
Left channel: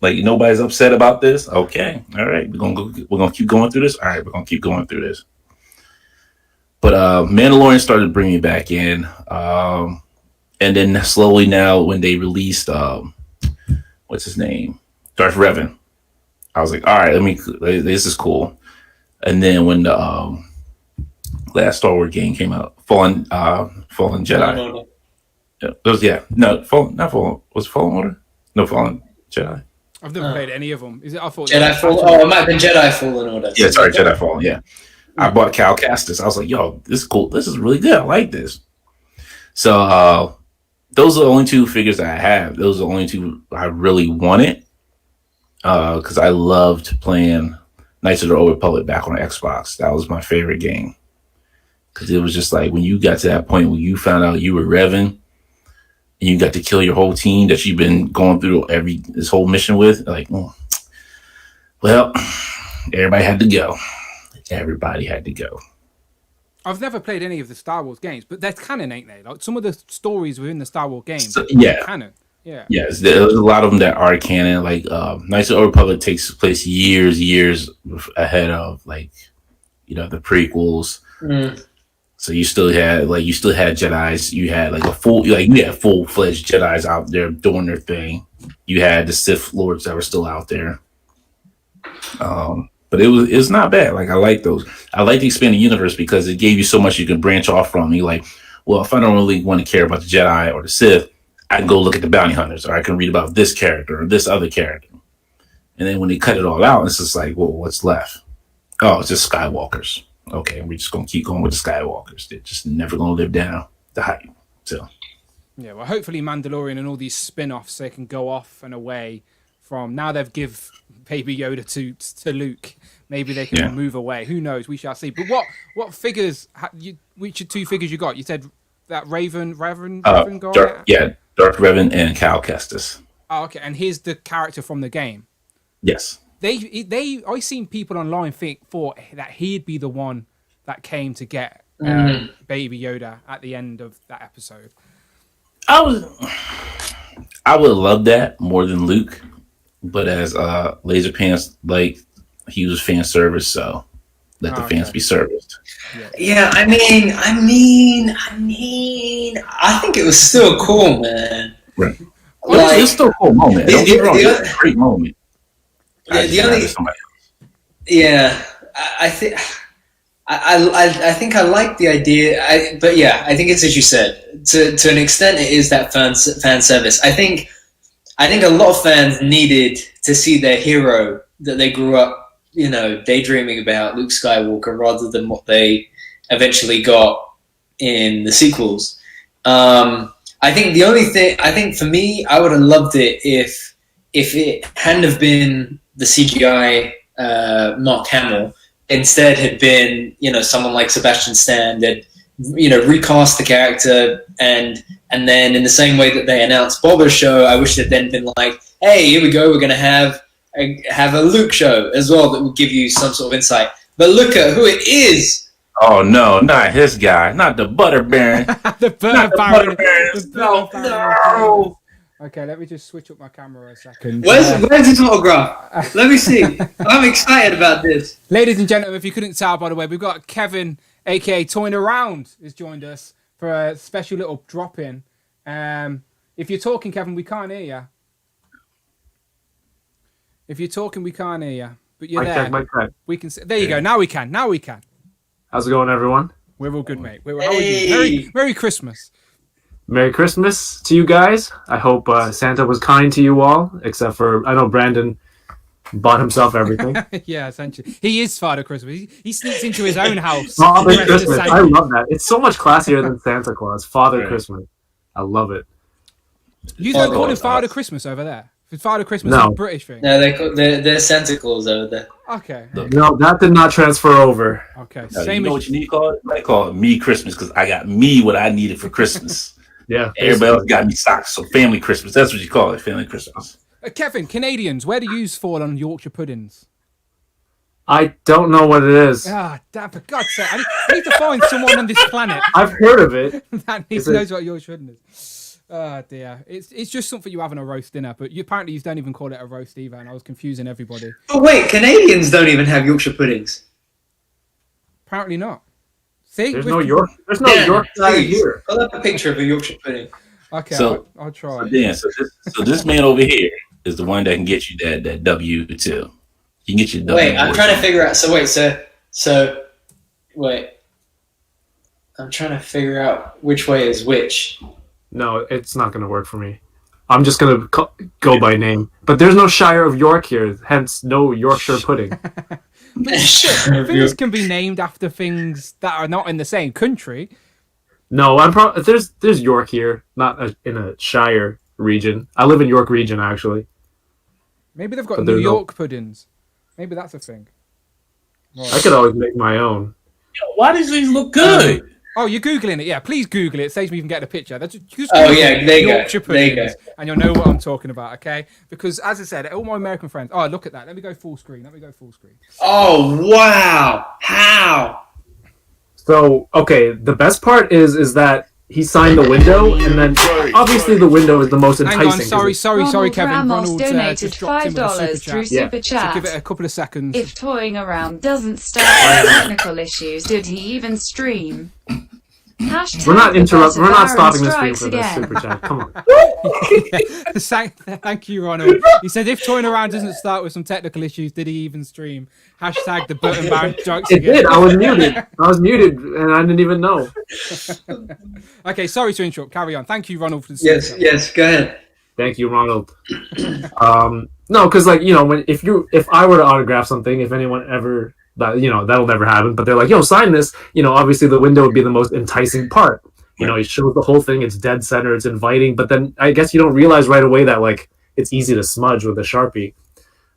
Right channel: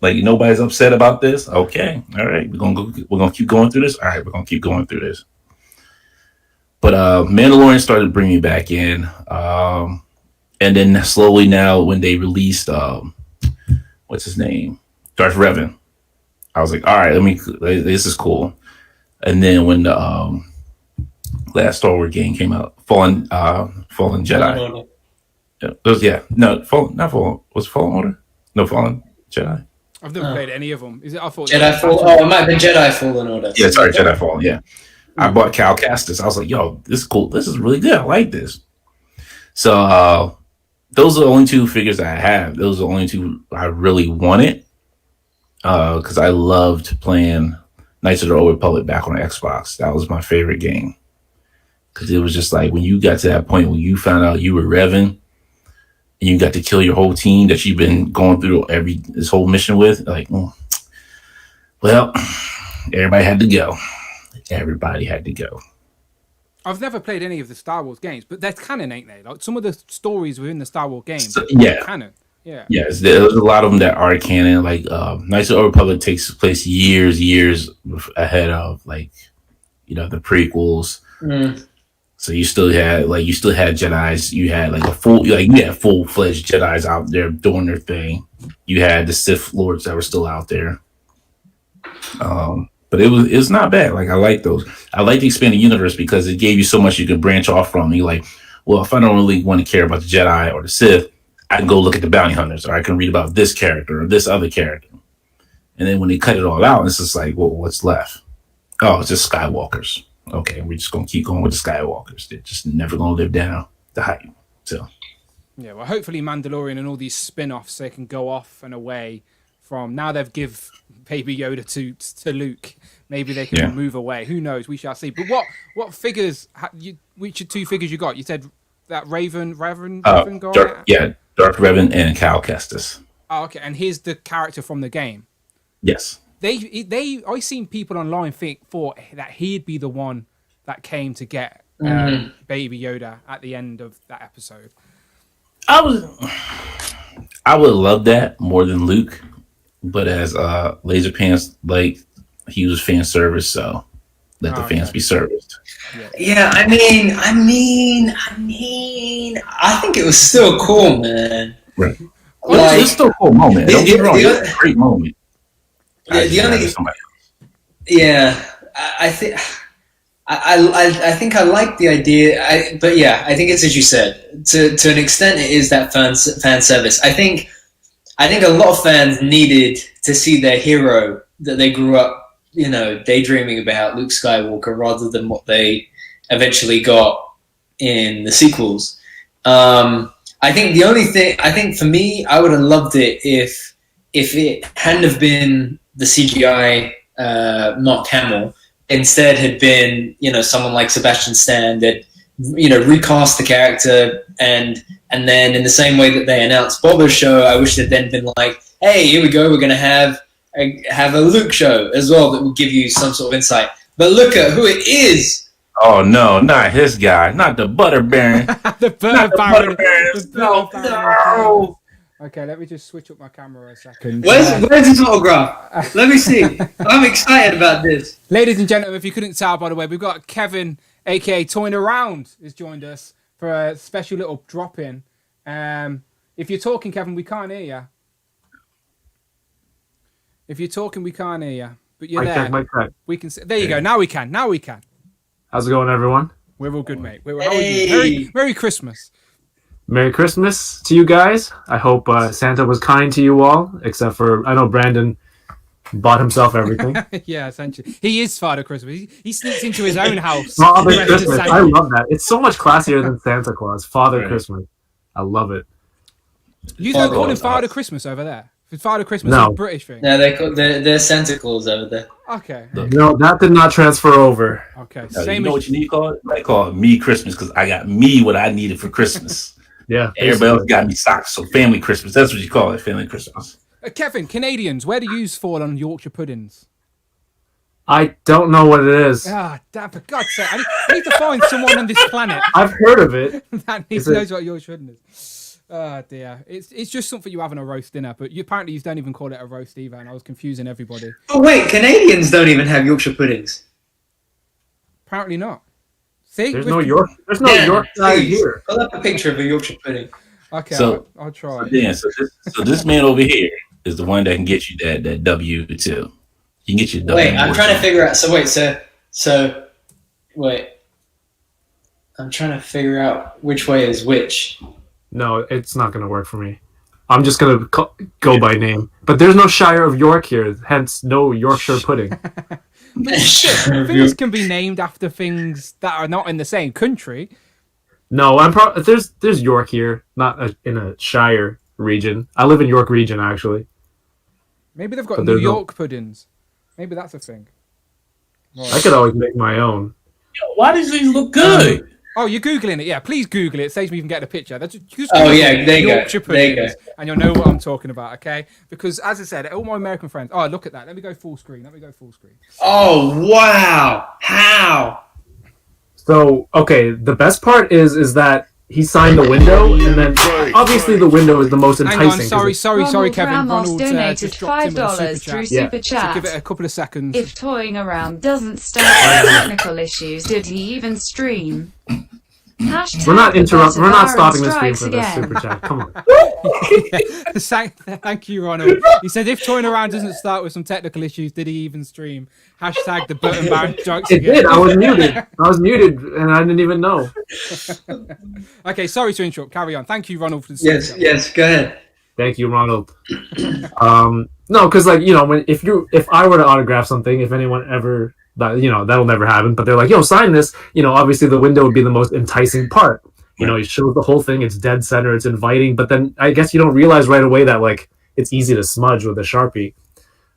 Like, nobody's upset about this. Okay, all right, we're gonna keep going through this. All right, we're gonna keep going through this. But Mandalorian started bringing me back in, and then slowly now when they released, what's his name, Darth Revan, I was like, all right, this is cool. And then when the last Star Wars game came out, Fallen Jedi. Was Fallen Order? No, Fallen Jedi. I've never played any of them. Is it? I thought Jedi Fallen. Oh, it might have been Jedi Fallen Order. Yeah, sorry, Jedi Fallen. Yeah, I bought Cal Kestis. I was like, yo, this is cool. This is really good. I like this. So those are the only two figures that I have. Those are the only two I really wanted because I loved playing Knights of the Old Republic back on Xbox. That was my favorite game because it was just like when you got to that point where you found out you were Revan and you got to kill your whole team that you've been going through this whole mission with. Like, well, everybody had to go. Everybody had to go. I've never played any of the Star Wars games, but they're canon, ain't they? Like some of the stories within the Star Wars games are canon. Yeah. Yes, there's a lot of them that are canon. Like Knights of the Old Republic takes place years ahead of like, the prequels. Mm. So you still had Jedis. You had full-fledged Jedis out there doing their thing. You had the Sith Lords that were still out there. But it's not bad. Like I like those. I like the expanded universe because it gave you so much you could branch off from. You like, well, if I don't really want to care about the Jedi or the Sith, I can go look at the bounty hunters, or I can read about this character or this other character. And then when they cut it all out, it's just like, well, what's left? Oh, it's just Skywalkers. Okay, we're just gonna keep going with the Skywalkers. They're just never gonna live down the hype. So yeah, well, hopefully Mandalorian and all these spin-offs, they can go off and away from now. They've give Baby Yoda to Luke. Maybe they can move away. Who knows? We shall see. But what figures? Which two figures you got? You said that Raven guy. Darth Revan and Cal Kestis. Oh, okay, and here's the character from the game. Yes. I seen people online thought that he'd be the one that came to get Baby Yoda at the end of that episode. I would love that more than Luke, but as Laser Pants, like he was fan service, so let the fans be serviced. Yeah, I mean, I think it was still cool, man. Right. It's still a cool moment. Don't get me wrong, it's a great moment. Yeah, I think I like the idea. But yeah, I think it's as you said. To an extent, it is that fan service. I think a lot of fans needed to see their hero that they grew up, daydreaming about, Luke Skywalker, rather than what they eventually got in the sequels. I think the only thing, for me, I would have loved it if it hadn't have been the CGI Mark Hamill, instead had been, someone like Sebastian Stan that, recast the character and then in the same way that they announced Boba's show, I wish it had then been like, hey, here we go, we're going to have a Luke show as well that will give you some sort of insight. But look at who it is. Oh no, not his guy, not the Butter Baron. The Butter Baron. No. Okay, let me just switch up my camera a second. Where's his autograph? Let me see. I'm excited about this. Ladies and gentlemen, if you couldn't tell, by the way, we've got Kevin, aka Toying Around, has joined us for a special little drop-in. If you're talking, Kevin, we can't hear you. If you're talking, we can't hear you. But you're there. We can. There you go. Now we can. How's it going, everyone? We're all good, mate. How are you? Merry Christmas. Merry Christmas to you guys. I hope Santa was kind to you all, except for, I know Brandon bought himself everything. Yeah, essentially. He is Father Christmas. He sneaks into his own house. Father Christmas. I love that. It's so much classier than Santa Claus. Father Christmas. I love it. You don't call him Father Christmas over there? Father Christmas No. is a British thing. No, they're Santa Claus over there. Okay. No, that did not transfer over. Okay. No, Same you know as what you need to call it? I call it me Christmas because I got me what I needed for Christmas. Yeah. Everybody else got me socks, so family Christmas. That's what you call it, family Christmas. Kevin, Canadians, where do you fall on Yorkshire puddings? I don't know what it is. Ah, damn, for God's sake. I need to find someone on this planet I've heard of it. that knows what Yorkshire pudding is. Oh, dear. It's just something you have on a roast dinner, but apparently you don't even call it a roast either, and I was confusing everybody. Oh wait, Canadians don't even have Yorkshire puddings. Apparently not. See? There's no Yorkshire please. here. Pull up a picture of a Yorkshire pudding. Okay, So- I'll try. So this man over here is the one that can get you that W2. He can get you. Wait, I'm trying to figure out. So wait. I'm trying to figure out which way is which. No, it's not going to work for me. I'm just going to go by name. But there's no Shire of York here, hence no Yorkshire pudding. But shit, things can be named after things that are not in the same country. No, there's York here, not in a Shire region. I live in York region, actually. Maybe they've got But New there's no- York puddings. Maybe that's a thing. Right. I could always make my own. Why does these look good? Oh, you're Googling it. Yeah, please Google it. It saves me even getting a picture. Just Oh, Google yeah, there you go. Yorkshire There you puddings, and you'll know what I'm talking about, okay? Because, as I said, all my American friends... Oh, look at that. Let me go full screen. Oh wow! How? So, okay, the best part is that he signed the window, and then obviously the window is the most enticing. Hang on. Sorry, Ronald Kevin. Ramos Ronald donated just dropped in with a super $5 chat. through Yeah. Super So Chat. give it a couple of seconds. If toying around doesn't start with technical issues, did he even stream? Hashtag We're not the interrupting. We're not Baron stopping the stream strikes for this again. super chat. Come on. Thank you, Ronald. He said, if toying around doesn't start with some technical issues, did he even stream? Hashtag the button Baron strikes It again. did. I was muted, and I didn't even know. Okay, sorry to interrupt. Carry on. Thank you, Ronald, for the super chat. Yes. Go ahead. Thank you, Ronald. No, because if I were to autograph something, if anyone ever that'll never happen. But they're like, yo, sign this. Obviously the window would be the most enticing part. It shows the whole thing. It's dead center. It's inviting. But then I guess you don't realize right away that like it's easy to smudge with a Sharpie.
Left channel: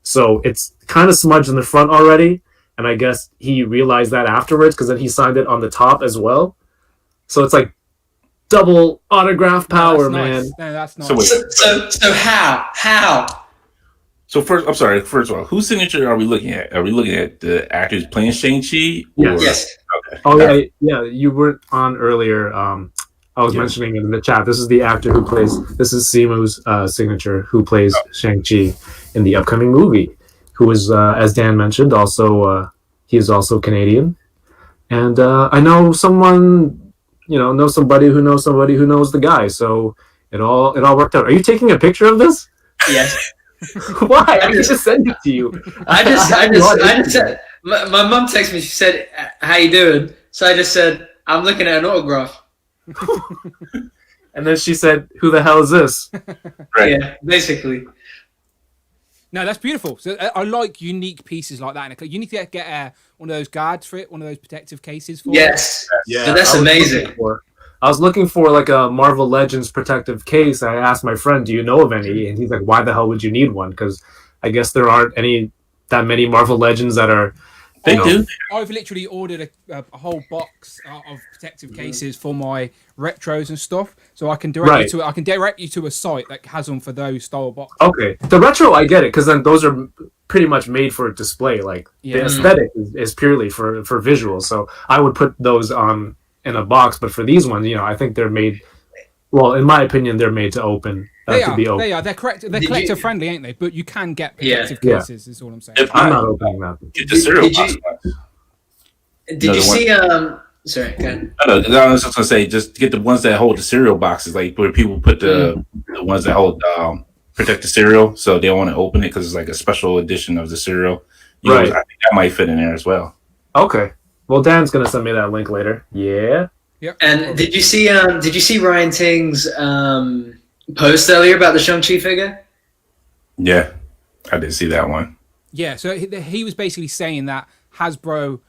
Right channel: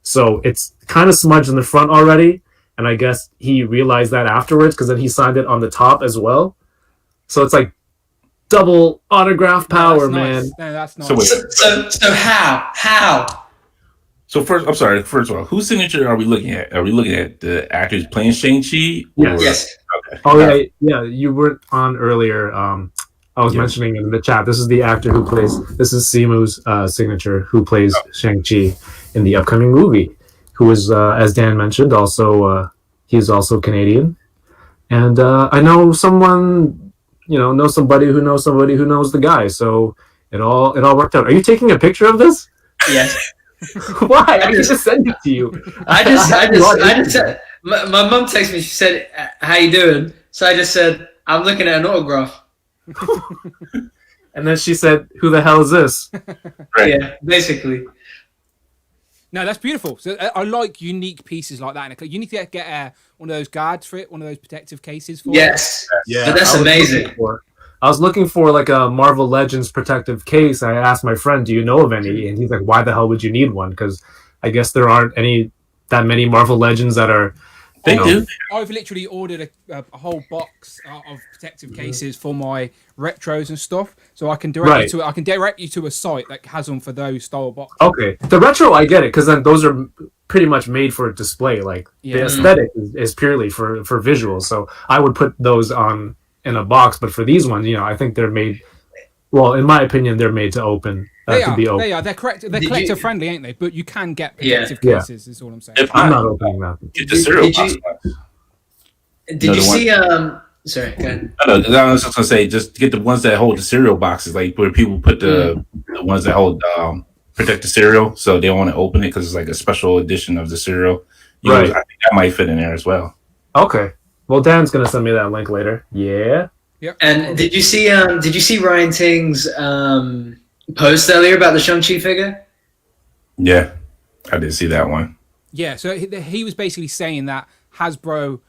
So it's kind of smudged in the front already. And I guess he realized that afterwards because then he signed it on the top as well. So it's like double autograph power, man. No, that's nice. So wait. So how? So first, I'm sorry. First of all, whose signature are we looking at? Are we looking at the actors playing Shang-Chi? Yes. Okay. Oh yeah. You weren't on earlier. I was mentioning in the chat. This is the actor who plays. This is Simu's signature, who plays Shang-Chi in the upcoming movie. Who is, as Dan mentioned, also he is also Canadian, and I know someone, know somebody who knows somebody who knows the guy. So it all worked out. Are you taking a picture of this? Yes. Why? I can just send it to you. I just said. My mum texted me. She said, "How you doing?" So I just said, "I'm looking at an autograph." And then she said, "Who the hell is this?" Right. Yeah, basically. No, that's beautiful. So I like unique pieces like that. You need to get one of those guards for it, one of those protective cases for it. Yes. Yeah, But that's amazing. I was looking for like a Marvel Legends protective case. I asked my friend, "Do you know of any?" And he's like, "Why the hell would you need one?" Because I guess there aren't that many Marvel Legends that are. They do. I've literally ordered a whole box of protective cases for my retros and stuff, so I can direct you to a site that has them for those style boxes. Okay, the retro I get it because then those are pretty much made for display. Like the aesthetic is purely for visuals. So I would put those on in a box, but for these ones, I think they're made. Well, in my opinion, they're made to open. They are. They're correct. They're collector friendly, ain't they? But you can get protective cases. Is all I'm saying. I'm not opening that. Get the cereal box. Did you see? Sorry. Go ahead. I was just gonna say, just get the ones that hold the cereal boxes, like where people put the ones that hold protect the cereal, so they don't want to open it because it's like a special edition of the cereal. I think that might fit in there as well. Okay. Well, Dan's gonna send me that link later. Yeah. Yep. And did you see Ryan Ting's post earlier about the Shang-Chi figure? Yeah, I did see that one. Yeah, so he was basically saying that Hasbro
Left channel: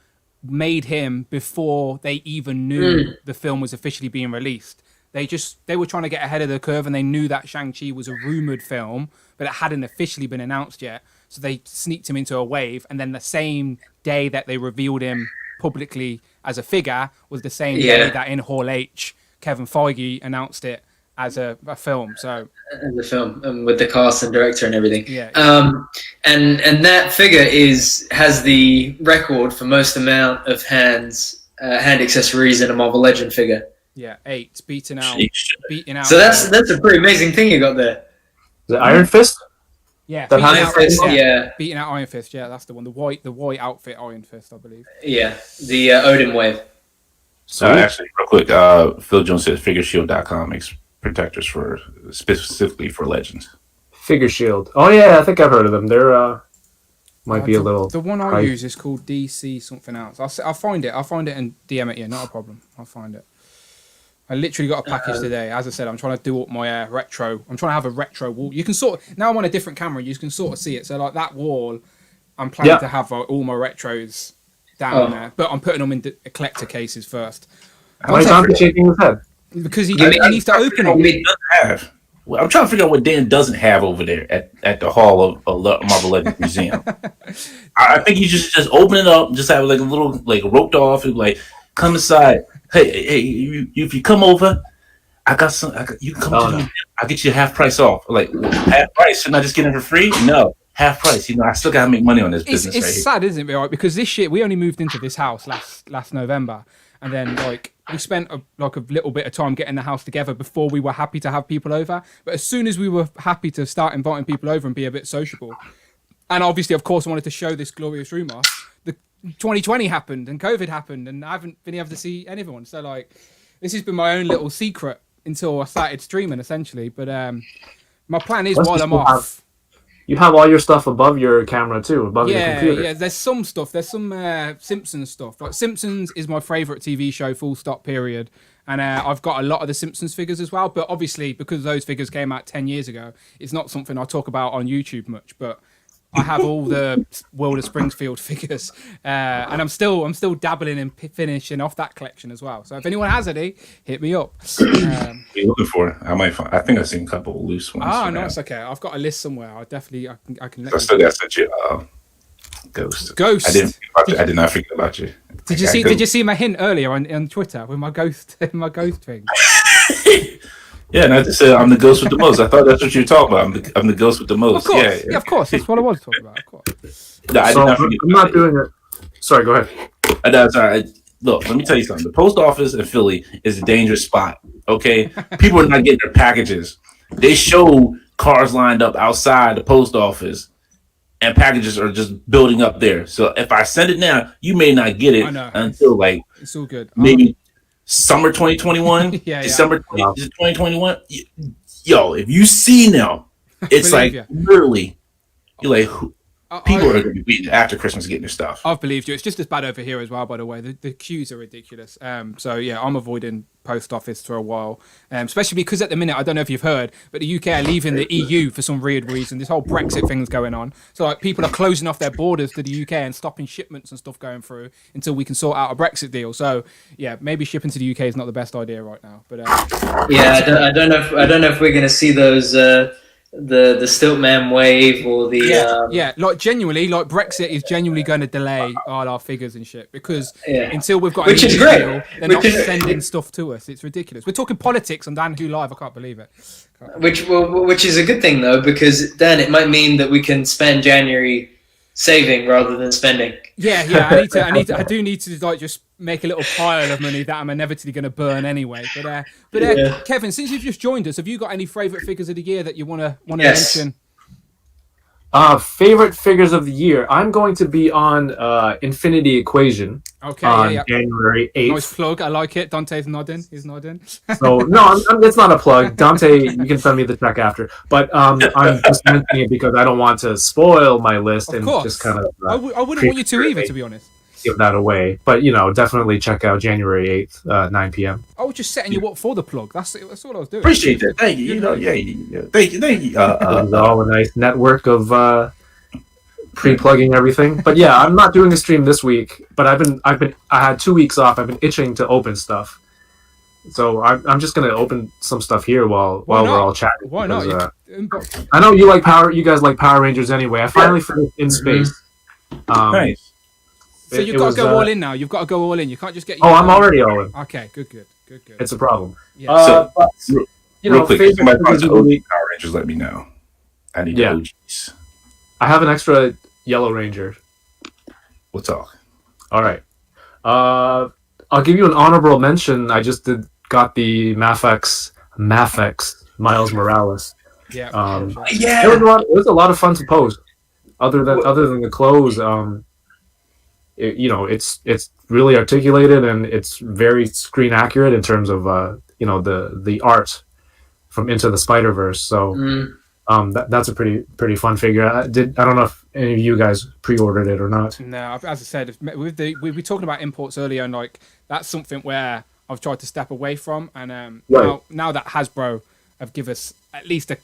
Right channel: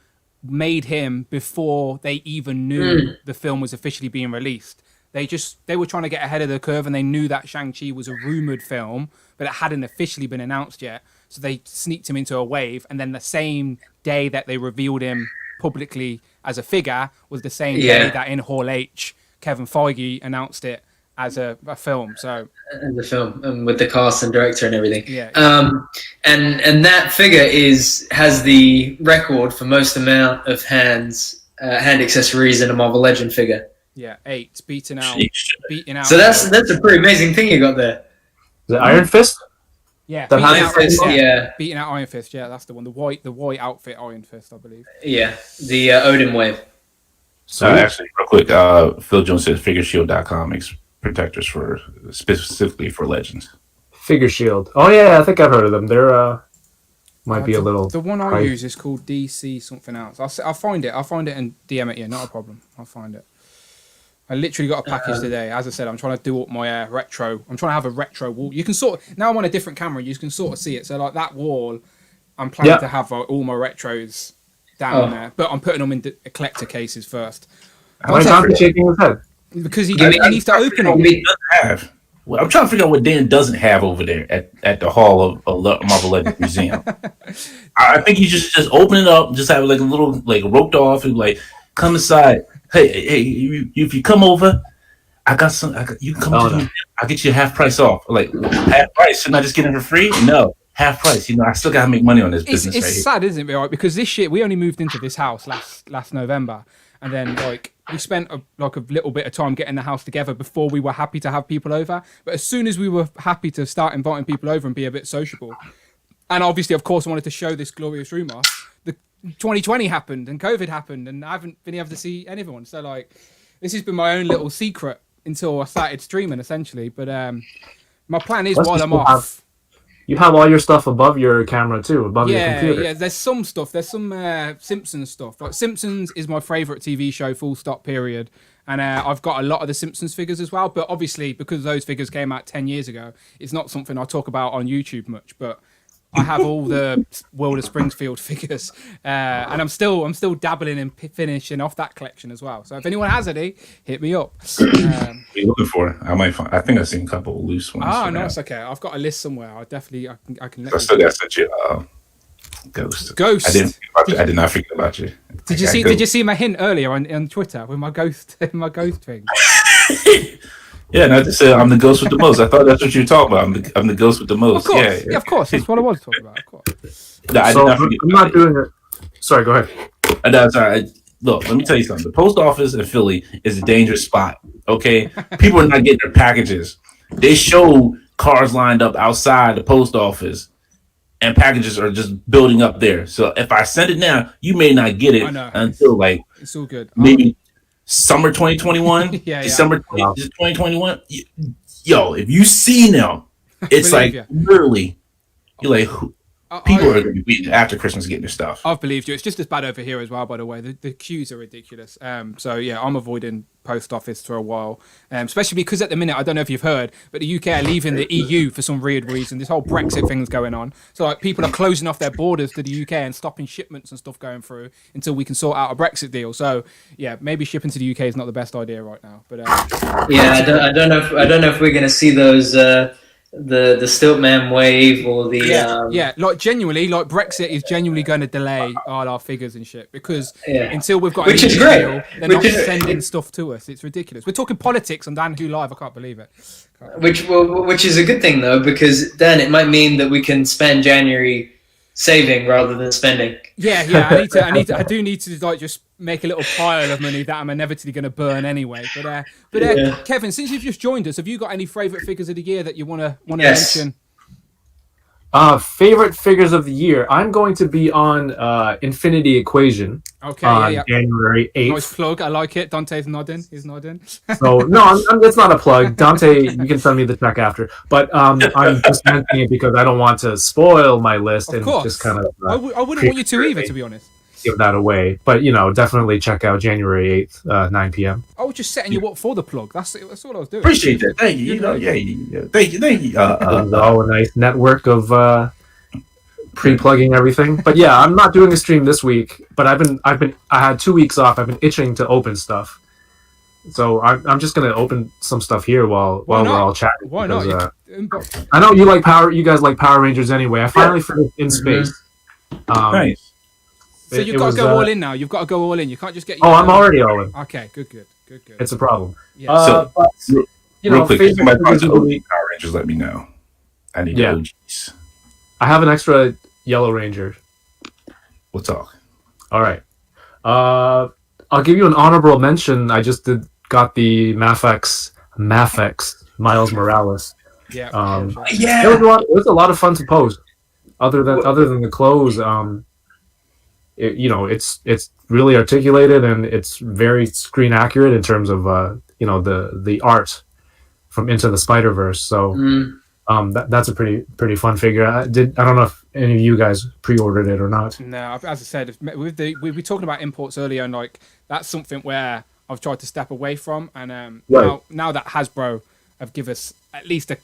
made him before they even knew the film was officially being released. They were trying to get ahead of the curve, and they knew that Shang-Chi was a rumored film, but it hadn't officially been announced yet. So they sneaked him into a wave, and then the same day that they revealed him publicly as a figure was the same day that in Hall H, Kevin Feige announced it as a film. So in the film, with the cast and director and everything. Yeah. And that figure has the record for most amount of hand accessories in a Marvel Legend figure. Yeah, 8 beating out. So that's a pretty amazing thing you got there. The Iron Fist. Yeah, The Iron Fist. Beating out Iron Fist. Yeah, that's the one. The white outfit Iron Fist, I believe. Yeah, the Odin wave. So actually, real quick, Phil Jones says FigureShield.com makes protectors specifically for Legends. Figure Shield. Oh yeah, I think I've heard of them. They're might be a little. The one I use is called DC something else. I'll find it. I'll find it and DM it. Yeah, not a problem. I'll find it. I literally got a package today. As I said, I'm trying to do up my retro. I'm trying to have a retro wall. You can now I'm on a different camera. You can sort of see it. So like that wall, I'm planning to have all my retros down there, but I'm putting them in eclectic cases first. Why is Dante shaking his head? Because he needs to open them. Well, I'm trying to figure out what Dan doesn't have over there at the Hall of Marvel Legends Museum. I think you just open it up, just have like a little like roped off and like come inside. Hey, if you come over, I got some. You can come to me. I'll get you half price off. Like half price? Shouldn't I just get it for free? No, half price. I still gotta make money on this business. It's sad, isn't it? Right? Because this shit, we only moved into this house last November, and then like we spent a little bit of time getting the house together before we were happy to have people over. But as soon as we were happy to start inviting people over and be a bit sociable, and obviously, of course, I wanted to show this glorious room off. 2020 happened and COVID happened, and I haven't been able to see anyone. So like, this has been my own little secret until I started streaming, essentially. But my plan is while I'm off. You have all your stuff above your camera too, above your computer. Yeah. There's some stuff. There's some Simpsons stuff. Like Simpsons is my favorite TV show, full stop, period. And I've got a lot of the Simpsons figures as well. But obviously, because those figures came out 10 years ago, it's not something I talk about on YouTube much. But I have all the World of Springfield figures, and I'm still dabbling in finishing off that collection as well. So if anyone has any, hit me up. What are you looking for? I might find. I think I've seen a couple of loose ones. Oh, no, it's okay. I've got a list somewhere. I can. I still got such a ghost. Ghost. I did not forget about you. Did you see my hint earlier on Twitter with my ghost thing? Yeah, and I just said I'm the ghost with the most. I thought that's what you were talking about. I'm the ghost with the most. Of course, yeah, of course. That's what I was talking about. Of course. No, I did not forget. I'm not doing it. Sorry, go ahead. No, sorry. Look, let me tell you something. The post office in Philly is a dangerous spot. Okay, people are not getting their packages. They show cars lined up outside the post office, and packages are just building up there. So if I send it now, you may not get it until like it's all good. Maybe summer 2021, December 2021. Yo, if you see now, it's like literally, you're like, people are going to be after Christmas getting their stuff. I've believed you. It's just as bad over here as well, by the way. The queues are ridiculous. So yeah, I'm avoiding post office for a while, especially because at the minute, I don't know if you've heard, but the UK are leaving the EU for some weird reason. This whole Brexit thing's going on. So like people are closing off their borders to the UK and stopping shipments and stuff going through until we can sort out a Brexit deal. So yeah, maybe shipping to the UK is not the best idea right now. But I don't know if we're going to see those. The Stiltman wave or the like genuinely, like Brexit is genuinely going to delay all our figures and shit because until we've got an EU deal, they're not sending stuff to us. It's ridiculous. We're talking politics on Dan Who Live. I can't believe it. Which is a good thing though, because then it might mean that we can spend January saving rather than spending. Yeah. I do need to like just make a little pile of money that I'm inevitably going to burn anyway. But Kevin, since you've just joined us, have you got any favourite figures of the year that you want to mention? Favorite figures of the year. I'm going to be on Infinity Equation. Okay, January 8th. Nice plug. I like it. Dante's nodding. He's nodding. So no, it's not a plug. Dante, you can send me the check after. But I'm just mentioning it because I don't want to spoil my list. Of course. Just kind of. I wouldn't want you to either, to be honest. Give that away, but definitely check out January 8th, 9 p.m. I was just setting you up for the plug. That's all I was doing. Appreciate that. Thank you. Thank you. A nice network of pre-plugging everything. But yeah, I'm not doing a stream this week. But I had 2 weeks off. I've been itching to open stuff, So I'm just gonna open some stuff here while Why we're not? all chatting. Why not? because, Inbox. I know you guys like Power Rangers anyway. I finally finished In Space. Nice. So you've got to go all in now. You've got to go all in. You can't just get. Oh, I'm already all in. Okay, good. It's a problem. Yeah. So, But, real quick, if somebody wants to favorite- OG Power Rangers, let me know. I need Yeah. the OGs. I have an extra Yellow Ranger. We'll talk. All right. I'll give you an honorable mention. I just got the Mafex Miles Morales. Yeah. It was a lot of fun to post. Other than the clothes, it's really articulated and it's very screen accurate in terms of the art from Into the Spider-Verse. So that's a pretty fun figure. I don't know if any of you guys pre-ordered it or not. No, as I said, we were talking about imports earlier, and like that's something where I've tried to step away from, and now that Hasbro have give us at least a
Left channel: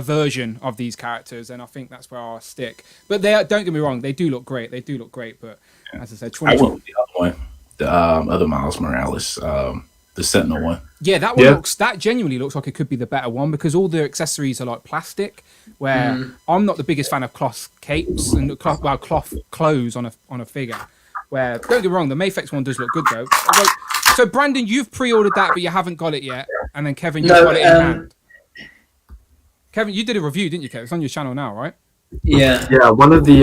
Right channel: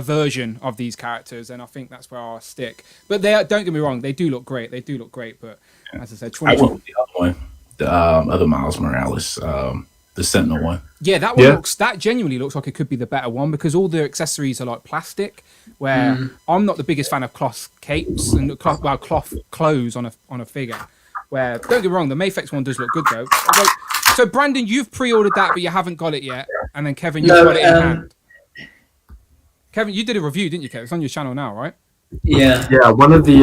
version of these characters, and I think that's where I'll stick. But don't get me wrong, they do look great. But as I said, I went with the other one, the other Miles Morales, the Sentinel one. Yeah, that one that genuinely looks like it could be the better one because all the accessories are like plastic. Where I'm not the biggest fan of cloth capes and cloth clothes on a figure. Where don't get me wrong, the Mafex one does look good though. So Brandon, you've pre-ordered that, but you haven't got it yet, and then Kevin, you've got it in hand. Kevin, you did a review, didn't you, Kevin? It's on your channel now, right? Yeah. Yeah, one of the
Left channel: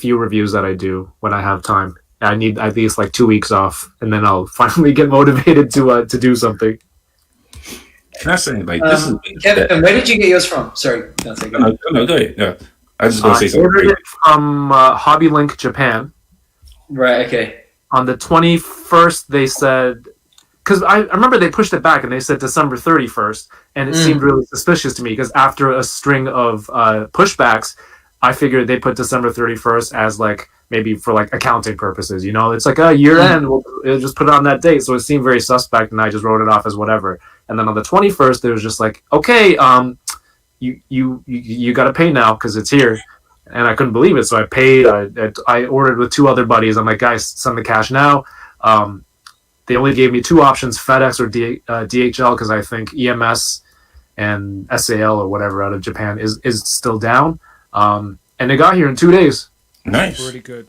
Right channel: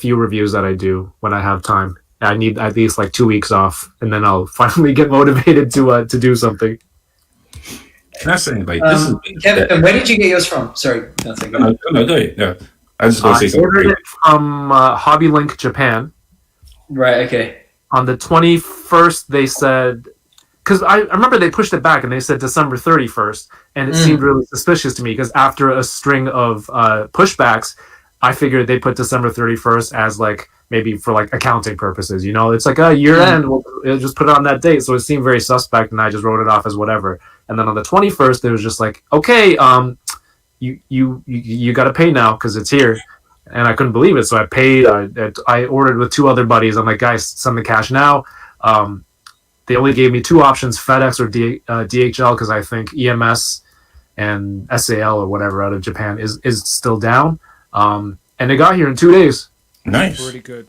few reviews that I do when I have time. I need at least like 2 weeks off, and then I'll finally get motivated to do something. Can I say, like, this is Kevin, where did you get yours from? Sorry, Dante. No, go ahead. Yeah, I was just gonna say I something. ordered it from Hobby Link Japan. Right. Okay. On the 21st, they said, because I remember they pushed it back and they said December 31st, and it seemed really suspicious to me because after a string of pushbacks, I figured they put December 31st as like maybe for like accounting purposes. It's like a year end. We'll just put it on that date. So it seemed very suspect, and I just wrote it off as whatever. And then on the 21st, it was just like, okay, you got to pay now because it's here. And I couldn't believe it, so I paid. I ordered with 2 other buddies. I'm like, guys, send the cash now. They only gave me 2 options, FedEx or DHL, because I think EMS and SAL or whatever out of Japan is still down. And it got here in 2 days. Nice. Pretty good.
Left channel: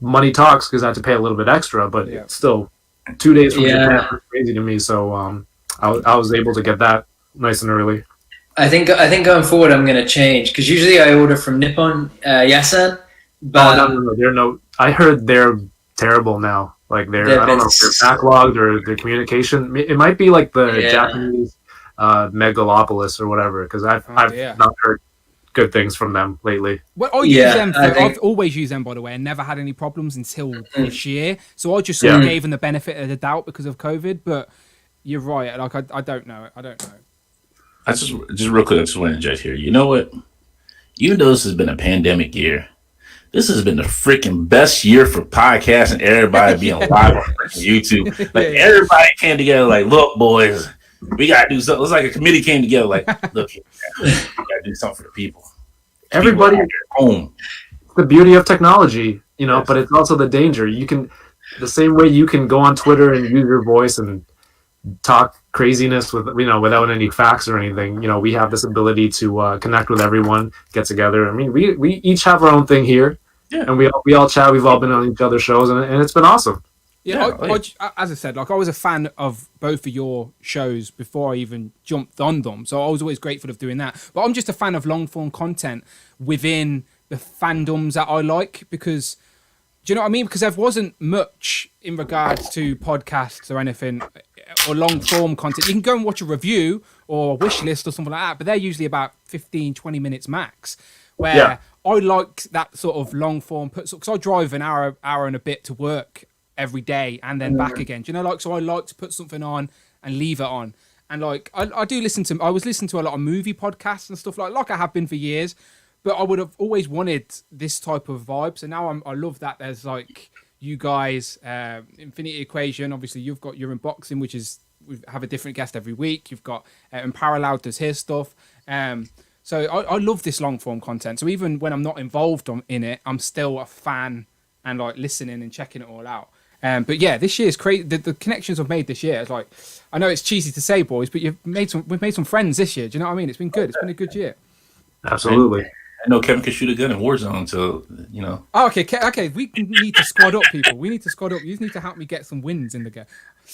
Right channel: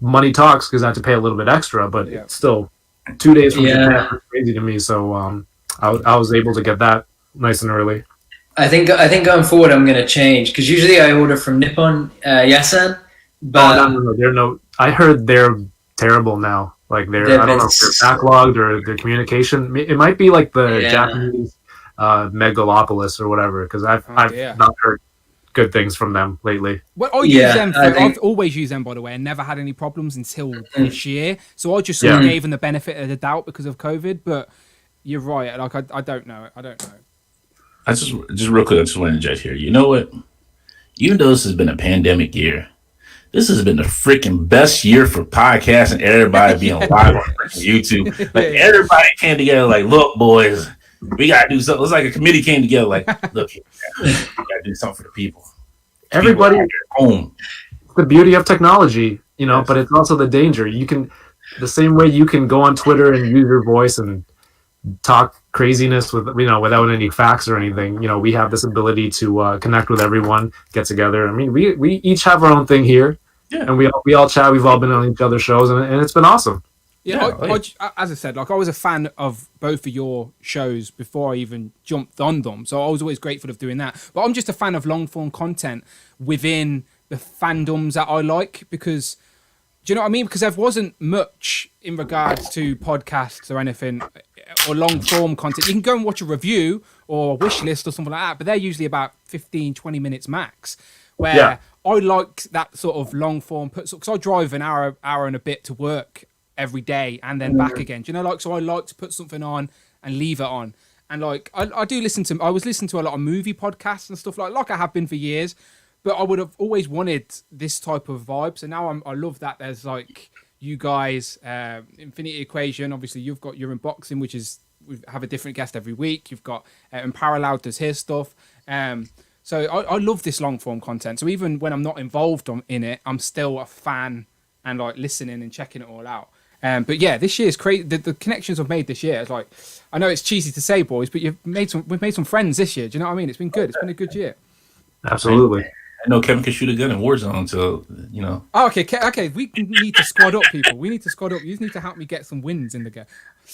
Money talks because I had to pay a little bit extra, but still, 2 days from Japan was crazy to me. So I was able to get that nice and early. I think going forward I'm going to change because usually I order from Nippon Yasan, but No. I heard they're terrible now. Like I don't know if they're backlogged or their communication. It might be like the Japanese megalopolis or whatever. Because I've not heard good things from them lately. Well, I've always used them, by the way, and never had any problems until this year. So I just sort of gave them the benefit of the doubt because of COVID. But you're right. Like I don't know. I just real quick, I just want to judge here. You know what? Even though this has been a pandemic year, this has been the freaking best year for podcasts and everybody being live on YouTube. Like everybody came together, like, look, boys, we gotta do something. It's like a committee came together, like, look, we gotta do something for the people. Everybody at home. The beauty of technology, but it's also the danger. You can, the same way you can go on Twitter and use your voice and talk craziness without any facts or anything. We have this ability to connect with everyone, get together. I mean, we each have our own thing here, and we all chat. We've all been on each other's shows, and it's been awesome. Yeah, as I said, like I was a fan of both of your shows before I even jumped on them, so I was always grateful of doing that. But I'm just a fan of long form content within the fandoms that I like because. Do you know what I mean? Because there wasn't much in regards to podcasts or anything or long form content. You can go and watch a review or a wish list or something like that, but they're usually about 15, 20 minutes max. Where I like that sort of long form, because I drive an hour and a bit to work every day and then back again. Do you know, so I like to put something on and leave it on. And like, I was listening to a lot of movie podcasts and stuff like I have been for years. But I would have always wanted this type of vibe. So now I love that there's like you guys, Infinity Equation. Obviously, you've got your unboxing, which is we have a different guest every week. You've got and Parallel does his stuff. So I love this long form content. So even when I'm not involved in it, I'm still a fan and like listening and checking it all out. But yeah, this year's crazy. The connections I've made this year is like, I know it's cheesy to say, boys, but we've made some friends this year. Do you know what I mean? It's been good. It's been a good year. Absolutely. I know Kevin can shoot a gun in Warzone, so you know. Oh, okay. We need to squad up, people. We need to squad up. You just need to help me get some wins in the game.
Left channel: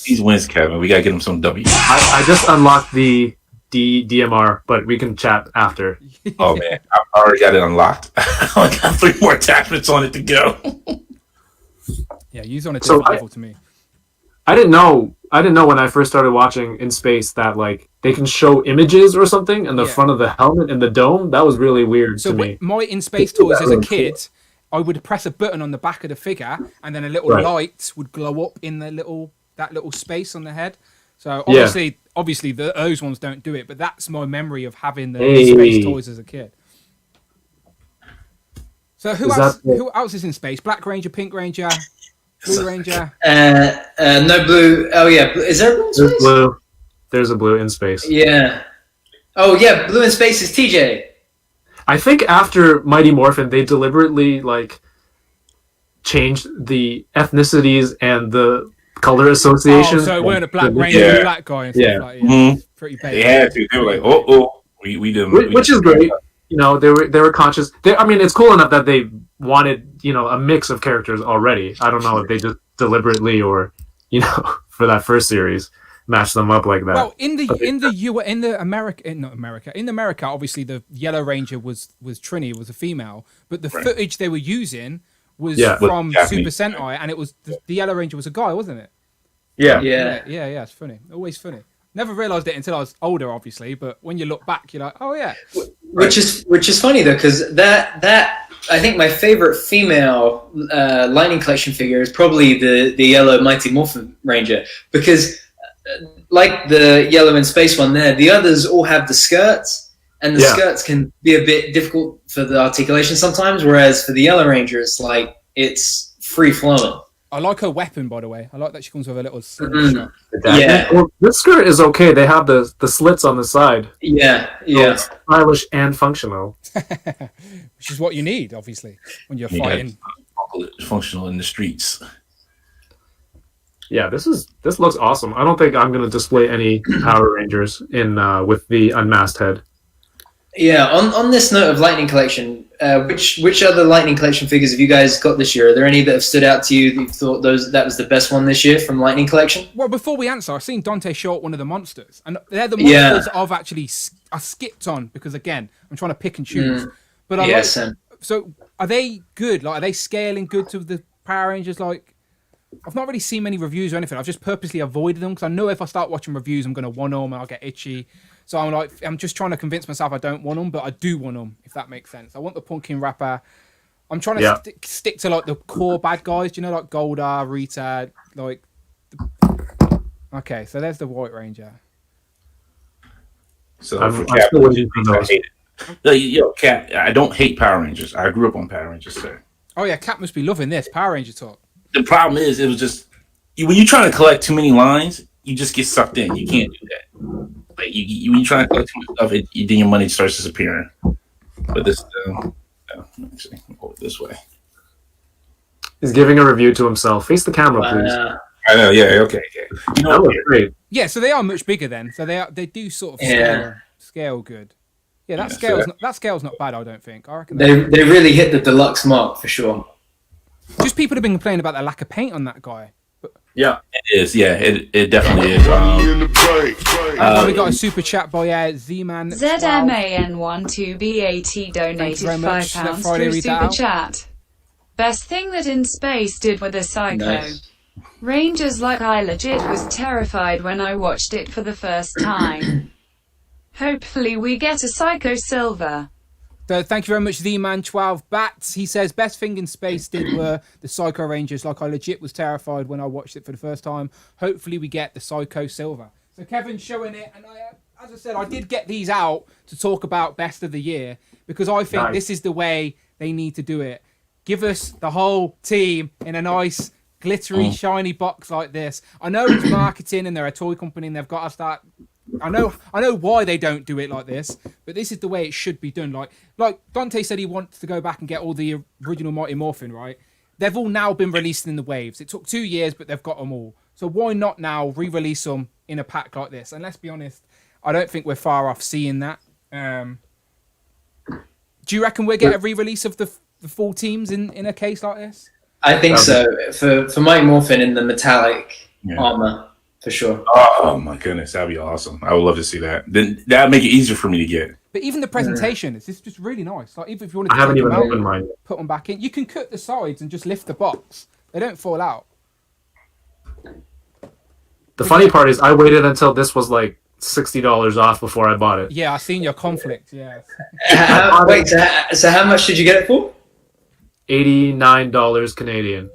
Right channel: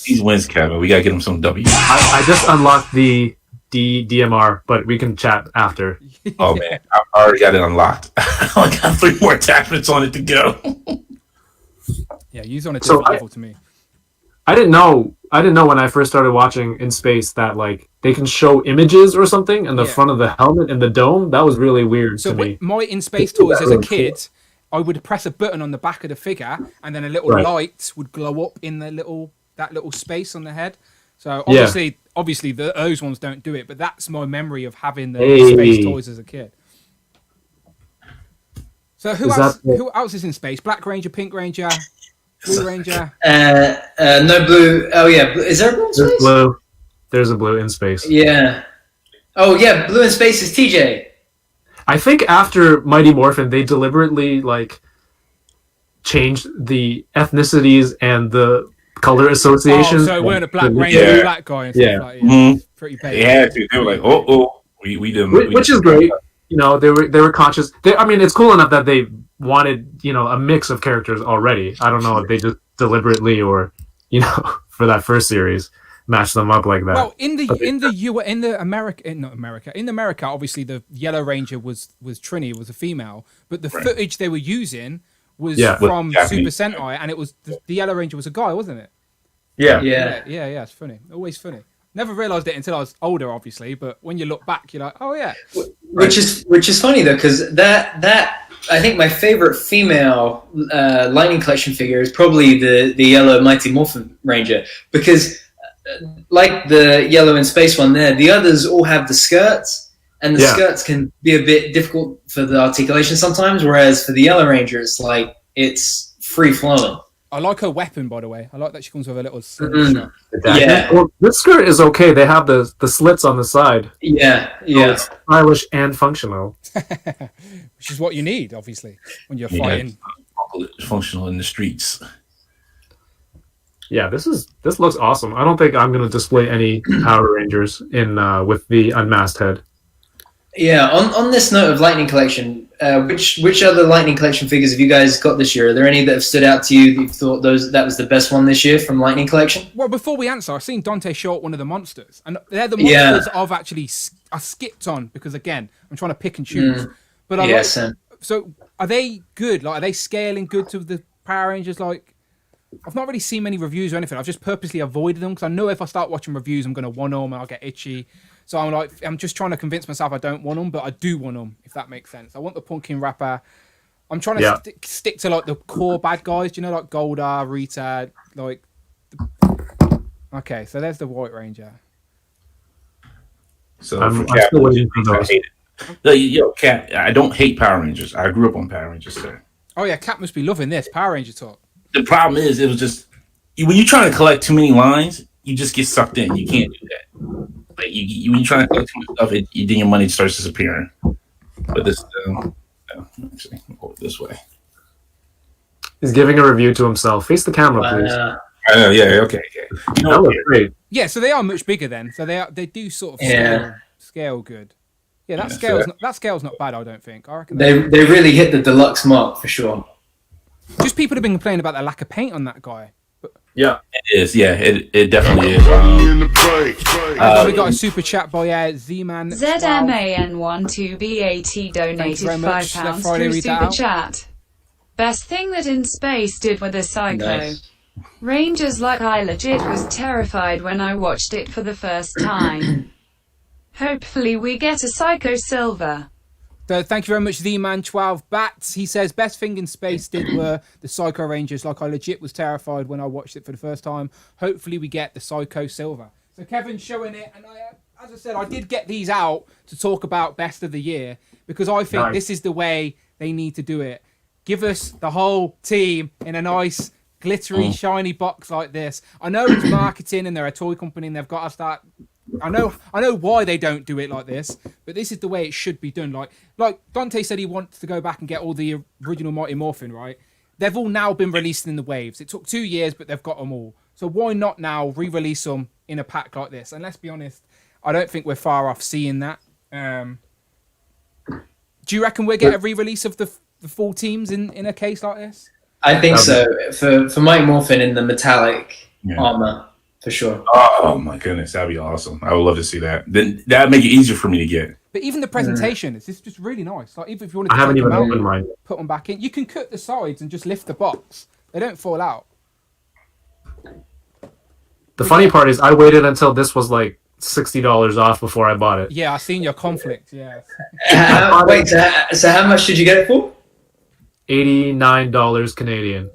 These wins, Kevin. We gotta get him some W. I just unlocked the DMR, but we can chat after. Oh man, I already got it unlocked. I only got 3 more attachments on it to go. Yeah, use on a different level to me. I didn't know when I first started watching In Space that like they can show images or something in the front of the helmet and the dome. That was really weird to me. My In Space toys as a kid, I would press a button on the back of the figure, and then a little light would glow up in that little space on the head. So obviously those ones don't do it, but that's my memory of having the In Space toys as a kid. So who else is in space? Black Ranger, Pink Ranger, Blue Ranger. No blue. Oh yeah, is there a blue in space? There's blue. There's a blue in space. Yeah. Oh yeah, blue in space is TJ. I think after Mighty Morphin, they deliberately like changed the ethnicities and the color association. Oh, so it weren't a Black Ranger, black guy and stuff like that. Mm-hmm. Pretty basic. They had to. They were like, we didn't. Which is great. You know, they were conscious. I mean, it's cool enough that they wanted, you know, a mix of characters already. I don't know if they just deliberately or, you know, for that first series, match them up like that. Well, in America, obviously the Yellow Ranger was Trini, was a female, but the footage they were using was from Super Sentai, and it was the Yellow Ranger was a guy, wasn't it? Yeah. It's funny. Always funny. Never realised it until I was older, obviously, but when you look back, you're like, oh yeah. Which is funny though, because that I think my favorite female Lightning Collection figure is probably the yellow Mighty Morphin Ranger, because like the yellow in space one there, the others all have the skirts, and the skirts can be a bit difficult for the articulation sometimes, whereas for the Yellow Ranger, it's free flowing. I like her weapon, by the way. I like that she comes with a little slingshot. Yeah. Well, this skirt is okay. They have the slits on the side. Yeah. So it's stylish and functional. Which is what you need, obviously, when you're fighting. Functional in the streets. Yeah, this looks awesome. I don't think I'm going to display any Power Rangers in with the unmasked head. Yeah. On this note of Lightning Collection, which other Lightning Collection figures have you guys got this year? Are there any that have stood out to you that you thought that was the best one this year from Lightning Collection? Well, before we answer, I've seen Dante short one of the monsters, and they're the monsters I've actually I skipped on because again I'm trying to pick and choose. But I like. So are they good? Like, are they scaling good to the Power Rangers? Like, I've not really seen many reviews or anything. I've just purposely avoided them because I know if I start watching reviews, I'm going to want them and I'll get itchy. So I'm just trying to convince myself I don't want them, but I do want them, if that makes sense. I want the pumpkin wrapper. I'm trying to stick to like the core bad guys, do you know, like Goldar, Rita, like. Okay, so there's the White Ranger. So I'm still waiting for those. Cat, I don't hate Power Rangers. I grew up on Power Rangers, sir. Oh yeah, Cat must be loving this Power Ranger talk. The problem is, it was just when you're trying to collect too many lines, you just get sucked in. You can't do that. Like when you're trying to collect too much stuff, then your money starts disappearing. But this, actually, I'll go this way. He's giving a review to himself. Face the camera, please. I know. Yeah. Okay. You know, that was great. Yeah, so they are much bigger then. So they do sort of scale good. Yeah, that scale's not bad. I don't think. I reckon they really hit the deluxe mark for sure. Just people have been complaining about the lack of paint on that guy. But yeah, it is. Yeah, it definitely is. We got a super chat by Z-Man. ZMAN12BAT donated £5 through super chat. Best thing that In Space did with a Psycho. Nice. Rangers like I legit was terrified when I watched it for the first time. Hopefully we get a Psycho Silver. So thank you very much, Z-Man12 Bats. He says, best thing In Space did were the Psycho Rangers. Like I legit was terrified when I watched it for the first time. Hopefully we get the Psycho Silver. So Kevin's showing it, and as I said, I did get these out to talk about best of the year because I think this is the way they need to do it. Give us the whole team in a nice, glittery, shiny box like this. I know it's marketing and they're a toy company and they've got to start. I know why they don't do it like this, but this is the way it should be done. Like Dante said, he wants to go back and get all the original Mighty Morphin, right? they've all now been released in the waves. It took 2 years, but they've got them all. So why not now re-release them in a pack like this? And let's be honest, I don't think we're far off seeing that. Do you reckon we'll get a re-release of the full teams in a case like this? I think so. For Mike Morphin in the metallic armor, for sure. Oh my goodness, that'd be awesome. I would love to see that. Then that'd make it easier for me to get. But even the presentation is just really nice. Like even if you wanted to I haven't take them even out, opened mine. put them back in, you can cut the sides and just lift the box. They don't fall out. The funny part is I waited until this was like $60 off before I bought it. Yeah, I seen your conflict. Yeah. Wait, so how much did you get it for? $89 Canadian.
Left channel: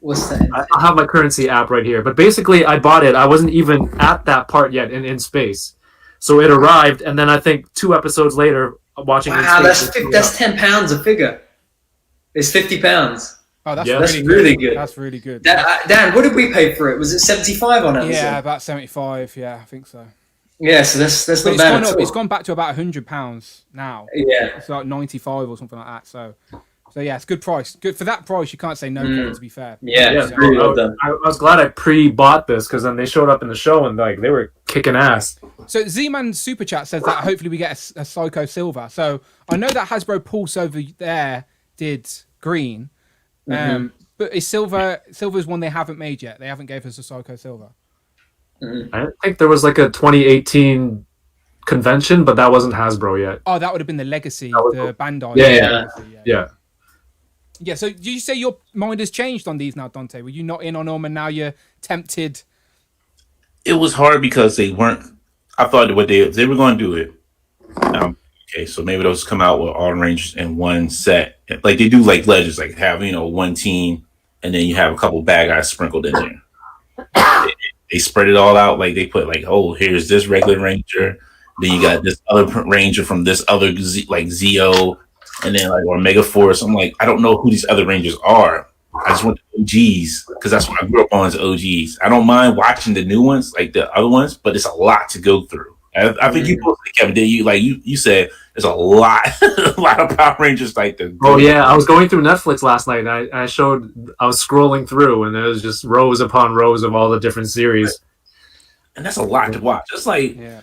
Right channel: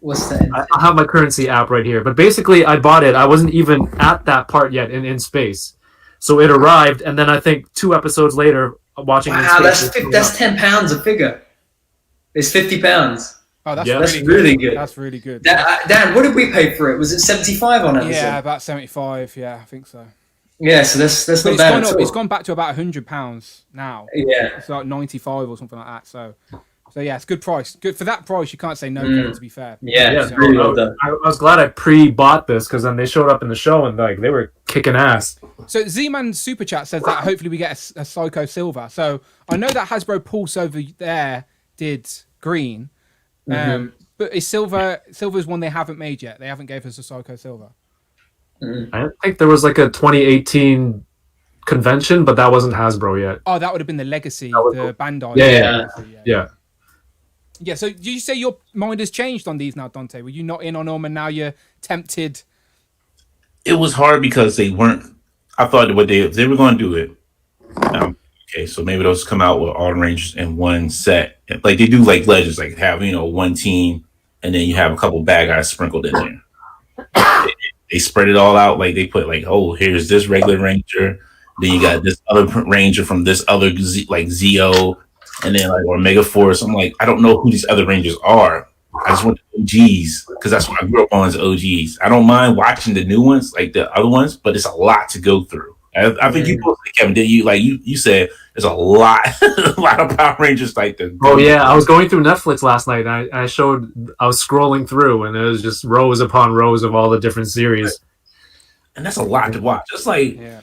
What's that? I have my currency app right here. But basically, I bought it. I wasn't even at that part yet in space. So it arrived, and then I think 2 episodes later, watching it in Wow, space. that's £10 a figure. It's £50. Oh, that's Yeah, really that's good. really good. That's really good. Dan, what did we pay for it? Was it 75 on Amazon? Yeah, about 75. Yeah, I think so. Yeah, so that's But not it's bad gone at up. all. It's gone back to about £100 now. Yeah. It's like 95 or something like that. So yeah, it's good price. Good for that price. You can't say no, Kevin, to be fair. Yeah, Yeah, it's really well done. I was glad I pre-bought this because then they showed up in the show and like they were kicking ass. So Z-Man Super Chat says that hopefully we get a Psycho Silver. So I know that Hasbro Pulse over there did green. But is Silver's one they haven't made yet? They haven't gave us a Psycho Silver. I think there was like a 2018 convention, but that wasn't Hasbro yet. Oh, that would have been the Legacy, the Bandai. Yeah. Legacy, Yeah. So do you say your mind has changed on these now, Dante? Were you not in on them and now you're tempted? It was hard because they weren't. I thought if they were going to do it, okay, so maybe those come out with all the Rangers in one set, like they do, like Legends, like have one team, and then you have a couple bad guys sprinkled in there. They spread it all out, like they put like, oh, here's this regular Ranger, then you got this other Ranger from this other like Zeo, and then like or Mega Force. I'm like, I don't know who these other Rangers are. I just want the OGs because that's what I grew up on as OGs. I don't mind watching the new ones, like the other ones, but it's a lot to go through. I think you posted, Kevin, did you? Like you said, there's a lot, a lot of Power Rangers like the. Oh yeah, I was going through Netflix last night. And I was scrolling through, and it was just rows upon rows of all the different series. And that's a lot to watch. It's like, Yeah.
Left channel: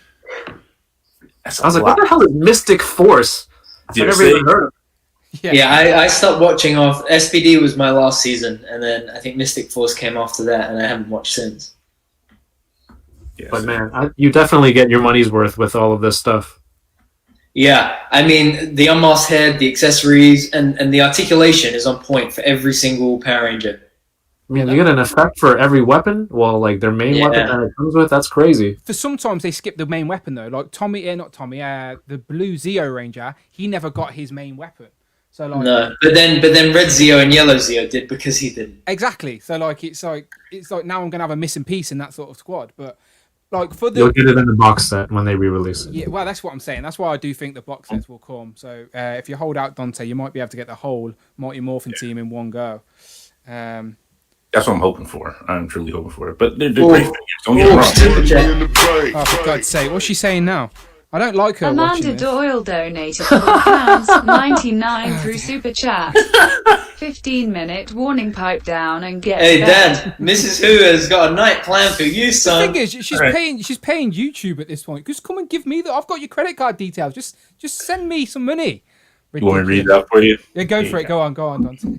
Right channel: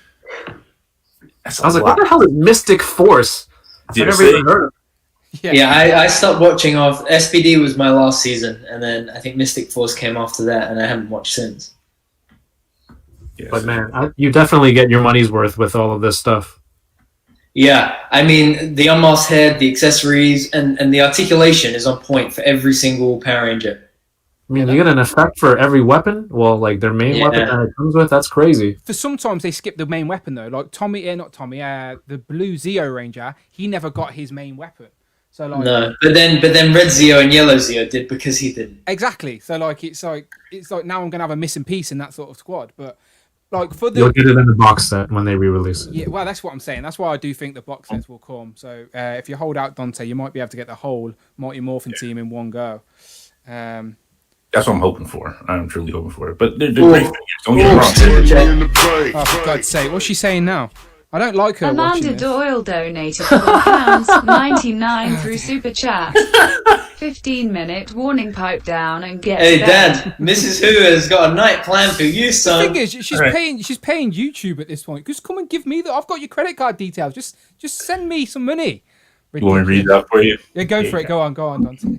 I was like, what the hell is Mystic Force? I never even heard of it. Yeah, I stopped watching off. SPD was my last season, and then I think Mystic Force came after that, and I haven't watched since. Yes. But man, you definitely get your money's worth with all of this stuff. Yeah, I mean, the unmasked head, the accessories, and the articulation is on point for every single Power Ranger. I mean, you get an effect for every weapon. Well, like their main weapon that it comes with, that's crazy. For sometimes they skip the main weapon though. Like the blue Zeo Ranger, he never got his main weapon. So like No, but then Red Zeo and Yellow Zeo did because he didn't. exactly. So like it's like now I'm gonna have a missing piece in that sort of squad. But like for You'll the get it in the box set when they re-release it. yeah, well that's what I'm saying. That's why I do think the box sets will come. So if you hold out Dante, you might be able to get the whole Mighty Morphin team in one go. That's what I'm hoping for. I'm truly hoping for it. But they're great figures. Don't get me wrong. Super Chat. In the bank. Oh, for God's sake, what's she saying now? I don't like her watching Amanda this. Doyle donated £4.99 through Super Chat. 15-minute warning, pipe down and get Hey, to Dad, Mrs. Who has got a night plan for you, The son. thing is, she's paying YouTube at this point. Just come and give me I've got your credit card details. Just send me some money. You want me to read it out for you? Yeah, go for it. Go on, Dante.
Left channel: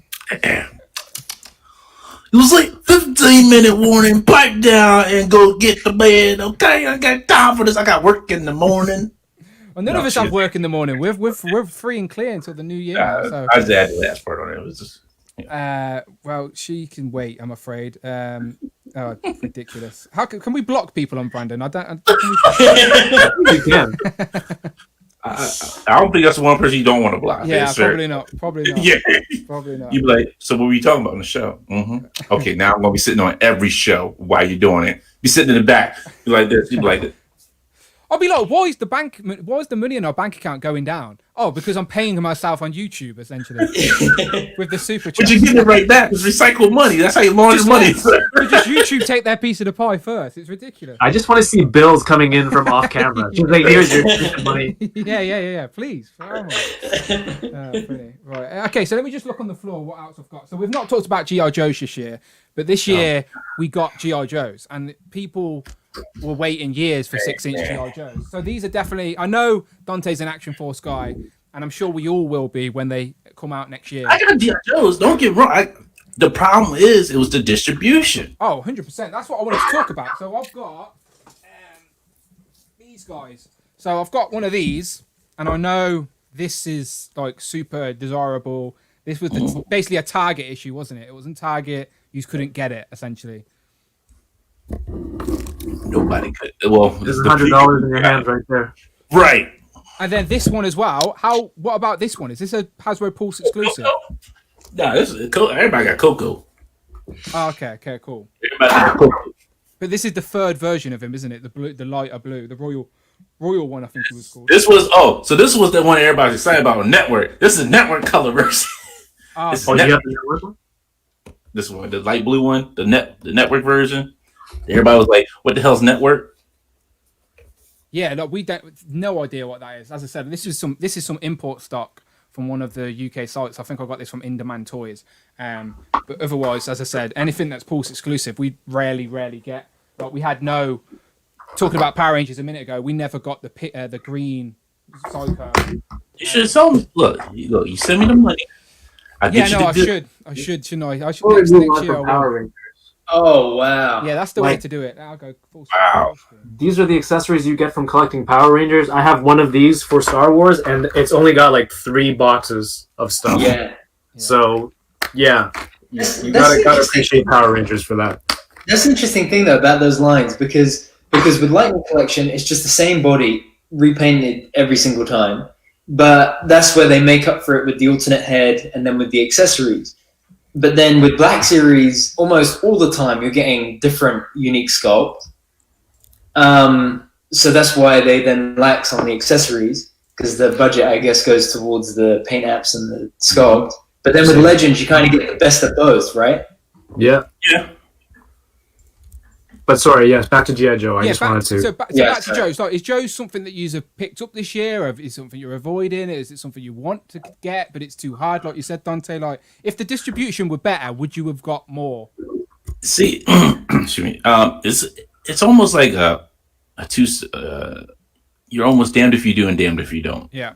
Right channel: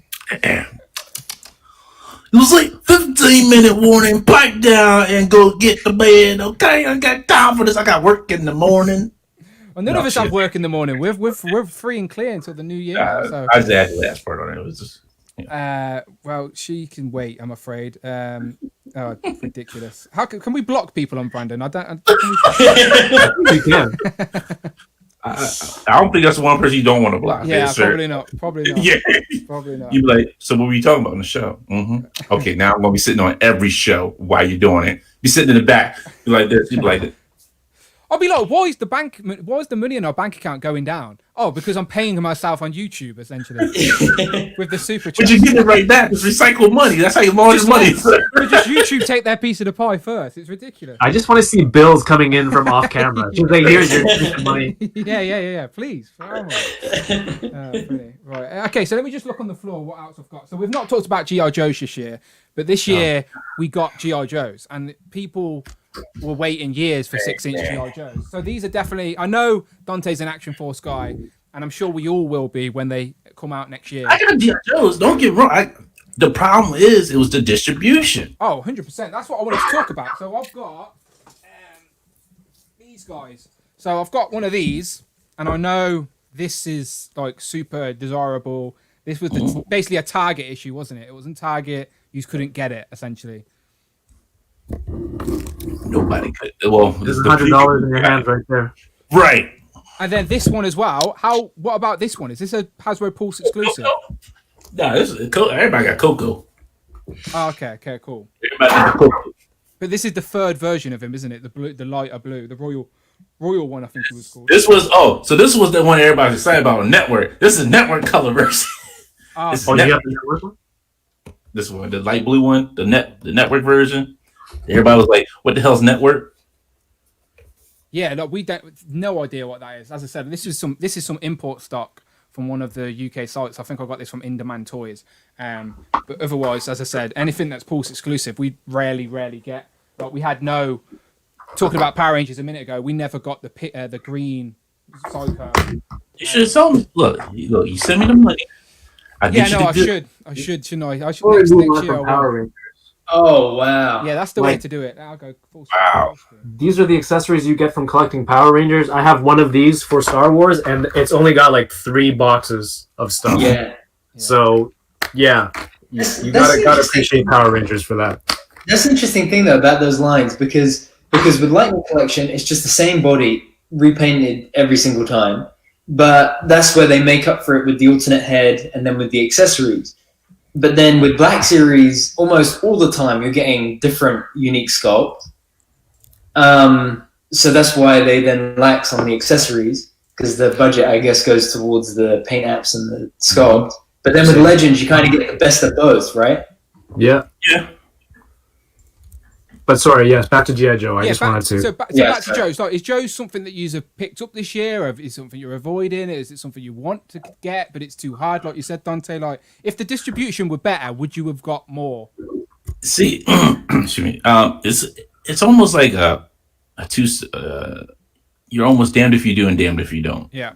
It was like 15-minute warning. Pipe down and go get to bed. Okay, I got time for this. I got work in the morning. Well, none of us have work in the morning. We're free and clear until the new year. now, so I just had the last part on it. It was just well, she can wait. I'm afraid. Oh, ridiculous. How can we block people on Brandon? I don't. You can. I don't think that's one person you don't want to block. Yeah, Yes, sir. probably not. Probably not. Yeah. Probably not. You be like, so what were you talking about on the show? Okay, now I'm gonna be sitting on every show while you're doing it. Be sitting in the back, be like this. You be like this. I'll be like, why is the money in our bank account going down? Oh, because I'm paying myself on YouTube, essentially, with the super chat. But you get it right back. It's recycled money. That's how you launder money. So just YouTube take their piece of the pie first. It's ridiculous. I just want to see bills coming in from off camera. Just like, here's your money. Yeah. Please. Funny. Right. Okay. So let me just look on the floor. What else I've got? So we've not talked about GI Joes this year, but this year we got GI Joes, and people were waiting years for 6-inch GI Joes. So these are definitely. I know Dante's an Action Force guy, and I'm sure we all will be when they come out next year. I got GI Joes. Don't get wrong. The problem is it was the distribution. Oh, 100%. That's what I wanted to talk about. So I've got these guys. So I've got one of these, and I know this is like super desirable. This was basically a Target issue, wasn't it? It wasn't Target. You couldn't get it, essentially. Nobody could. Well, there's $100 in your hands right there. Right. And then this one as well. What about this one? Is this a Hasbro Pulse exclusive? No, this is cool. Everybody got Coco. Oh, okay, cool. Everybody got Coco. But this is the third version of him, isn't it? The blue, the lighter blue, the royal one, I think it was called. This was the one everybody was excited about on network. This is network color version. Oh, This you got the network one? This one, the light blue one, the network version. Everybody was like, "What the hell's network?" Yeah, look, we don't no idea what that is. As I said, this is some import stock from one of the UK sites. I think I got this from In Demand Toys. But otherwise, as I said, anything that's Pulse exclusive, we rarely get. Like we had talking about Power Rangers a minute ago, we never got the green Psycho. You should have told me. Look, you send me the money. I should, shouldn't I? I should next year. I will. Oh wow! Yeah, that's the way to do it. I'll go full screen. Wow. These are the accessories you get from collecting Power Rangers. I have one of these for Star Wars, and it's only got like 3 boxes of stuff. Yeah. So, yeah, you gotta appreciate Power Rangers for that. That's an interesting thing though about those lines because with Lightning Collection, it's just the same body repainted every single time, but that's where they make up for it with the alternate head and then with the accessories. But then with Black Series, almost all the time you're getting different unique sculpt. So that's why they then lax on the accessories because the budget, I guess, goes towards the paint apps and the sculpt. But then with Legends, you kind of get the best of both, right? Yeah. Yeah. But sorry, yes, back to G.I. Joe. I just wanted to. So back to Joe's. Like, is Joe's something that you have picked up this year, or is it something you're avoiding? Is it something you want to get, but it's too hard, like you said, Dante? Like, if the distribution were better, would you have got more? See, excuse me. It's almost like you're almost damned if you do and damned if you don't. Yeah.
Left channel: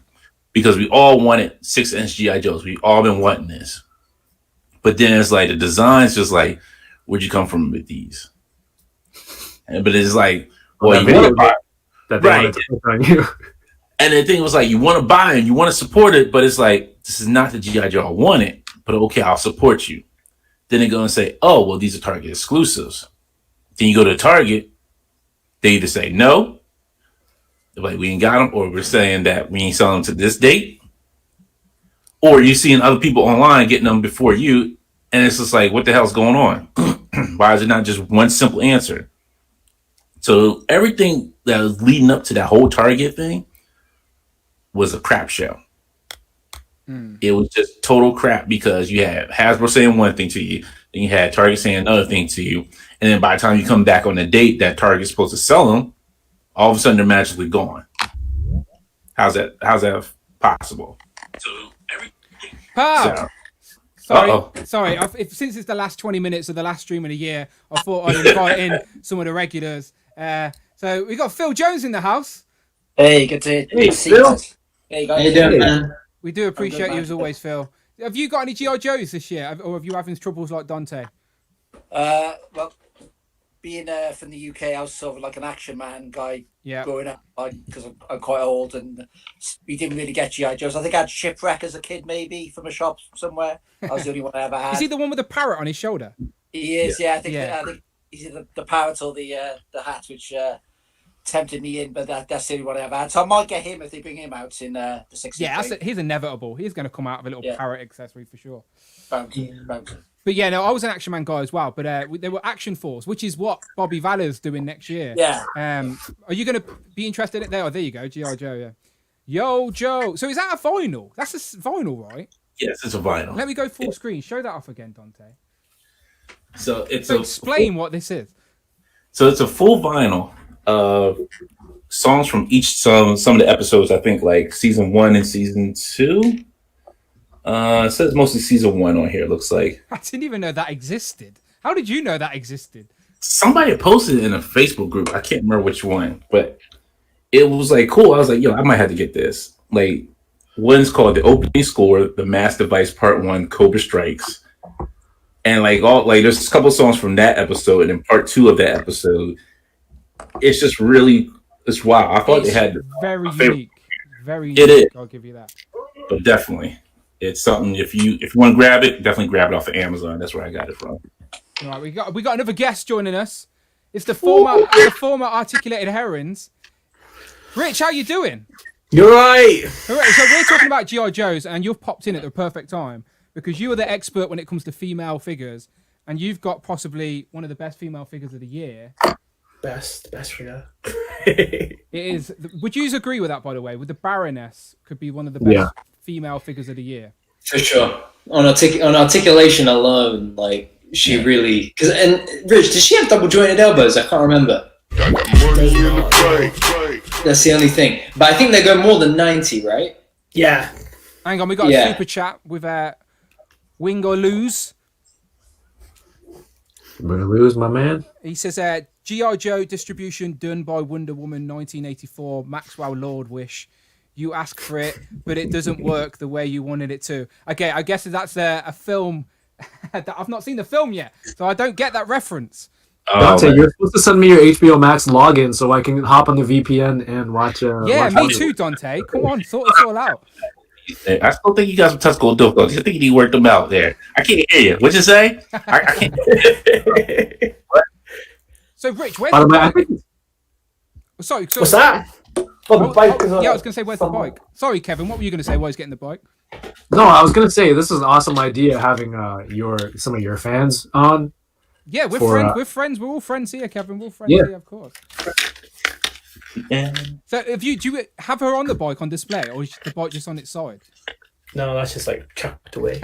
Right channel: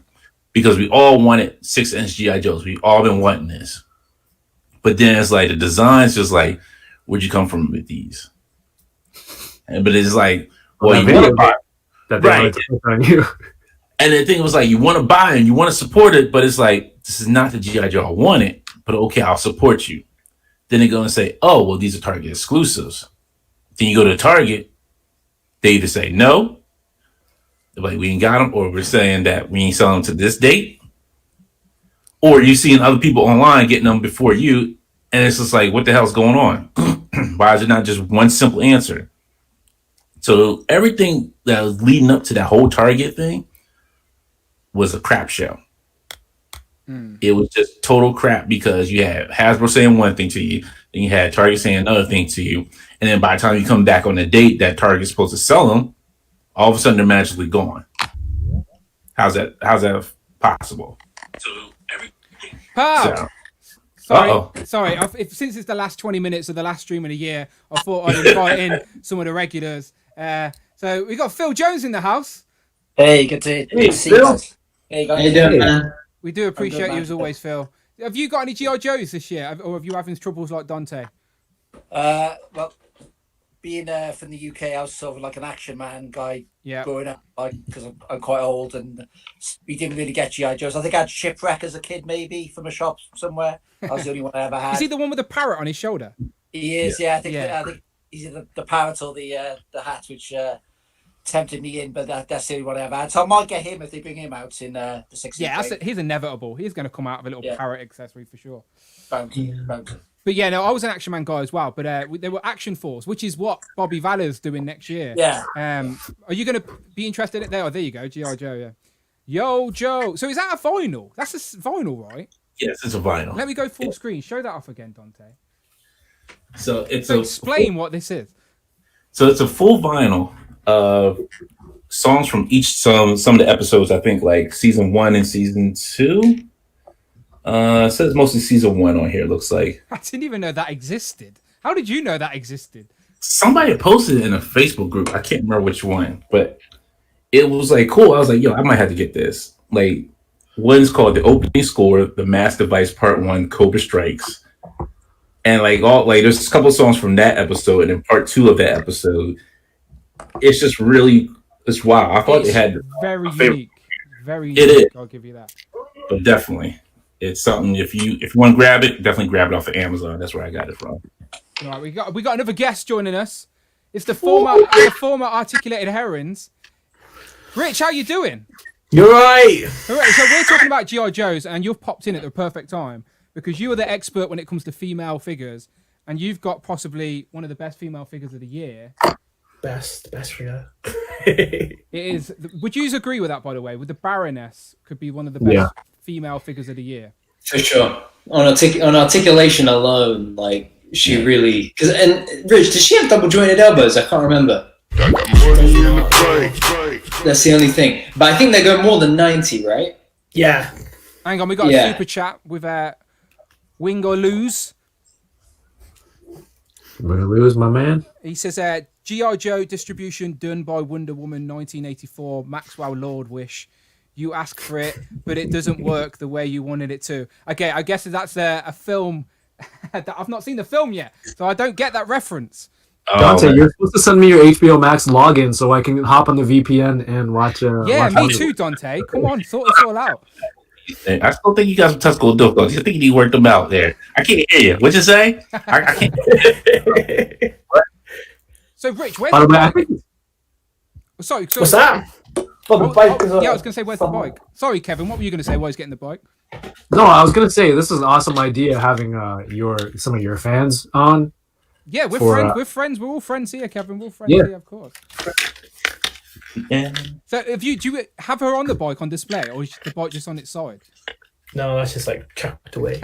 Because we all wanted 6-inch GI Joes. We all been wanting this, but then it's like the design's just like, where'd you come from with these? But it's like, well, you want to buy that they wanted to put on you. And the thing was like, you want to buy and you want to support it, but it's like, this is not the GI Joe I wanted. But okay, I'll support you. Then they go and say, oh, well, these are Target exclusives. Then you go to Target, they either say no, they're like, we ain't got them, or we're saying that we ain't selling them to this date, or you're seeing other people online getting them before you, and it's just like, what the hell's going on? Why is it not just one simple answer? So everything that was leading up to that whole Target thing was a crap show. It was just total crap because you had Hasbro saying one thing to you, then you had Target saying another thing to you, and then by the time you come back on the date that Target's supposed to sell them, all of a sudden they're magically gone. How's that possible? So Pow! Sorry. Since it's the last 20 minutes of the last stream of the year, I thought I'd invite in some of the regulars. So we got Phil Jones in the house. Hey, good to see you guys. Hey, guys. How you doing, man? We do appreciate you as always, Phil. Have you got any GI Joes this year, or have you having troubles like Dante? Well, being from the UK, I was sort of like an Action Man guy growing up, like because I'm quite old, and we didn't really get GI Joes. I think I had Shipwreck as a kid, maybe from a shop somewhere. That was the only one I ever had. Is he the one with the parrot on his shoulder? He is, yeah. I think he's either the parrot or the hat, which tempted me in, but that's the only one I ever had. So I might get him if they bring him out in the 16th. Yeah, he's inevitable. He's going to come out of a little parrot accessory for sure. Bounty. But yeah, no, I was an Action Man guy as well. But they were Action Force, which is what Bobby Valler's doing next year. Yeah. Are you going to be interested in it? There you go, G.I. Joe. Yeah. Yo, Joe. So is that a vinyl? That's a vinyl, right? Yes, it's a vinyl. Let me go full screen. Show that off again, Dante. So explain what this is. So it's a full vinyl of songs from some of the episodes. I think like season 1 and season 2. It says mostly season 1 on here. It looks like. I didn't even know that existed. How did you know that existed? Somebody posted it in a Facebook group. I can't remember which one, but it was like cool. I was like, yo, I might have to get this. Like, one's called the opening score, the Mass Device Part 1, Cobra Strikes. And there's a couple of songs from that episode, and then part 2 of that episode. It's just really, it's wow. I thought they had very unique, very unique. It is. I'll give you that. But definitely, it's something. If you want to grab it, definitely grab it off of Amazon. That's where I got it from. All right, we got another guest joining us. It's the former Articulated Heroines. Rich, how you doing? You're right. All right. So we're talking about G.I. Joes, and you've popped in at the perfect time because you are the expert when it comes to female figures, and you've got possibly one of the best female figures of the year. Best figure. It is. Would you agree with that, by the way? With the Baroness could be one of the best female figures of the year. For sure. On articulation alone, like she really. And Rich, does she have double jointed elbows? I can't remember. That's the only thing. But I think they go more than 90, right? Yeah. Hang on, we got a super chat with Wing or Lose. Wing or Lose, my man. He says, G.I. Joe distribution done by Wonder Woman 1984, Maxwell Lord wish. You ask for it, but it doesn't work the way you wanted it to. Okay, I guess that's a film that I've not seen the film yet, so I don't get that reference. Dante, you're supposed to send me your HBO Max login so I can hop on the VPN and watch. Yeah, me too, Dante. Come on, sort this all out. I still think you got some technical difficulties. I think you need to work them out there. I can't hear you. What'd you say? I can't. What? So, Rich, where's the bike? Sorry. What's that? The bike is I was going to say, where's the bike? Sorry, Kevin, what were you going to say while he's getting the bike? No, I was going to say, this is an awesome idea having some of your fans on. Yeah, we're friends. We're friends. We're all friends here, Kevin. We're all friends here, of course. Yeah. So, do you have her on the bike on display, or is the bike just on its side? No, that's just like chucked away.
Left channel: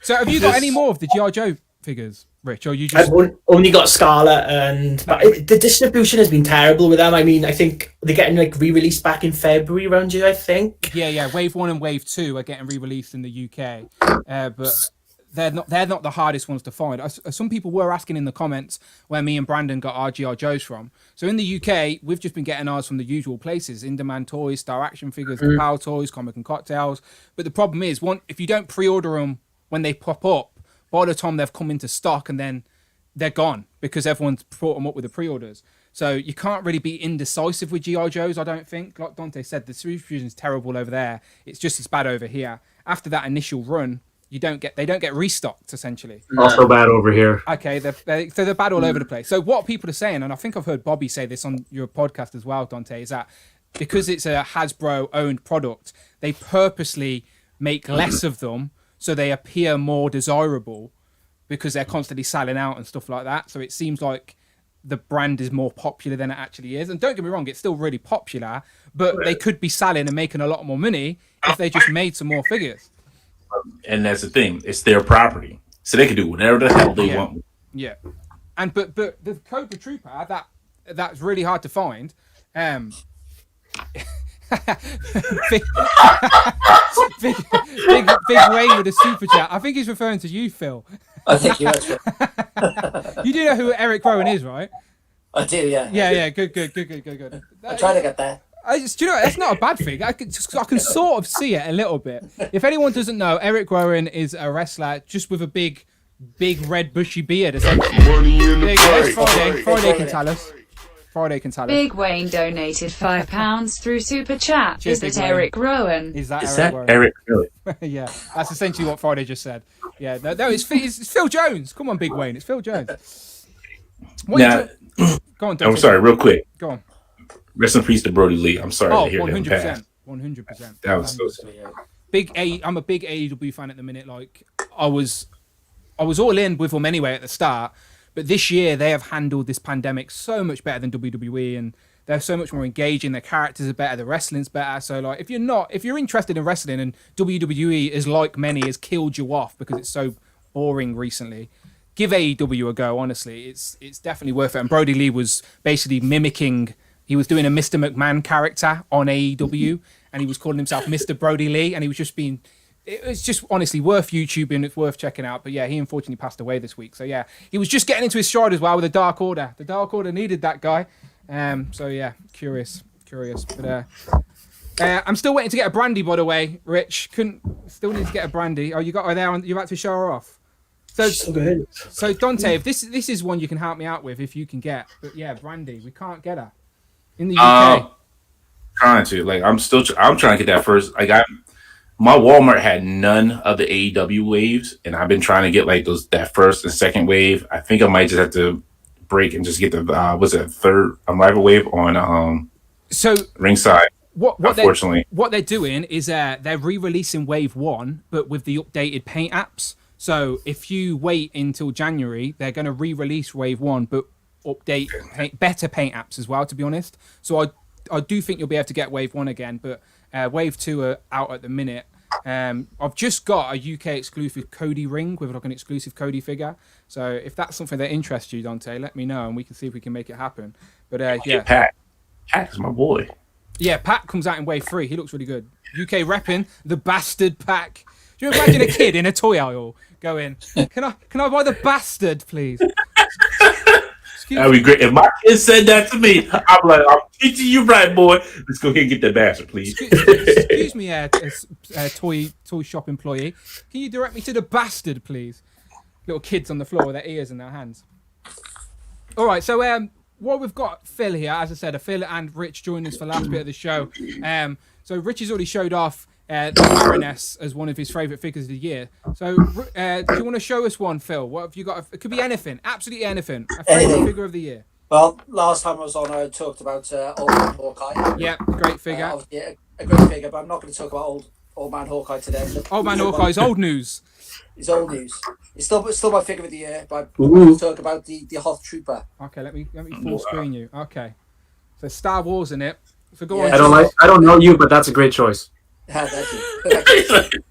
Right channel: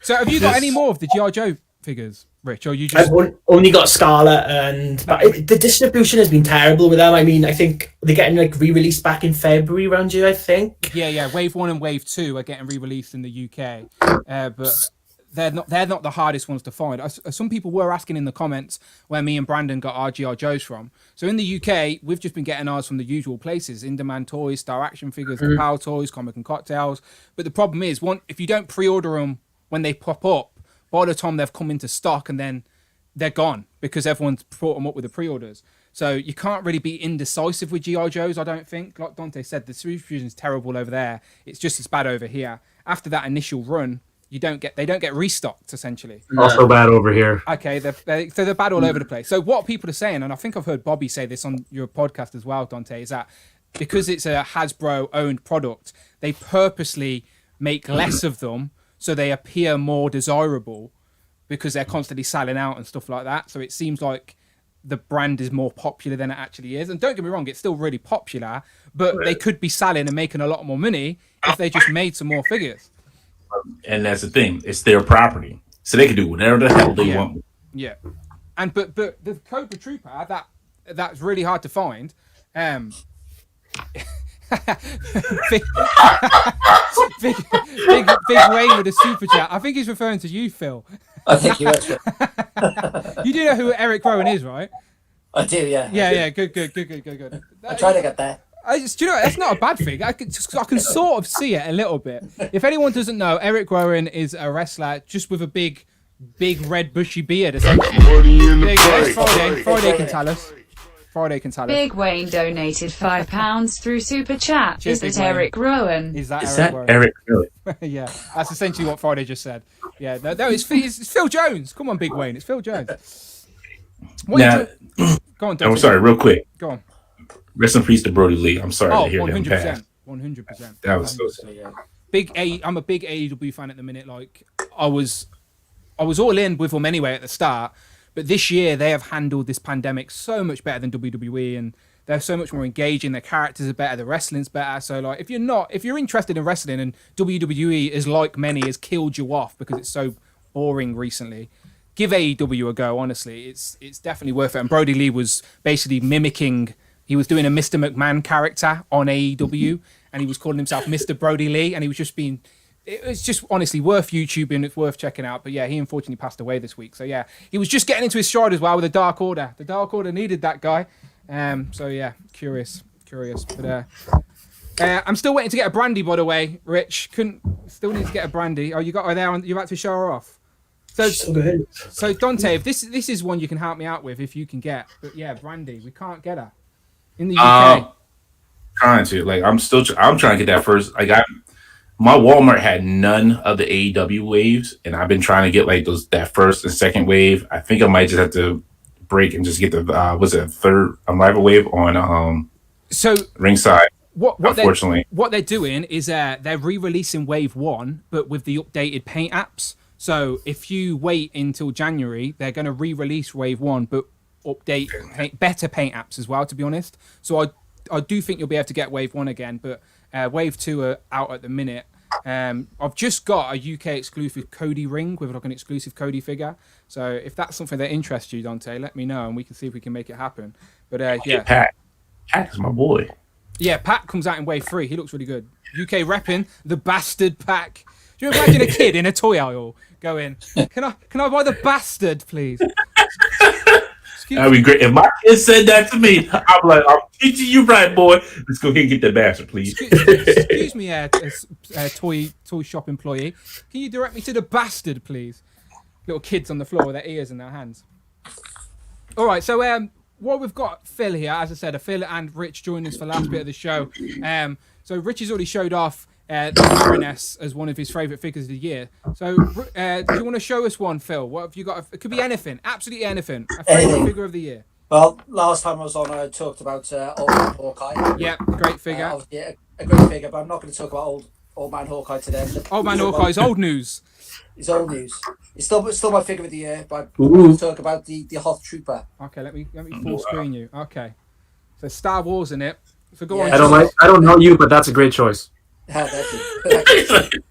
So, have you got any more of the G.I. Joe figures, Rich, or you just? I've only got Scarlet, the distribution has been terrible with them. I mean, I think they're getting like re-released back in February around here, I think. Yeah. Wave 1 and Wave 2 are getting re-released in the UK, but they're not the hardest ones to find. Some people were asking in the comments where me and Brandon got our G.I. Joes from. So in the UK, we've just been getting ours from the usual places: In-Demand Toys, Star Action Figures, Power Toys, Comic and Cocktails. But the problem is, if you don't pre-order them when they pop up, by the time they've come into stock, and then they're gone because everyone's brought them up with the pre-orders. So you can't really be indecisive with G.I. Joes, I don't think. Like Dante said, the distribution is terrible over there. It's just as bad over here. After that initial run, they don't get restocked, essentially. Also bad over here. Okay, they're bad all over the place. So what people are saying, and I think I've heard Bobby say this on your podcast as well, Dante, is that because it's a Hasbro-owned product, they purposely make less of them so they appear more desirable because they're constantly selling out and stuff like that. So it seems like the brand is more popular than it actually is. And don't get me wrong, it's still really popular, but they could be selling and making a lot more money if they just made some more figures. And that's the thing; it's their property, so they can do whatever the hell they want. Yeah, and but the Cobra Trooper that's really hard to find. big Wayne with a super chat. I think he's referring to you, Phil. I think he was. You do know who Eric Rowan is, right? I do, yeah. Yeah. Good. I try to get there. Do you know, that's not a bad thing. I can sort of see it a little bit. If anyone doesn't know, Eric Rowan is a wrestler just with a big red bushy beard, essentially. There you go. That's Friday. Friday can tell us. Big Wayne donated £5 through Super Chat. Cheers, Is it Eric Rowan? Is that Eric Rowan? Eric, really? Yeah, that's essentially what Friday just said. Yeah, no, it's Phil Jones. Come on, Big Wayne. It's Phil Jones. Go on, Dante. I'm sorry, real quick. Go on. Rest in peace to Brody Lee. I'm sorry to hear 100%. that. 100%. That was so sad. I'm a big AEW fan at the minute. Like I was all in with them anyway at the start, but this year they have handled this pandemic so much better than WWE, and they're so much more engaging. Their characters are better. The wrestling's better. So like, if you're interested in wrestling, and WWE is like many has killed you off because it's so boring recently, give AEW a go. Honestly, it's definitely worth it. And Brody Lee was basically mimicking. He was doing a Mr. McMahon character on AEW, and he was calling himself Mr. Brody Lee, and he was just being. It was just honestly worth YouTubing. It's worth checking out. But yeah, he unfortunately passed away this week. So yeah, he was just getting into his stride as well with the Dark Order. The Dark Order needed that guy. So yeah, curious. But I'm still waiting to get a brandy, by the way. Rich, still need to get a brandy. Oh, you got her there? You're about to show her off. So Dante, if this is one you can help me out with, if you can get. But yeah, brandy, we can't get her in the UK. Trying to I'm trying to get that first. My Walmart had none of the AEW waves, and I've been trying to get like that first and second wave. I think I might just have to break and just get the third Unrival wave on ringside. Unfortunately, what they're doing is they're re-releasing Wave 1, but with the updated paint apps. So if you wait until January, they're going to re-release Wave 1, but update better paint apps as well, to be honest. So I do think you'll be able to get Wave 1 again, but Wave 2 are out at the minute. I've just got a UK exclusive Cody ring with like an exclusive Cody figure. So if that's something that interests you, Dante, let me know and we can see if we can make it happen. But yeah, Pat is my boy. Yeah, Pat comes out in Wave 3. He looks really good. UK repping the bastard pack. Do you imagine a kid in a toy aisle going, "Can I buy the bastard, please?" That'd be great. If my kid said that to me, I'm like, "I'm teaching you right, boy. Let's go ahead and get the bastard, please." Excuse me, toy shop employee. Can you direct me to the bastard, please? Little kids on the floor with their ears in their hands. All right, so what we've got Phil here, as I said, Phil and Rich joined us for the last bit of the show. So Rich has already showed off the Baroness as one of his favourite figures of the year. So do you want to show us one, Phil? What have you got? It could be anything, absolutely anything. A favourite figure of the year. Well, last time I was on, I talked about Old Man Hawkeye. Yeah, great figure. Yeah, a great figure, but I'm not going to talk about Old Man Hawkeye today. Old Man Hawkeye is old news. It's old news. It's still my figure of the year, but I'm going to talk about the Hoth Trooper. Okay, let me full screen you. Okay, so Star Wars in it. So go on. I don't know you, but that's a great choice. Thank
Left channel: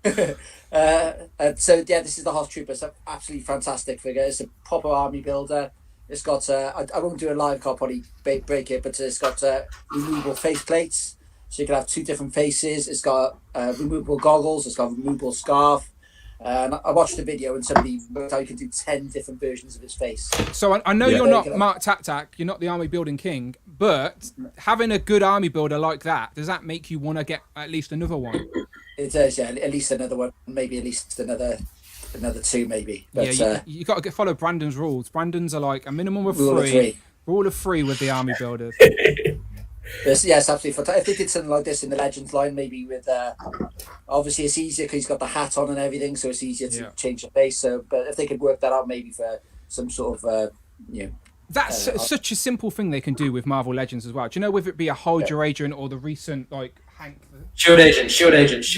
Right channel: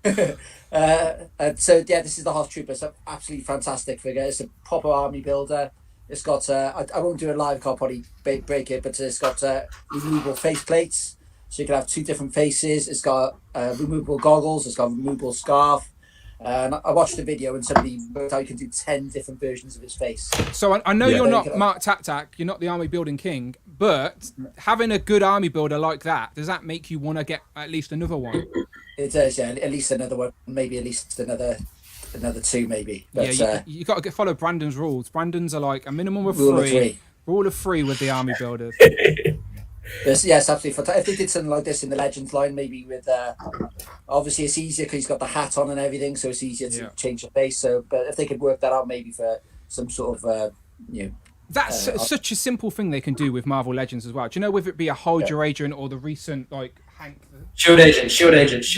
you. So yeah, this is the Hoth Trooper. It's an absolutely fantastic figure. It's a proper army builder. It's got I won't do a live card, probably break it, but it's got removable face plates, so you can have two different faces. It's got removable goggles. It's got a removable scarf. And I watched the video and somebody worked out you could do 10 different versions of his face. So I know you're not Mark Tak, you're not the army building king, but having a good army builder like that, does that make you want to get at least another one? It does, yeah. At least another one, maybe at least another two, maybe. But, yeah, you got to follow Brandon's rules. Brandon's are like a minimum of three. Rule of three with the army builders. Yes, absolutely fantastic. If they did something like this in the Legends line, maybe with obviously it's easier because he's got the hat on and everything, so it's easier to change the face. So, but if they could work that out, maybe for some sort of that's such a simple thing they can do with Marvel Legends as well. Do you know whether it be a Hydra agent or the recent like Hank Shield agent. Shield agent.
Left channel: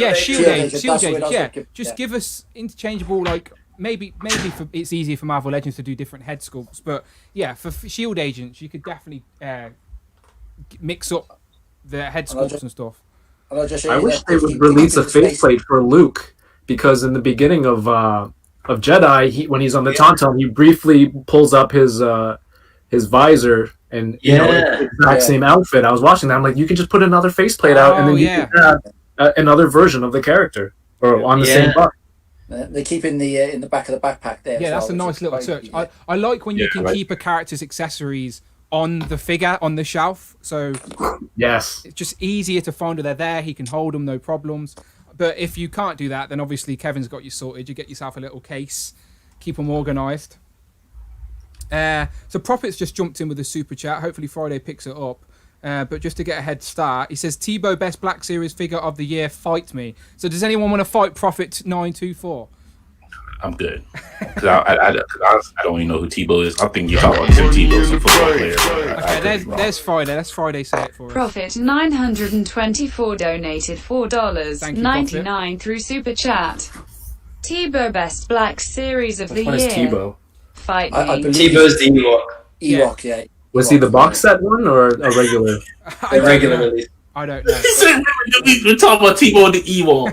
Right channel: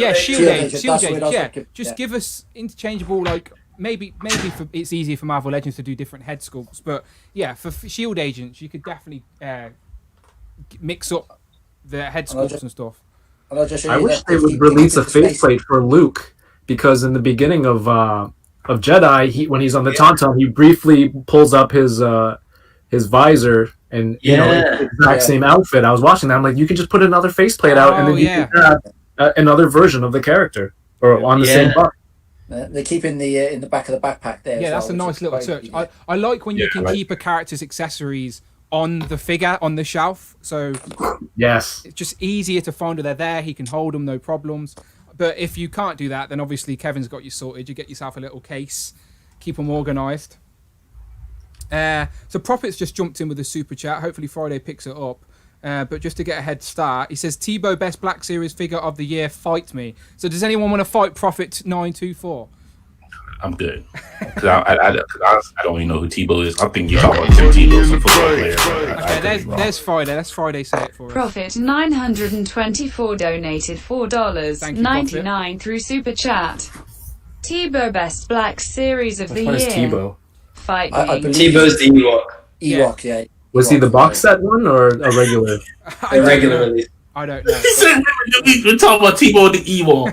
Yeah, just give us interchangeable like. Maybe it's easier for Marvel Legends to do different head sculpts, but yeah, for Shield agents you could definitely mix up the head sculpts and stuff. I wish they would release a faceplate for Luke, because in the beginning of Jedi, when he's on the Tauntaun, he briefly pulls up his visor and the exact same outfit. I was watching that. I'm like, you can just put another faceplate out, and then you can have another version of the character or on the same box. They keep in the back of the backpack there. Yeah, that's a nice little touch. I like when you can keep a character's accessories on the figure on the shelf, so yes, it's just easier to find. They're there, he can hold them, no problems. But if you can't do that, then obviously Kevin's got you sorted. You get yourself a little case, keep them organized. So Profits just jumped in with a super chat. Hopefully Friday picks it up. But just to get a head start, he says Tebow best Black Series figure of the year, fight me. So does anyone want to fight Profit 924? I'm good. Because I don't even know who Tebow is. I think you're talking about Tim Tebow, some football player. Okay, there's Friday. Let's Friday say it for us. Profit 924 donated $4.99 through Super Chat. Tebow Best Black Series of the Year. Tebow? Fight I me. believe Tebow's the Ewok. Ewok, yeah. Was he the box set one or a regular? I don't Regular know. release. I don't know. He said we're talking about Tebow the Ewok.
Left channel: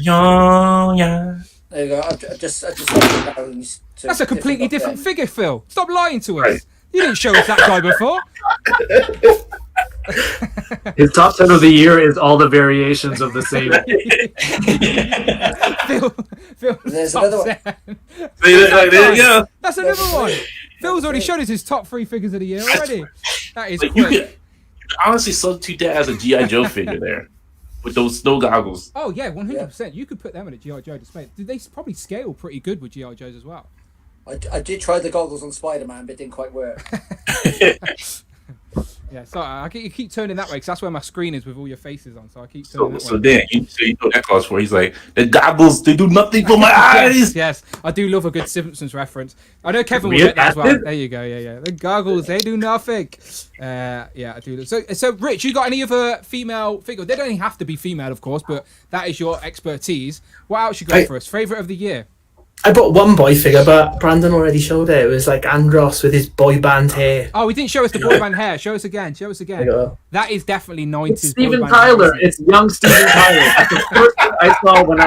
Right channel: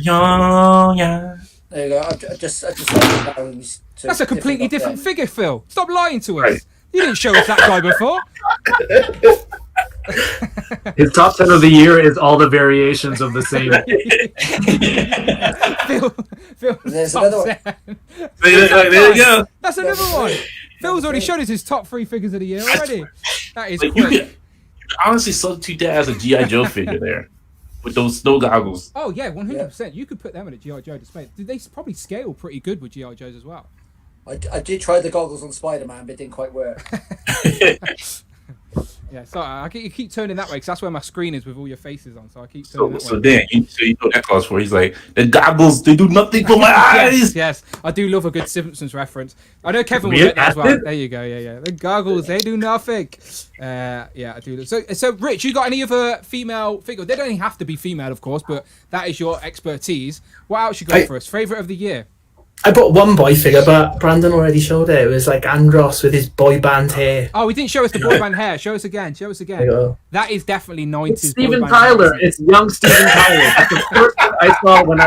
Yeah. There you go. I just like the That's a completely different figure, Phil. Stop lying to us. Right. You didn't show us that guy before. His top 10 of the year is all the variations of the same. Phil, There's another one. There you go. That's another one. Phil's already showed us his top 3 figures of the year already. That is quick. You could honestly substitute that as a G.I. Joe figure there with those snow goggles. Oh, yeah, 100%. You could put them in a G.I. Joe display. They probably scale pretty good with G.I. Joes as well. I did try the goggles on Spider-Man, but it didn't quite work. Yeah, sorry, you keep turning that way because that's where my screen is with all your faces on. So I keep turning that way. So then, you know that calls for. He's like, the goggles, they do nothing for my eyes. Yes, I do love a good Simpsons reference. I know Kevin will get that as well. There you go. Yeah. The goggles, they do nothing. Yeah, I do. So Rich, you got any other female figure? They don't even have to be female, of course, but that is your expertise. What else you got for us? Favorite of the year? I bought one boy figure, but Brandon already showed it. It was like Andros with his boy band hair. Oh, he didn't show us the boy band hair. Show us again. That is definitely 90s. It's Steven Tyler. It's young Steven Tyler. That's the first thing I saw when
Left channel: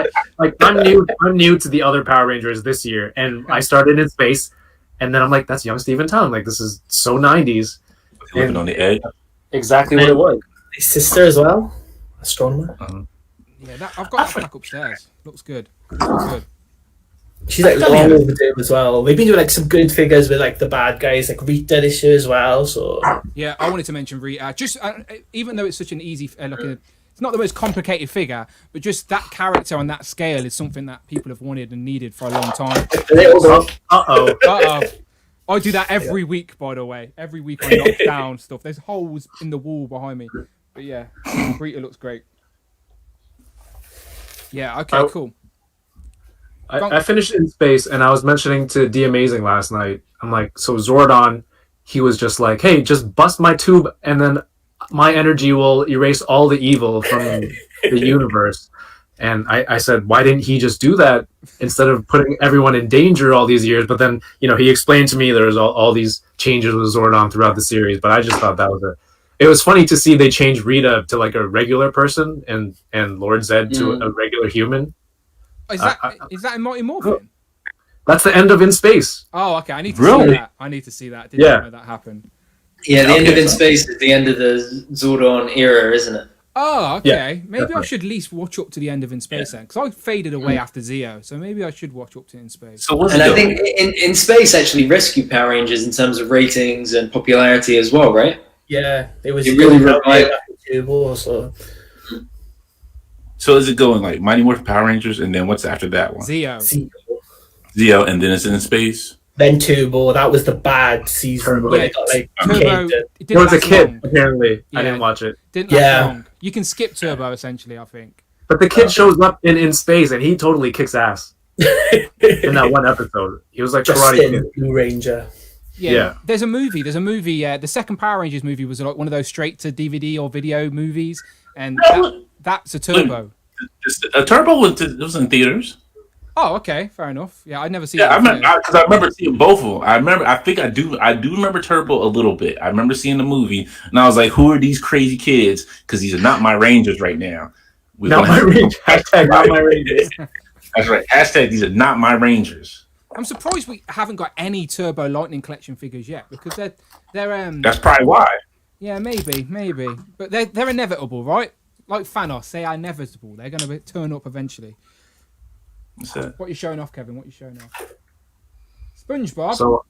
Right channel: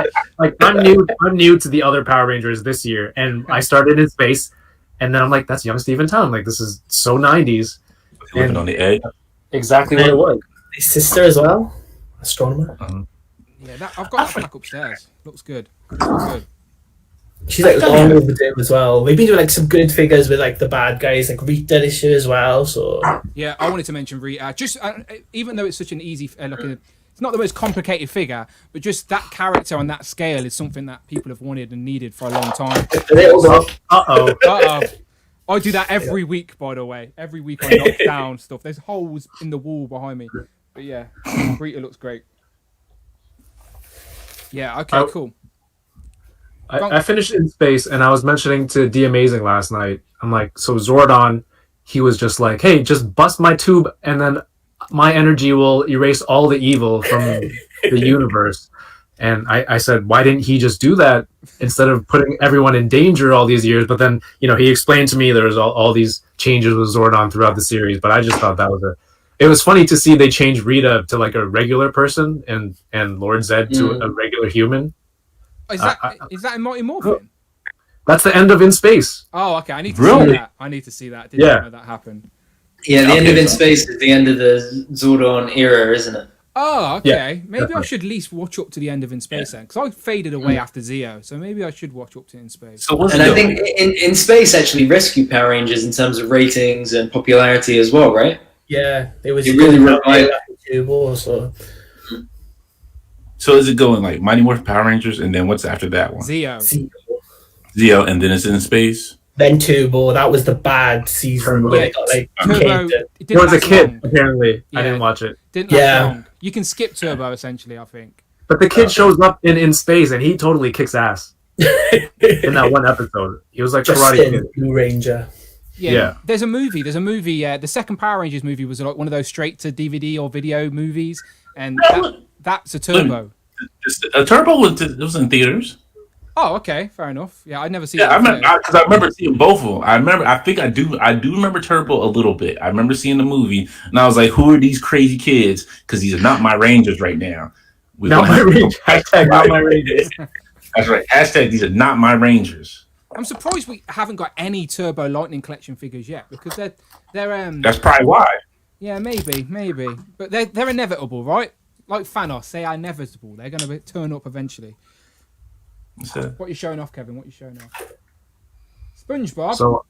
I'm new to the other Power Rangers this year, and I started in space, and then I'm like, that's young Steven Tyler. I'm like, this is so 90s. Living on the edge. Exactly what it was. His sister as well, astronomer. Yeah, I've got that back upstairs. Looks good. Looks good. She's like long overdue as well. They've been doing like some good figures with like the bad guys, like Rita this year as well. So yeah, I wanted to mention Rita. Just even though it's such an easy, it's not the most complicated figure, but just that character on that scale is something that people have wanted and needed for a long time. I do that every week, by the way. Every week I knock down stuff. There's holes in the wall behind me, but yeah, Rita looks great. Yeah. Okay. Cool. I finished In Space, and I was mentioning to D Amazing last night. I'm like, so Zordon, he was just like, hey, just bust my tube, and then my energy will erase all the evil from the universe. And I said, why didn't he just do that instead of putting everyone in danger all these years? But then, he explained to me there's all these changes with Zordon throughout the series. But I just thought that was it was funny to see they change Rita to like a regular person and Lord Zed to a regular human. Is that in Mighty Morphin? That's the end of In Space. Oh, okay. I need to see that. I didn't know that happened. Yeah, the end of In Space is the end of the Zordon era, isn't it? Oh, okay. Maybe I should at least watch up to the end of In Space then, because I faded away after Zeo, so maybe I should watch up to In Space. And I think In Space actually rescued Power Rangers in terms of ratings and popularity as well, right? Yeah, it was really revived. So is it going like Mighty Morphin Power Rangers, and then what's after that one? Zeo, and then it's In Space. Then Turbo. That was the bad season. Yeah, Turbo. It was a kid, long. apparently. Yeah. I didn't watch it. Didn't last long. You can skip Turbo, essentially, I think. But the kid shows up in Space, and he totally kicks ass. In that one episode. He was like Karate Kid. Blue Ranger. Yeah. There's a movie. The second Power Rangers movie was like one of those straight to DVD or video movies, and that's a Turbo. A Turbo was in theaters. Oh, okay, fair enough. Yeah, I'd never seen it. Because I remember seeing both of them. I do remember Turbo a little bit. I remember seeing the movie, and I was like, "Who are these crazy kids?" Because these are not my Rangers right now. Not my Rangers. Hashtag not my Rangers. That's right. Hashtag these are not my Rangers. I'm surprised we haven't got any Turbo Lightning Collection figures yet, because they're That's probably why. Yeah, maybe, but they're inevitable, right? Like Thanos, they are inevitable. They're going to turn up eventually. What are you showing off, Kevin? What are you showing off? SpongeBob. So,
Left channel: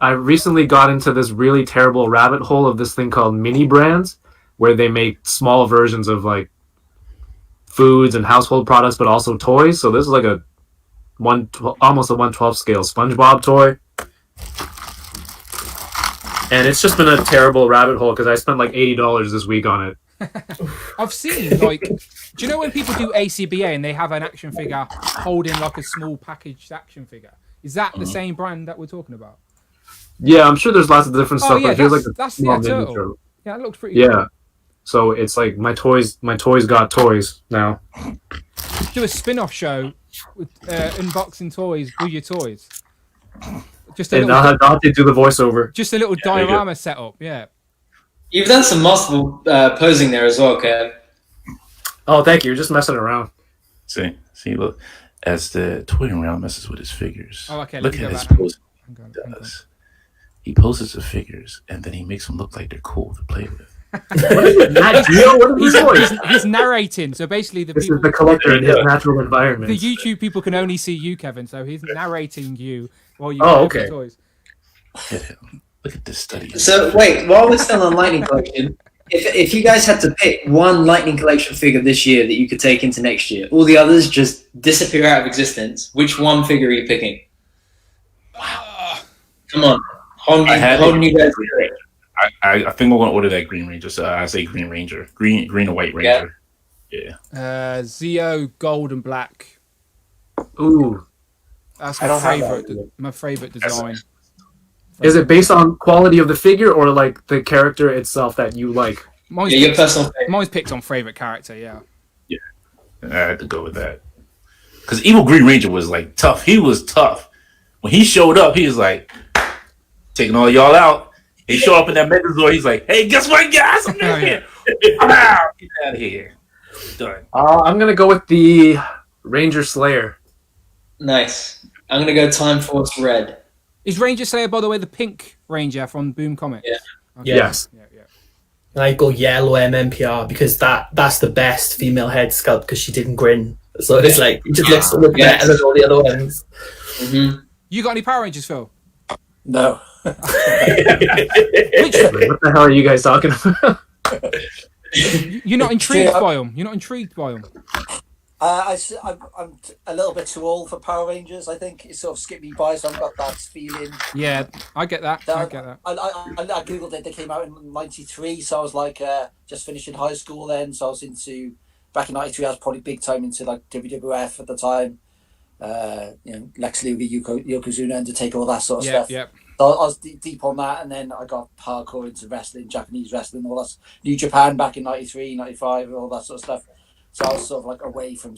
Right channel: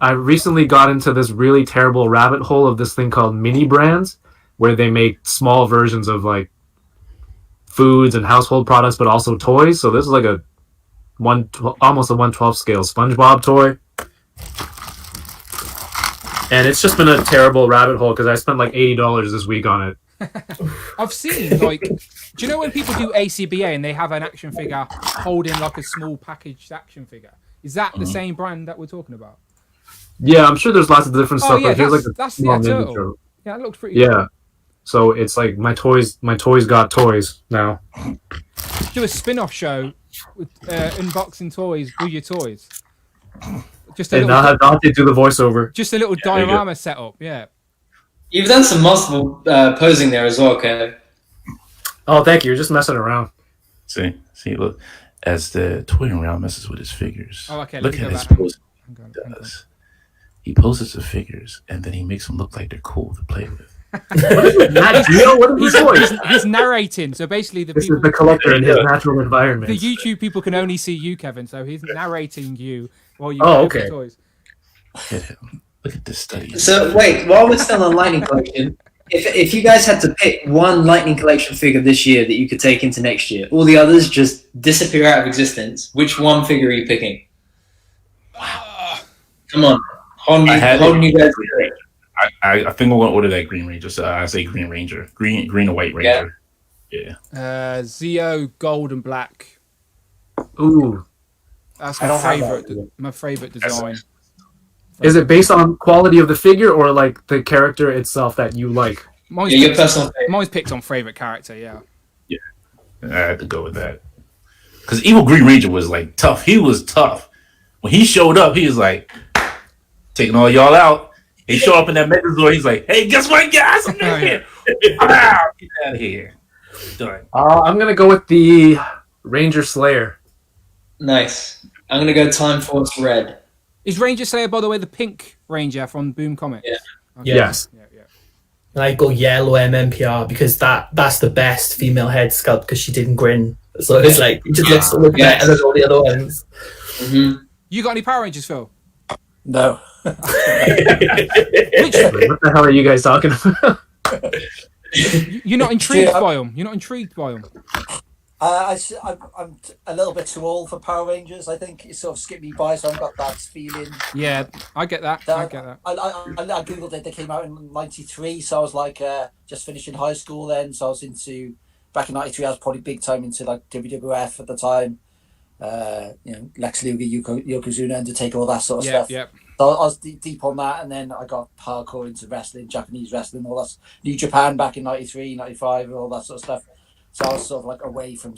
I recently got into this really terrible rabbit hole of this thing called mini brands, where they make small versions of like foods and household products, but also toys. So this is like almost a 1/12 scale SpongeBob toy. And it's just been a terrible rabbit hole because I spent like $80 this week on it. I've seen like, do you know when people do ACBA and they have an action figure holding like a small packaged action figure? Is that the same brand that we're talking about? Yeah, I'm sure there's lots of different stuff. Oh yeah, there's that's small Turtle. miniature. Yeah, that looks pretty. Yeah. Cool. So it's like my toys got toys now. Do a spin-off show with unboxing toys with your toys. Just a And little. now have Dante do the voiceover. Just a little diorama setup. Yeah. You've done some masterful posing there as well, Kev. Oh, thank you. You're just messing around. See, look, as the toying around messes with his figures. Oh, okay. Look Let me at go his back. pose. Hang on. He poses the figures, and then he makes them look like they're cool to play with. He's narrating, so basically This is the collector in his natural environment. The YouTube people can only see you, Kevin, so he's narrating you while you Oh, play okay. with toys. Look at him. Look at this study. So wait, while we're still on Lightning Collection, if you guys had to pick one Lightning Collection figure this year that you could take into next year, all the others just disappear out of existence, which one figure are you picking? Come on. Holding you guys to it. I think I'm gonna order that Green Ranger. So I say Green Ranger, green and white Ranger. Yeah. Zeo Gold and Black. Ooh. That's my favorite. My favorite design. Is it based on quality of the figure or like the character itself that you like? Mine's picked on favorite character. Yeah. Yeah. I had to go with that because Evil Green Ranger was like tough. He was tough when he showed up. He was like taking all y'all out. He showed up in that Megazord. He's like, "Hey, guess what, guys? I'm here. I'm out. Get out of here." Done. I'm gonna go with the Ranger Slayer. Nice. I'm gonna go Time Force Red. Is Ranger Slayer, by the way, the pink Ranger from Boom Comics? Yeah. Okay. Yes. Yeah. And I go yellow MMPR because that's the best female head sculpt because she didn't grin. So it's like it just looks so much better than all the other ones. Mm-hmm. You got any Power Rangers, Phil? No. Which? What the hell are you guys talking about? You're not intrigued by them. You're not intrigued by them. I'm a little bit too old for Power Rangers. I think it sort of skipped me by, so I've got that feeling. Yeah, I get that. I googled it. They came out in '93, so I was like just finishing high school then. So I was into back in '93. I was probably big time into like WWF at the time. Lex Luger, Yokozuna, Undertaker, all that sort of stuff. Yeah. So I was deep on that, and then I got hardcore into wrestling, Japanese wrestling, all that. New Japan back in '93, '95, and all that sort of stuff. So I was sort of like away from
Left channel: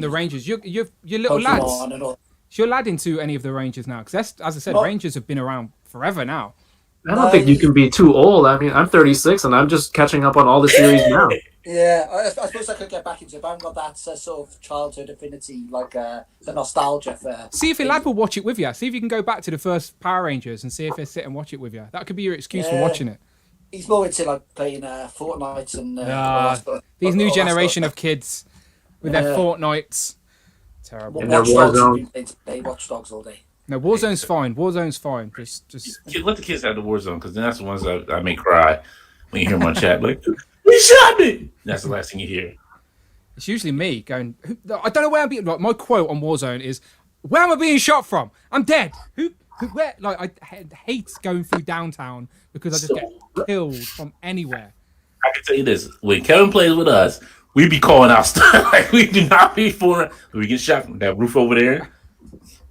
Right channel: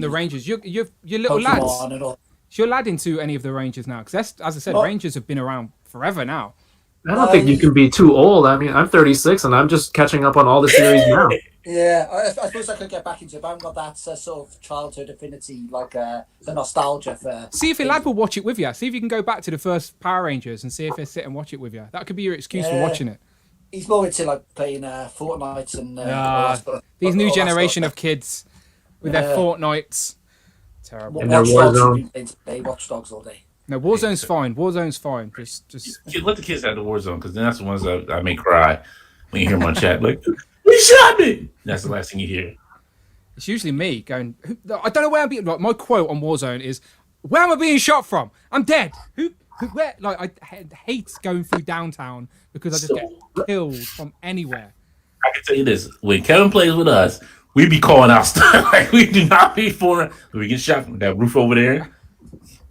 the Rangers. You're little Pokemon lads. Is your lad into any of the Rangers now? Because as I said, Rangers have been around forever now. I don't think you can be too old. I mean, I'm 36 and I'm just catching up on all the series now. Yeah, I suppose I could get back into it, but I haven't got that sort of childhood affinity, like the nostalgia for... See if your lad will watch it with you. See if you can go back to the first Power Rangers and see if he'll sit and watch it with you. That could be your excuse for watching it. He's more into like playing Fortnite and... these new generation of kids with their Fortnites. Terrible. And their Warzone. They Watch Dogs all day. No, Warzone's fine. Warzone's fine. Just let the kids have the Warzone because then that's the ones that I may cry when you hear them on chat. Like, he shot me. That's the last thing you hear. It's usually me going, I don't know where I'm being... Like, my quote on Warzone is, where am I being shot from? I'm dead. Where? Like, I hate going through downtown because I just get killed from anywhere. I can tell you this: when Kevin plays with us, we be calling out stuff like we do not be for. We get shot from that roof over there,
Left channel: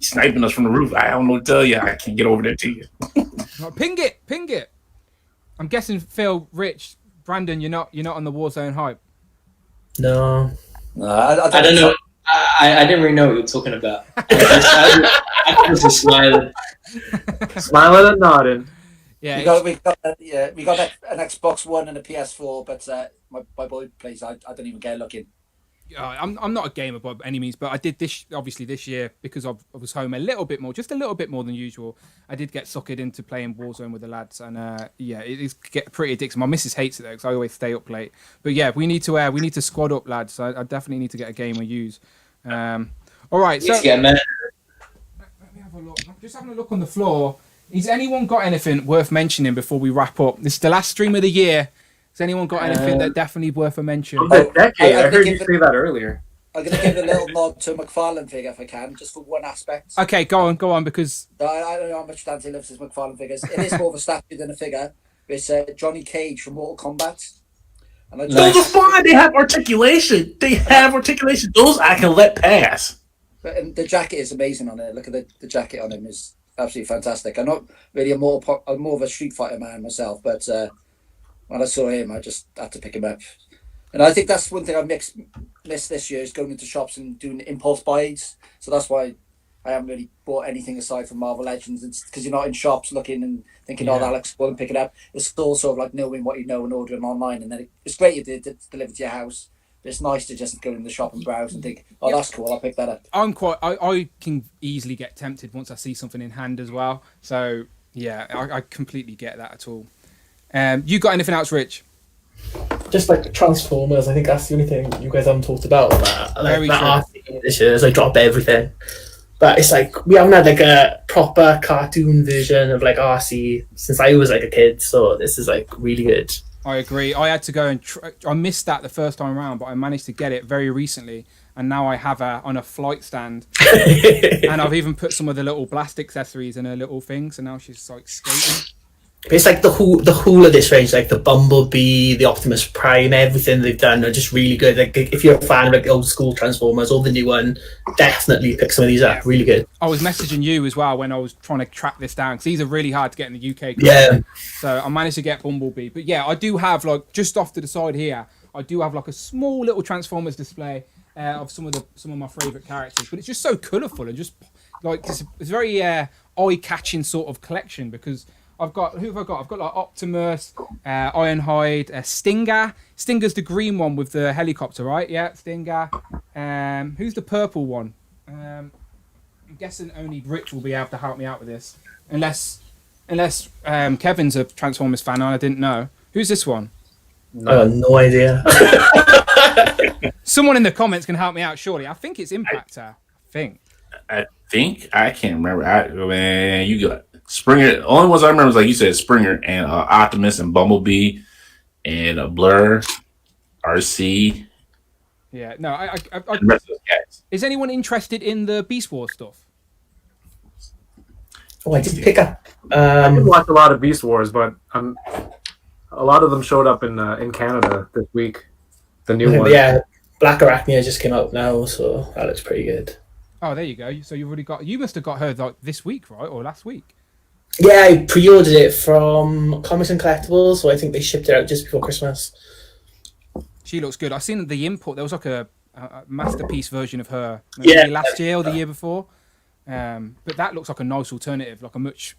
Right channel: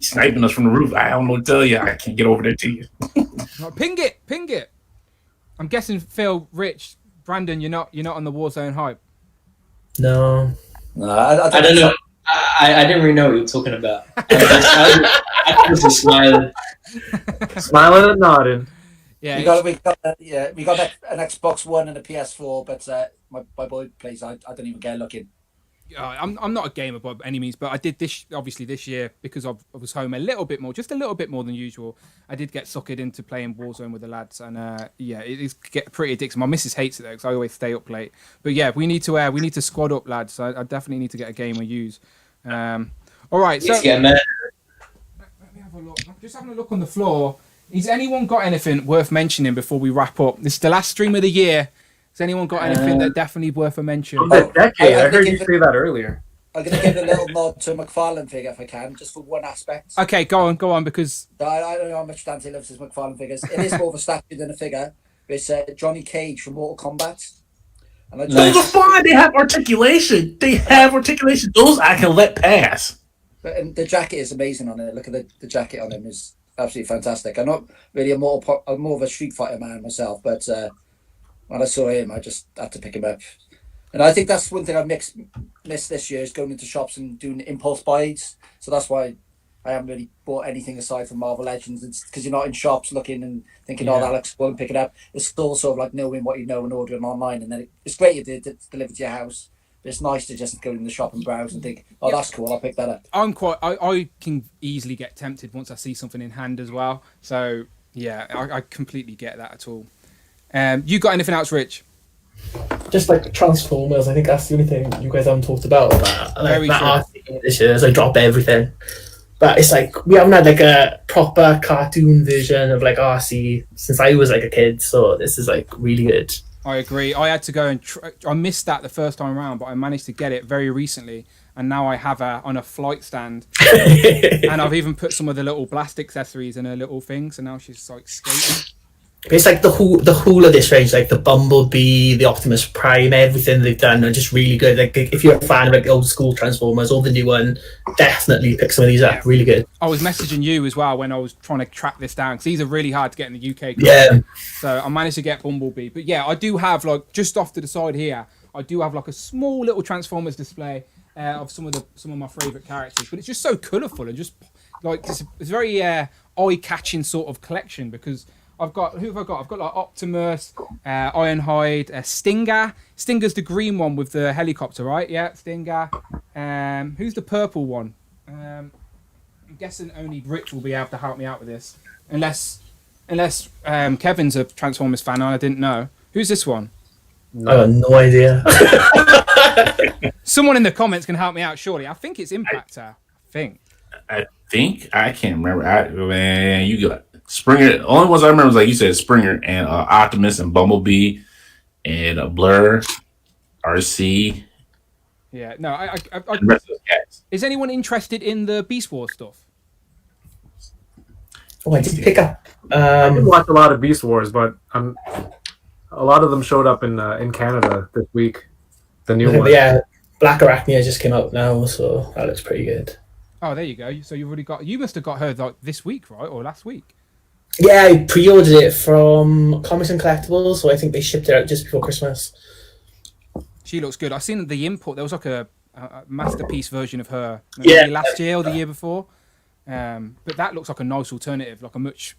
sniping us from the roof. I don't know what to tell you. I can't get over there to you. Like, ping it. I'm guessing Phil, Rich, Brandon, you're not on the Warzone hype. No, I don't know. I didn't really know what you were talking about. I was just smiling. Smiling and nodding. Yeah, we got an Xbox One and a PS4, but my boy plays. I don't even get looking. I'm not a gamer by any means, but I did this year because I was home just a little bit more than usual. I did get suckered into playing Warzone with the lads, and it's get pretty addictive. My missus hates it though because I always stay up late. But yeah, we need to squad up, lads. I definitely need to get a game we use. All right, so let me have a look. I'm just having a look on the floor. Has anyone got anything worth mentioning before we wrap up? This is the last stream of the year. Has anyone got anything that definitely worth a mention? I heard you say that earlier. I'm going to give a little nod to a McFarlane figure if I can, just for one aspect. Okay, go on, because... I don't know how much Dante loves his McFarlane figures. It is more of a statue than a figure. It's Johnny Cage from Mortal Kombat. And I Those just, are fine. They have articulation. Those I can let pass. and the jacket is amazing on it. Look at the jacket on him is absolutely fantastic. I'm not really I'm more of a Street Fighter man myself, but when I saw him, I just had to pick him up. And I think that's one thing I missed this year is going into shops and doing impulse buys. So that's why I haven't really bought anything aside from Marvel Legends. It's because you're not in shops looking and thinking, oh, that looks cool and pick it up. It's still sort of like knowing what you know and ordering online. And then it's great if it's delivered to your house. But it's nice to just go in the shop and browse and think, oh, that's cool, I'll pick that up. I can easily get tempted once I see something in hand as well. So, yeah, I completely get that at all. You got anything else, Rich? Just like Transformers, I think that's the only thing you guys haven't talked about. Very true. RC this year is I drop everything. But it's like we haven't had like a proper cartoon version of like RC since I was like a kid, so this is like really good. I agree. I had to go and I missed that the first time around, but I managed to get it very recently, and now I have her on a flight stand, and I've even put some of the little blast accessories in her little thing, so now she's like skating. It's like the whole of this range, like the Bumblebee, the Optimus Prime, everything they've done are just really good. Like if you're a fan of like the old school Transformers or the new one, definitely pick some of these up. Really good. I was messaging you as well when I was trying to track this down because these are really hard to get in the UK. Yeah. So I managed to get Bumblebee, but yeah, I do have like just off to the side here, I do have like a small little Transformers display of some of my favourite characters, but it's just so colourful and just like it's very eye-catching sort of collection because. I've got like Optimus, Ironhide, Stinger. Stinger's the green one with the helicopter, right? Yeah, Stinger. Who's the purple one? I'm guessing only Rich will be able to help me out with this, unless Kevin's a Transformers fan and I didn't know. Who's this one? I have no idea. Someone in the comments can help me out, surely. I think it's Impactor. I can't remember. Man, you got. Springer, the only ones I remember was like you said, Springer and Optimus and Bumblebee and Blur, RC. Yeah, no, I and the rest of those guys. Is anyone interested in the Beast Wars stuff? Oh, I did pick up. I didn't watch a lot of Beast Wars, but a lot of them showed up in Canada this week. The new one. Yeah, Black Arachnia just came out now, so that looks pretty good. Oh, there you go. So you've already got. You must have got her like this week, right, or last week? Yeah, I pre-ordered it from Comics and Collectibles, so I think they shipped it out just before Christmas. She looks good. I've seen the import. There was like a masterpiece version of her maybe last year or the year before. But that looks like a nice alternative, like a much...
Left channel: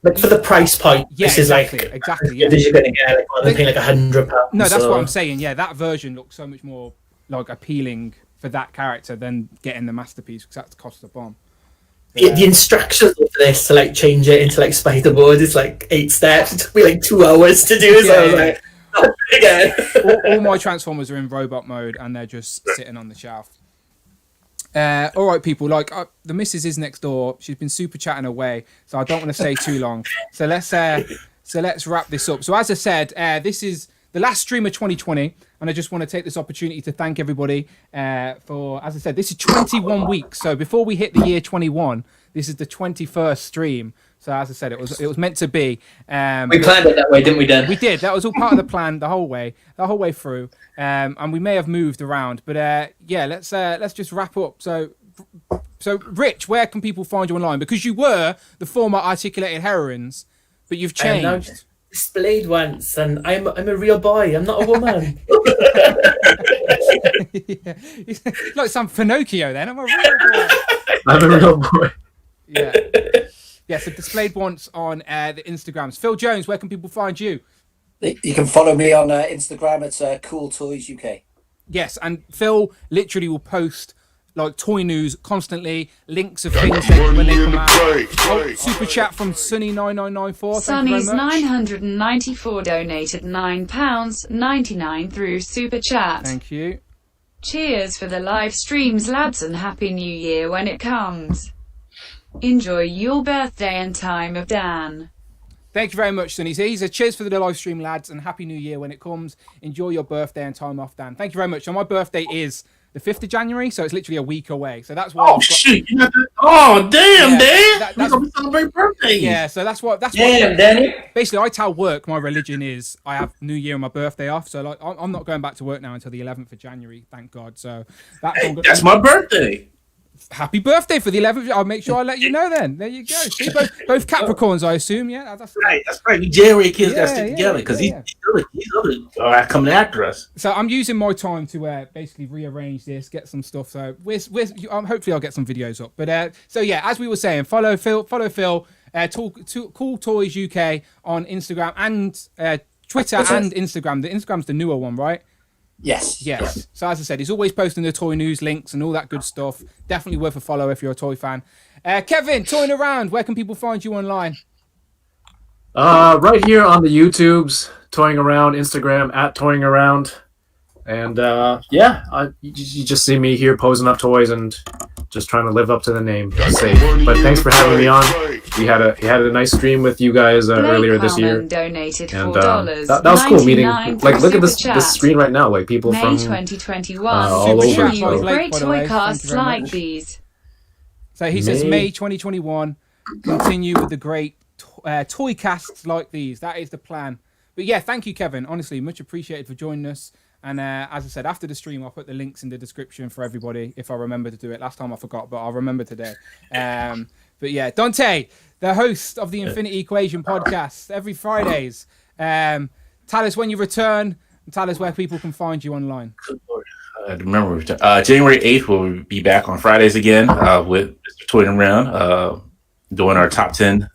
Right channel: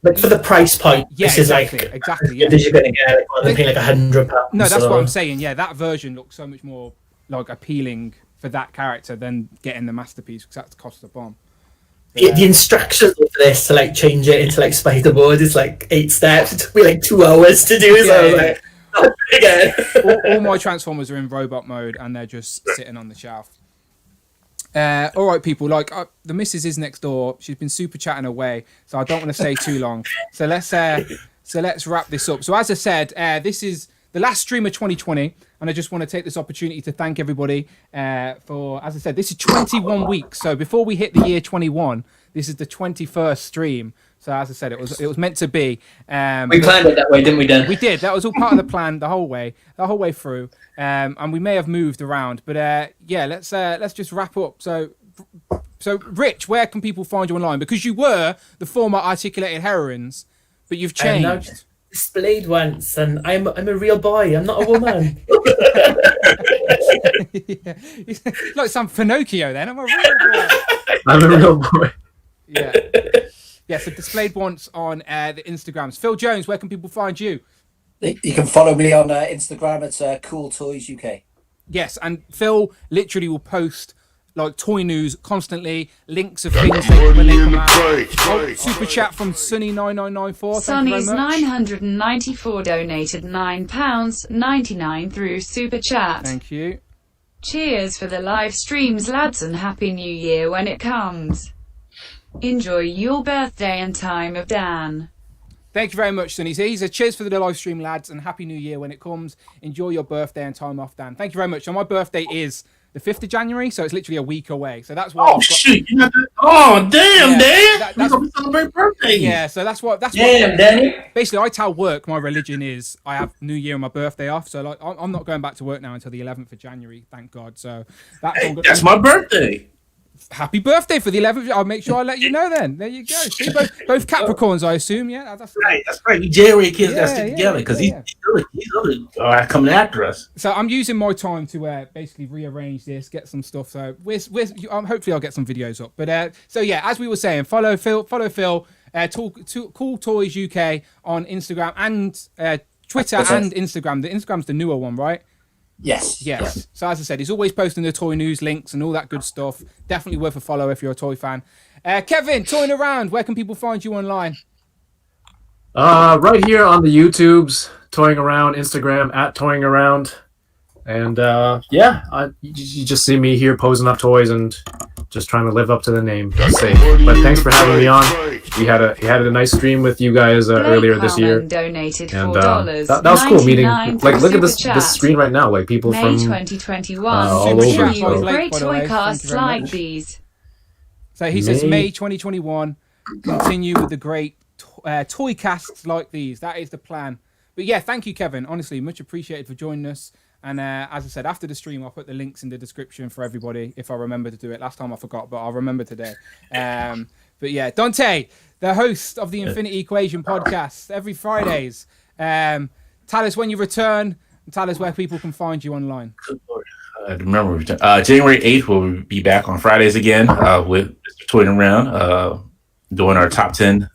But for the price point, yeah, this exactly, is like... exactly, yeah. You're going to get like, one thing like £100. No, that's what I'm saying. Yeah, that version looks so much more like appealing for that character than getting the masterpiece because that costs a bomb. The instructions for this to like change it into like spider mode is like 8 steps. It took me like 2 hours to do. All my Transformers are in robot mode and they're just sitting on the shelf. All right, people. Like the missus is next door. She's been super chatting away, so I don't want to stay too long. So let's wrap this up. So as I said, this is the last stream of 2020, and I just want to take this opportunity to thank everybody for, as I said, this is 21 weeks. So before we hit the year 21, this is the 21st stream. So as I said, it was meant to be. We planned it that way, didn't we, Dan? We did. That was all part of the plan the whole way through. And we may have moved around, but yeah, let's just wrap up. So Rich, where can people find you online? Because you were the former Articulated Heroines, but you've changed. Displayed once, and I'm a real boy. I'm not a woman. Yeah. Like some Pinocchio. Then I'm a real boy. I'm a real boy. Yeah. Yeah. So displayed once on the Instagrams. Phil Jones, where can people find you? You can follow me on Instagram. It's Cool Toys UK. Yes, and Phil literally will post like toy news constantly, links of things when they come out. Oh, super chat from Sunny9994. Thank you very much. Sunny's994 donated £9.99 through super chat. Thank you. Cheers for the live streams, lads, and Happy New Year when it comes. Enjoy your birthday and time of Dan. Thank you very much, Sunny. He said, cheers for the live stream, lads, and Happy New Year when it comes. Enjoy your birthday and time off, Dan. Thank you very much. So my birthday is the 5th of January, so it's literally a week away. So that's what. Oh shit! Oh damn, Dan! That's gonna celebrate birthday. Yeah, so that's what. Damn, Danny. Basically, I tell work my religion is I have New Year and my birthday off. So like, I'm not going back to work now until the 11th of January. Thank God. So that's my birthday. Happy birthday for the 11th. I'll make sure I let you know then. There you go. See, both Capricorns, I assume. Yeah, that's right. That's right. We January kids got stick together because he's coming after us. So I'm using my time to basically rearrange this, get some stuff. So hopefully I'll get some videos up. But so yeah, as we were saying, follow Phil. Cool Toys UK on Instagram and Twitter and Instagram. The Instagram's the newer one, right? Yes. So as I said, he's always posting the toy news links and all that good stuff. Definitely worth a follow if you're a toy fan. Kevin, Toying Around, where can people find you online? Right here on the YouTubes, Toying Around, Instagram at Toying Around. And you just see me here posing up toys and just trying to live up to the name. But thanks for having me on. We had a nice stream with you guys earlier this year, and that was cool meeting. Like, look at this screen right now. Like people from 2021. all over. Great toy casts like these. So he says May 2021. Continue with the great toy casts like these. That is the plan. But yeah, thank you, Kevin. Honestly, much appreciated for joining us. And as I said, after the stream, I'll put the links in the description for everybody if I remember to do it. Last time I forgot, but I'll remember today. But yeah, Dante, the host of the Infinity Equation podcast, every Fridays. Tell us when you return and tell us where people can find you online. Remember, January 8th, we'll be back on Fridays again with Mr. Toying Around, doing our top 10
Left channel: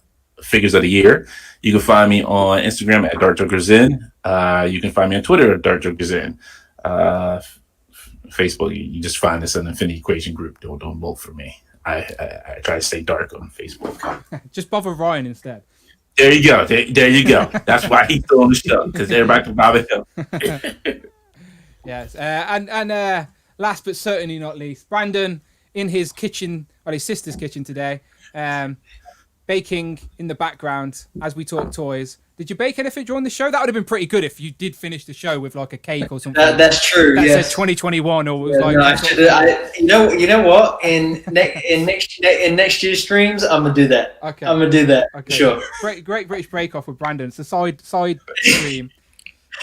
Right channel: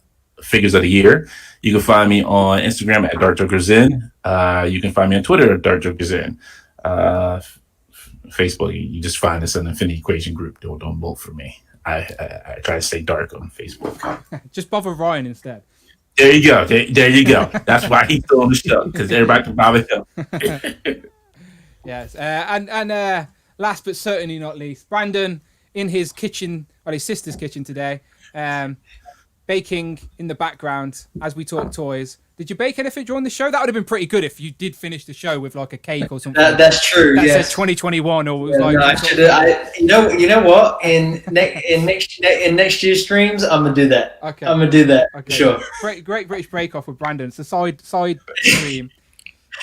figures of the year. You can find me on Instagram at DarkJokersIn. You can find me on Twitter at DarkJokersIn. Facebook, you just find us in the Infinity Equation group. Don't vote for me. I try to stay dark on Facebook. Just bother Ryan instead. There you go. There you go. That's why he's still on the show, because everybody can bother him. Yes. And last but certainly not least, Brandon in his kitchen, his sister's kitchen today. Baking in the background as we talk toys. Did you bake anything during the show? That would have been pretty good if you did finish the show with like a cake or something. That's true. That said 2021 or was you know what? In next year's streams, I'm gonna do that. Okay. I'm gonna do that. Okay. Sure. Great British Break Off with Brandon. It's a side stream.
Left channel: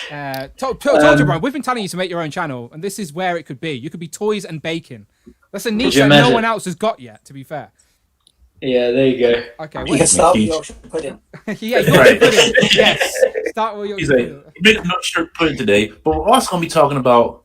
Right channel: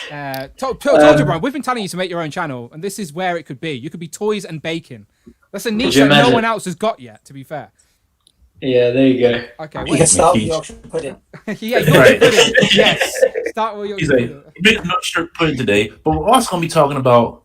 Told you, Brian. We've been telling you to make your own channel, and this is where it could be. You could be toys and baking. That's a niche that no one else has got yet. To be fair. Yeah, there you go. Okay, you can start with Yorkshire pudding. Yeah, Yorkshire pudding. Yes, start with Yorkshire pudding. Make a Yorkshire pudding today, but we're also going to be talking about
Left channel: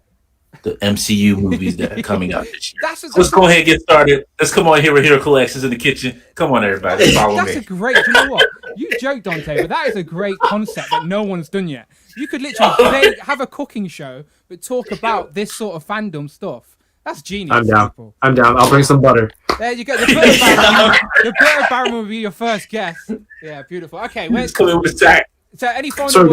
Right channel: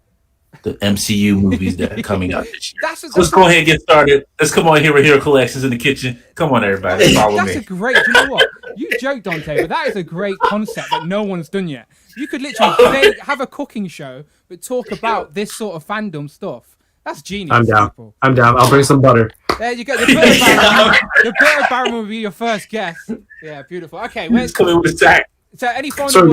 the MCU movies that are coming out this year. Let's go ahead and get started. Let's come on here with Hero Collections in the kitchen. Come on, everybody. That's a great. Do you know what? You joke, Dante, but that is a great concept that no one's done yet. You could literally have a cooking show, but talk about this sort of fandom stuff. That's genius. I'm down. People. I'm down. I'll bring some butter. There you go. The butter baron. The butter baron will be your first guest. Yeah, beautiful. Okay, coming with a sack. So any final